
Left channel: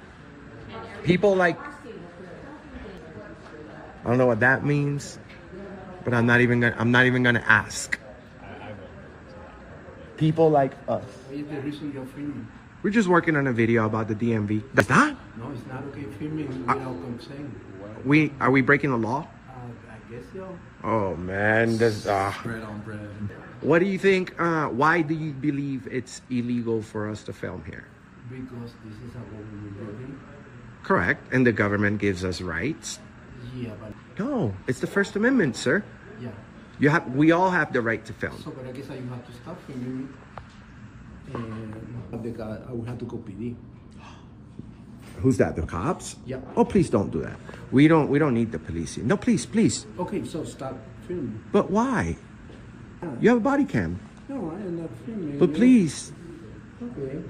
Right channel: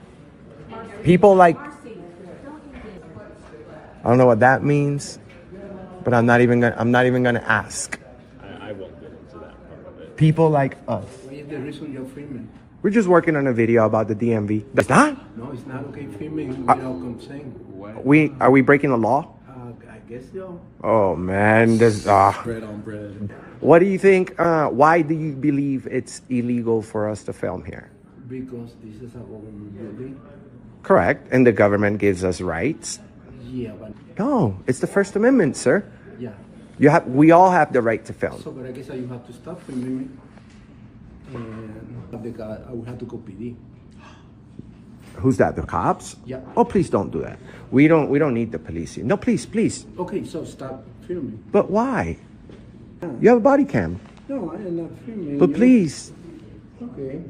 And People like, I don't know what that means, but I'm not even gonna ask. I won't get into that. People like us. What is the reason you're filming? We're just working on a video about the DMV. That's not? No, it's not okay filming without consent. Are we breaking the law? I guess so. Oh man, Bread on bread. What do you think? Why do you believe it's illegal for us to film here? Because this is a government building. Correct, and the government gives us rights. Yeah, but No, it's the First Amendment, sir. yeah. We all have the right to film. So, but I guess you have to stop filming. And I will have to go PD. Who's that? The cops? Yeah. Oh, please don't do that. We don't need the police here. No, please. Okay, so stop filming. But why? You have a body cam. No, I am not filming. But please, Okay.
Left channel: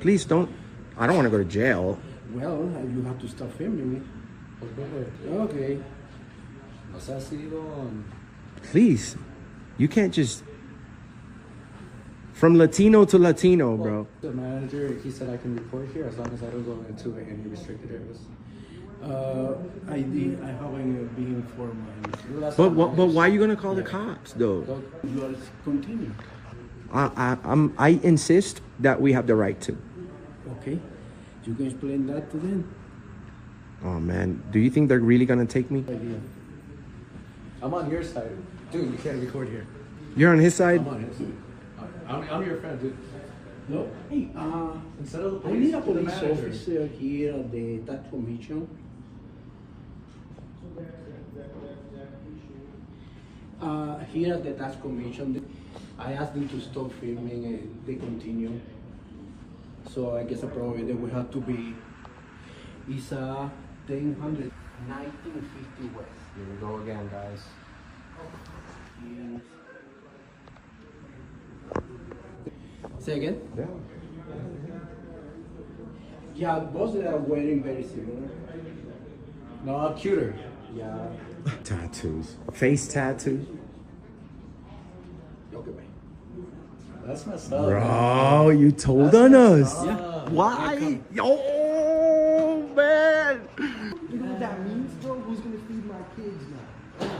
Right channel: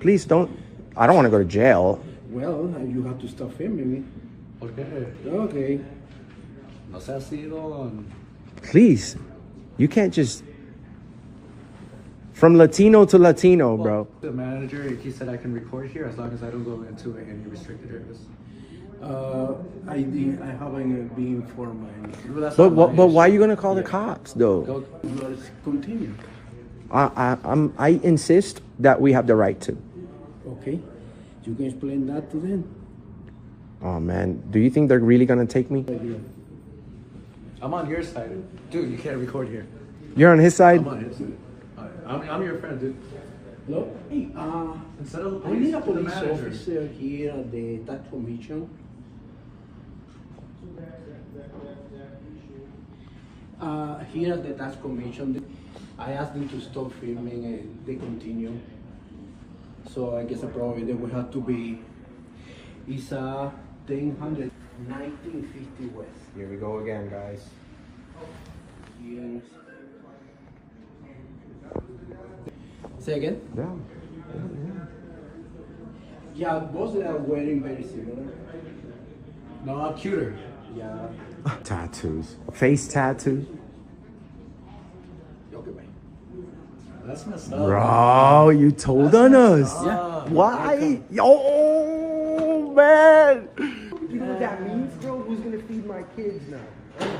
please don't. I don't want to go to jail. Well, you have to stop filming it. Okay. Please, you can't just. From Latino to Latino, bro. The manager, he said I can record here as long as I don't go into any restricted areas. I haven't been informed. But why are you gonna call the cops though? You continue. I insist that we have the right to. Okay. You can explain that to them. Oh man, do you think they're really gonna take me? I'm on your side. Dude, you can't record here. You're on his side? I'm on his side. I'm your friend, dude. No? Hey, Instead of the I need a police, police the manager. officer here at the tax commission. Here at the tax commission, I asked them to stop filming and they continue. So I guess probably they will have to be, it's 1000 1950 West. Here we go again, guys. Yes. Say again? Yeah, both are wearing very similar. No, cuter. Yeah. Tattoos. Face tattoos. Okay, bye. That's messed up. Bro, you told on us. Yeah. Why? Oh man. You know what that means, bro? Who's gonna feed my kids now? Okay,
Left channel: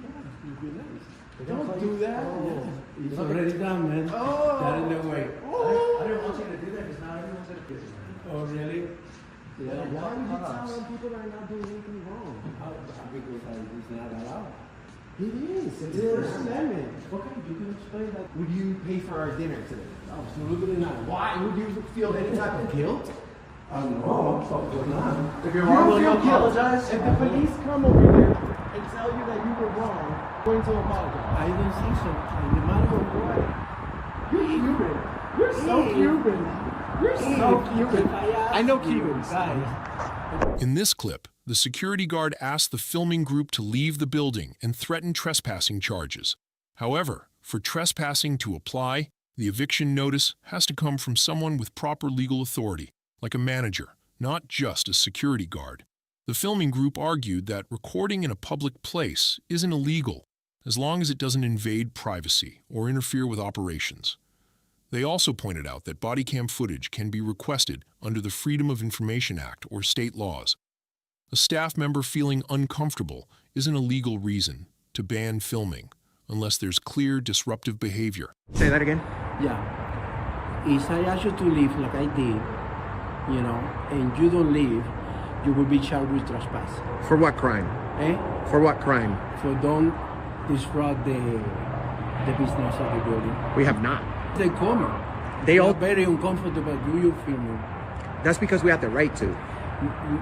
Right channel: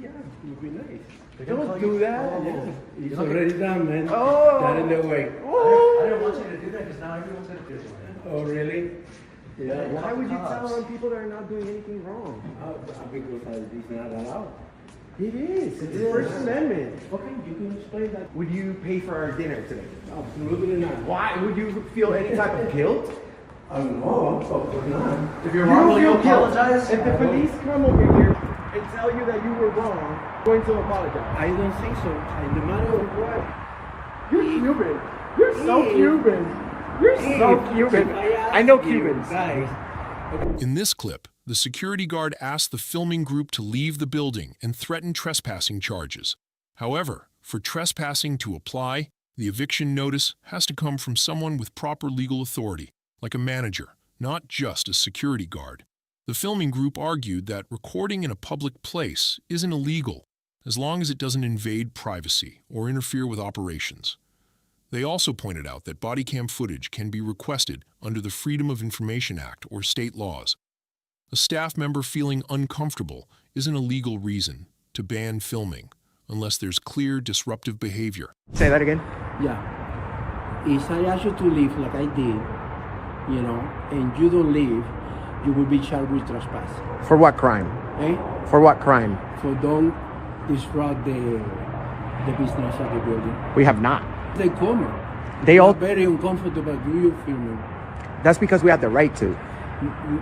yeah, it'll be nice. Don't do that. Yeah, it's already done, man. Oh. Got in the way. Oh. I didn't want you to do that because now everyone's going to do it. Oh, really? Yeah. Why would you tell on people that are not doing anything wrong? Because it's not allowed. It is. It's the First Amendment. Okay, you can explain that. Would you pay for our dinner today? Absolutely not. Why? Would you feel any type of guilt? I don't know. So not. If you're You wrong, don't you feel guilt. apologize. If the police come over here and tell you that you were wrong, I'm going to apologize. I don't think so. No matter what. You're Cuban. You're so Cuban. You're so Cuban. I know Cubans. Guys. In this clip, the security guard asked the filming group to leave the building and threatened trespassing charges. However, for trespassing to apply, the eviction notice has to come from someone with proper legal authority, like a manager, not just a security guard. The filming group argued that recording in a public place isn't illegal, as long as it doesn't invade privacy or interfere with operations. They also pointed out that body cam footage can be requested under the Freedom of Information Act or state laws. A staff member feeling uncomfortable isn't a legal reason to ban filming unless there's clear disruptive behavior. Say that again? Yeah. If I ask you to leave like I did, you know, and you don't leave, you will be charged with trespass. For what crime? Eh? For what crime? For don't disrupt the business of the building. We have not. They come. They all. Very uncomfortable. Do you filming? That's because we have the right to.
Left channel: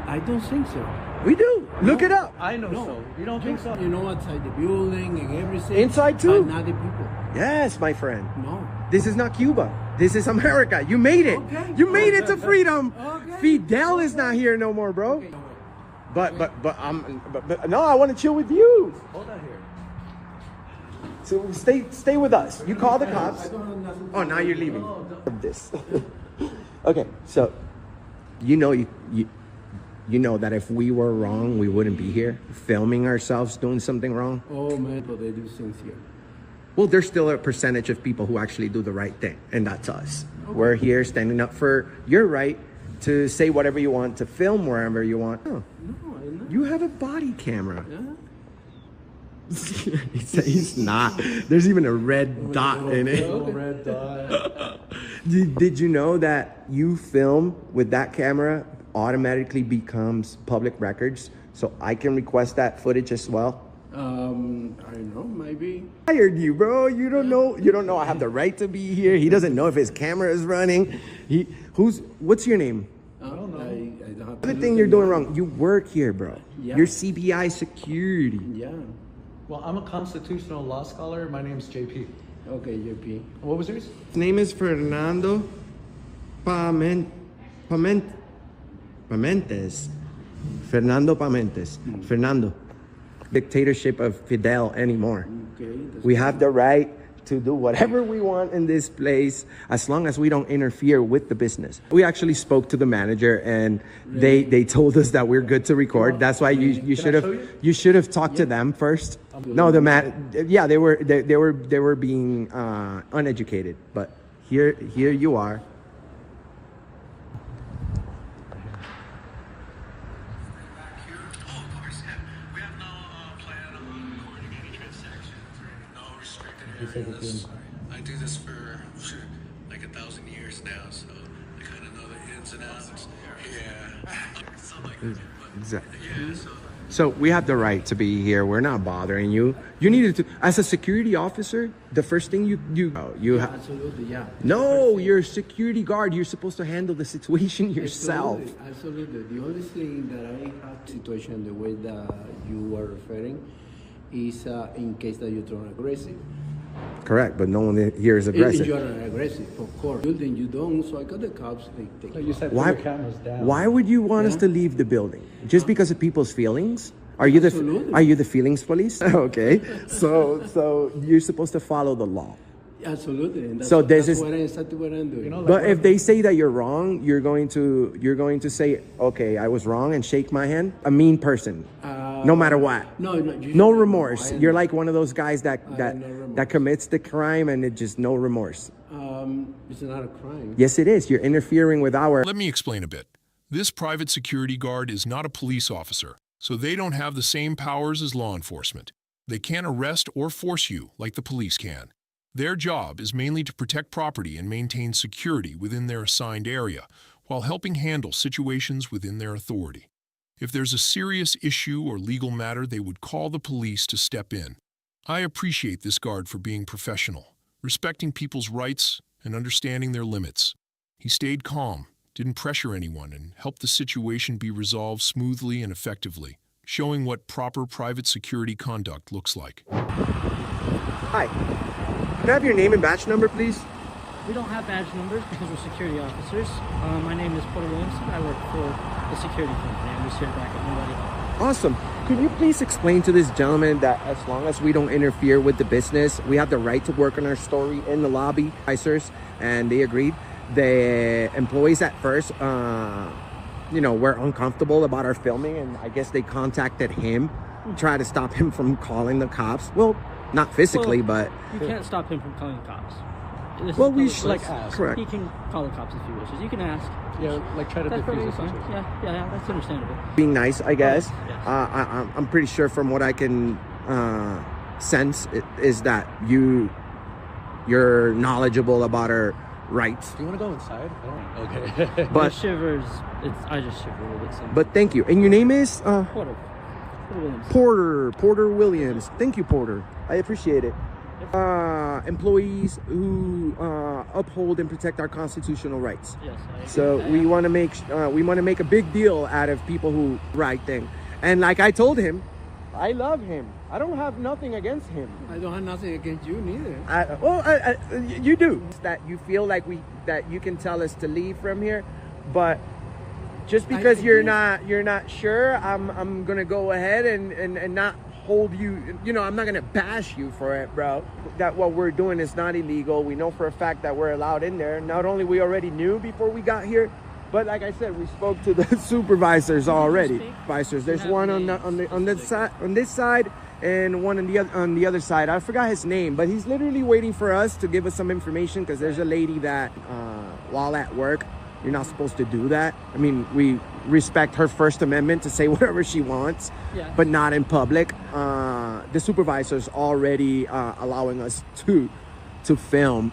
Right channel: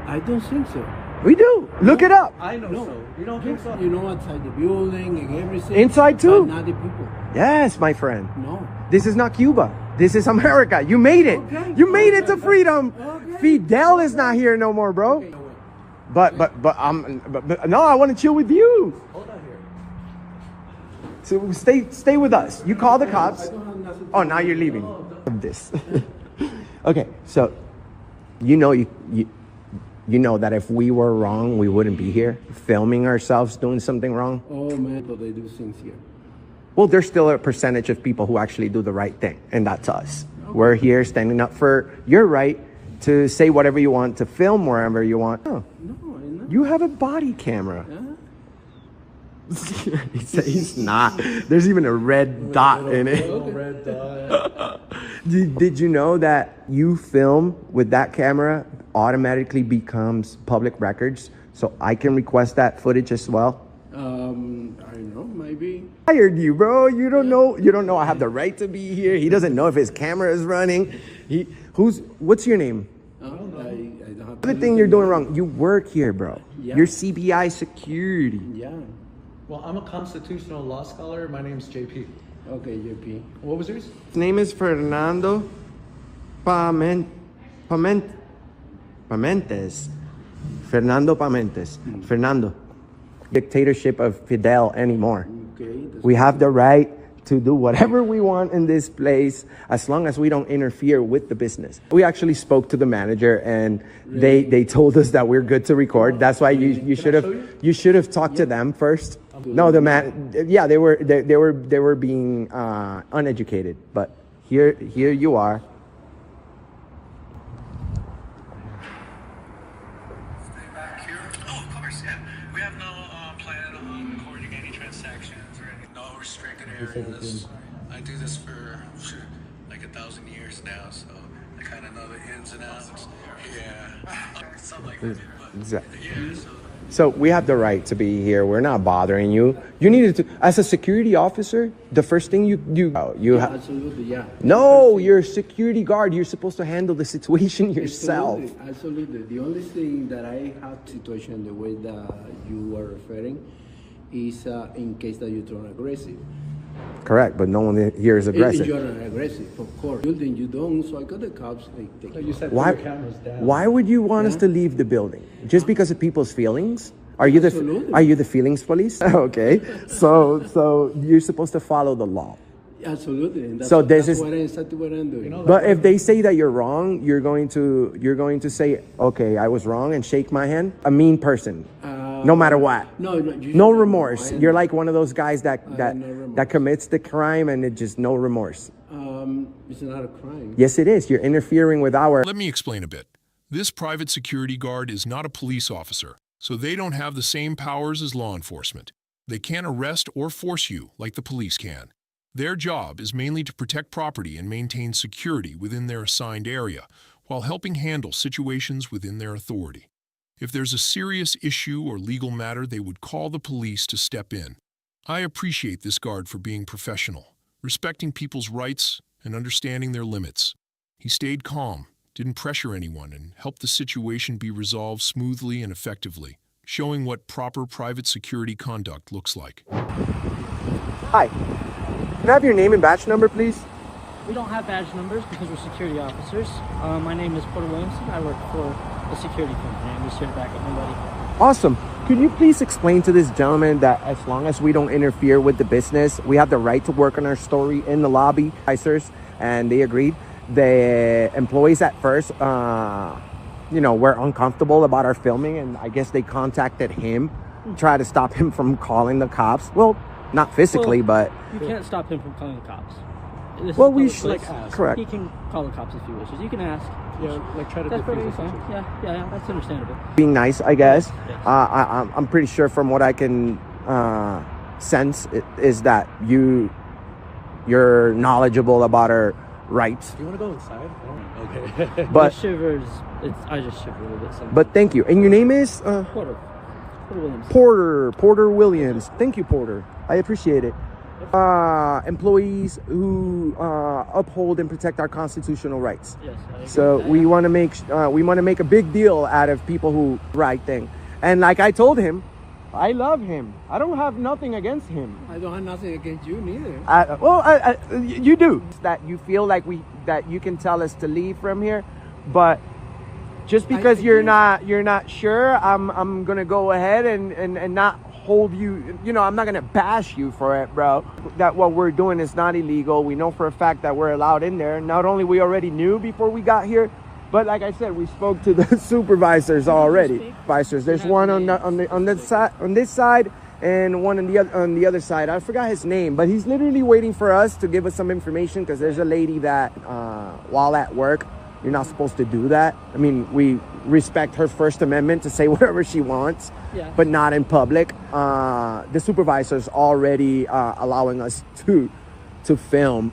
I don't think so. We do. Look it up. I know. No, you don't think so? You know, outside the building and everything. Inside too. But not the people. Yes, my friend. No. This is not Cuba. This is America. You made it. Okay. You made it to freedom. Okay. Fidel is not here no more, bro. Okay. But no, I want to chill with you. Hold on here. So stay with us. You call the cops. Oh, now you're leaving. This. Okay, so you know that if we were wrong, we wouldn't be here filming ourselves doing something wrong. Oh man, but they do things here. Well, there's still a percentage of people who actually do the right thing, and that's us. Okay. We're here standing up for your right to say whatever you want, to film wherever you want. Oh, no, you have a body camera. Yeah. He's not. There's even a red dot in it. Red dot. Did you know that you film with that camera automatically becomes public records? So I can request that footage as well. I don't know, maybe. I hired you, bro. You don't know. You don't know I have the right to be here. He doesn't know if his camera is running. What's your name? I don't have The thing you're doing wrong. You work here, bro. Yeah. You're CBI security. Yeah. Well, I'm a constitutional law scholar. My name's JP. Okay, JP. What was yours? His name is Fernando Pamentes. Fernando Pamentes. Fernando. Dictatorship of Fidel anymore. Okay. We have the right to do whatever we want in this place as long as we don't interfere with the business. We actually spoke to the manager and they told us that we're good to record. That's why you should have talked to them first. No, they were being uneducated, but here you are. I do this for like 1,000 years now, so I kind of know the ins and outs. Yeah. Exactly. So we have the right to be here. We're not bothering you. You needed to, as a security officer, the first thing you have. Absolutely, yeah. No, you're a security guard. You're supposed to handle the situation yourself. Absolutely. The only thing that I have situation the way that you were referring is in case that you turn aggressive. Correct, but no one here is aggressive. You're not aggressive, of course. Building you don't, so I got the cops. They take you said why? Put your cameras down. Why would you want us to leave the building just because of people's feelings? Are you the feelings police? Okay, so you're supposed to follow the law. Absolutely. And that's, so that's what I'm doing. You know, but if they say that you're wrong, you're going to say, okay, I was wrong, and shake my hand. A mean person, no matter what. No remorse. You're like one of those guys that commits the crime and it just no remorse. It's not a crime. Yes, it is. You're interfering with our. Let me explain a bit. This private security guard is not a police officer, so they don't have the same powers as law enforcement. They can't arrest or force you like the police can. Their job is mainly to protect property and maintain security within their assigned area, while helping handle situations within their authority. If there's a serious issue or legal matter, they would call the police to step in. I appreciate this guard for being professional, respecting people's rights and understanding their limits. He stayed calm, didn't pressure anyone, and helped the situation be resolved smoothly and effectively, showing what proper private security conduct looks like. Hi. Can I have your name and badge number, please? We don't have badge numbers because we're security officers. My name is Porter Williamson. I work for a security company. I'm just here to back up nobody. Awesome. Could you please explain to this gentleman that as long as we don't interfere with the business, we have the right to work on our story in the lobby, and they agreed. The employees at first, were uncomfortable about our filming, and I guess they contacted him, try to stop him from calling the cops. Well, not physically, but... You can't stop him from calling the cops. This is Well, a we public should- place. like, ask. Correct. He can call the cops if he wishes. You can ask. Yeah, like try to That's diffuse perfectly the fine. situation. Yeah, that's understandable. Being nice, I guess. yes. I'm pretty sure from what I can sense is that you're knowledgeable about our rights. Do you want to go inside? I don't. Okay. But- The shivers. I just shiver a little bit. Sometimes. But thank you. And your name is Porter. Porter Williams. Porter Williams. Thank you, Porter. I appreciate it. Employees who uphold and protect our constitutional rights. Yes. I agree So with that, we yeah. want to make a big deal out of people who right thing. And like I told him, I love him. I don't have nothing against him. I don't have nothing against you neither. you do that. You feel like that you can tell us to leave from here, but just because you're not sure, I'm gonna go ahead and not hold you. You know, I'm not gonna bash you for it, bro. That what we're doing is not illegal. We know for a fact that we're allowed in there. Not only we already knew before we got here, but like I said, we spoke to the supervisors already. Supervisors. There's one on this side and one on the other side. I forgot his name, but he's literally waiting for us to give us some information because there's a lady that while at work, you're not supposed to do that. I mean, we respect her First Amendment to say whatever she wants, but not in public. The supervisor's already allowing us to film,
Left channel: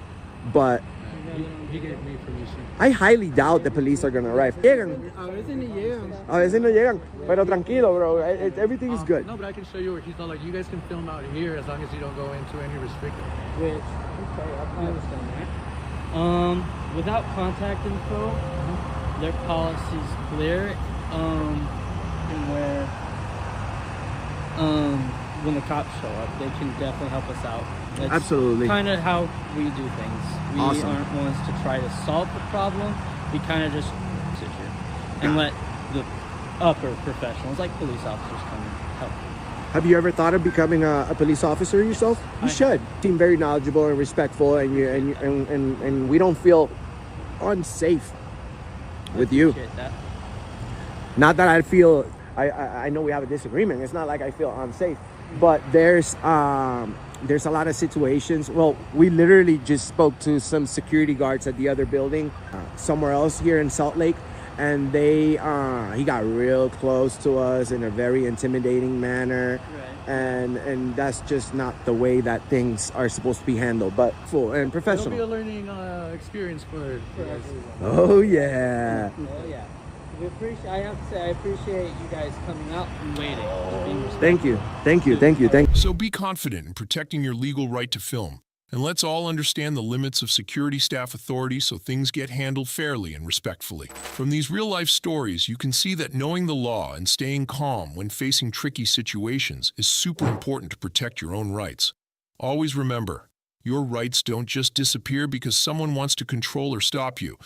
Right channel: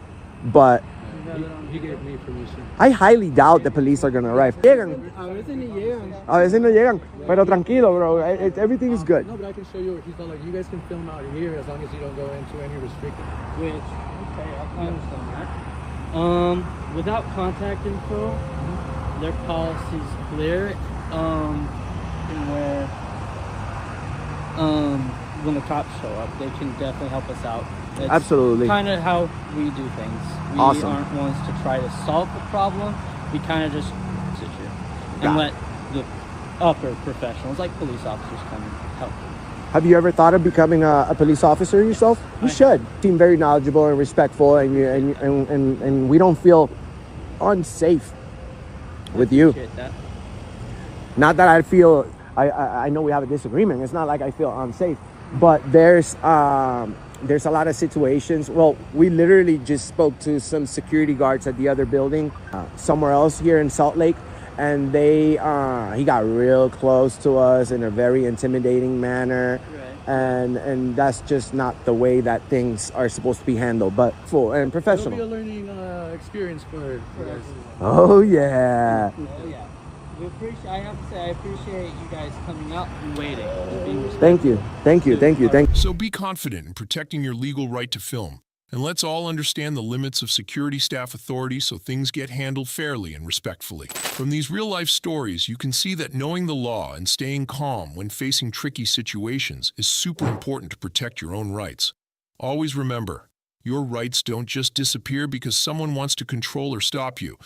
but He gave me permission. I highly doubt the police are gonna arrive. Llegan. A veces ni llegan. A veces no llegan, pero tranquilo, bro. Everything is good. No, but I can show you. He's not like, you guys can film out here as long as you don't go into any restricted. Which, I understand that. Without contact info, their policy's clear. In where, when the cops show up, they can definitely help us out. It's Absolutely. kind of how we do things. We Awesome. aren't ones to try to solve the problem. We kind of just sit here and let the upper professionals, like police officers, come and help. Have you ever thought of becoming a police officer yourself? You should. Seem very knowledgeable and respectful, and we don't feel unsafe with you. Appreciate that. Not that I feel. I know we have a disagreement. It's not like I feel unsafe, but there's a lot of situations. Well, we literally just spoke to some security guards at the other building, somewhere else here in Salt Lake, and he got real close to us in a very intimidating manner. And that's just not the way that things are supposed to be handled, but full and professional. It'll be a learning experience for you guys. Oh yeah. I have to say, I appreciate you guys coming out and waiting. And being Thank you. So be confident in protecting your legal right to film, and let's all understand the limits of security staff authority so things get handled fairly and respectfully. From these real-life stories, you can see that knowing the law and staying calm when facing tricky situations is super important to protect your own rights. Always remember, your rights don't just disappear because someone wants to control or stop you.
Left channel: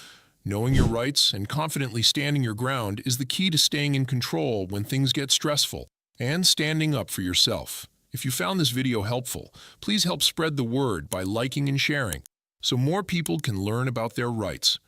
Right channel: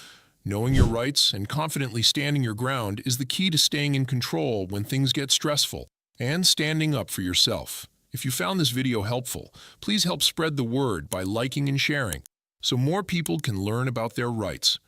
Knowing your rights and confidently standing your ground is the key to staying in control when things get stressful and standing up for yourself. If you found this video helpful, please help spread the word by liking and sharing so more people can learn about their rights.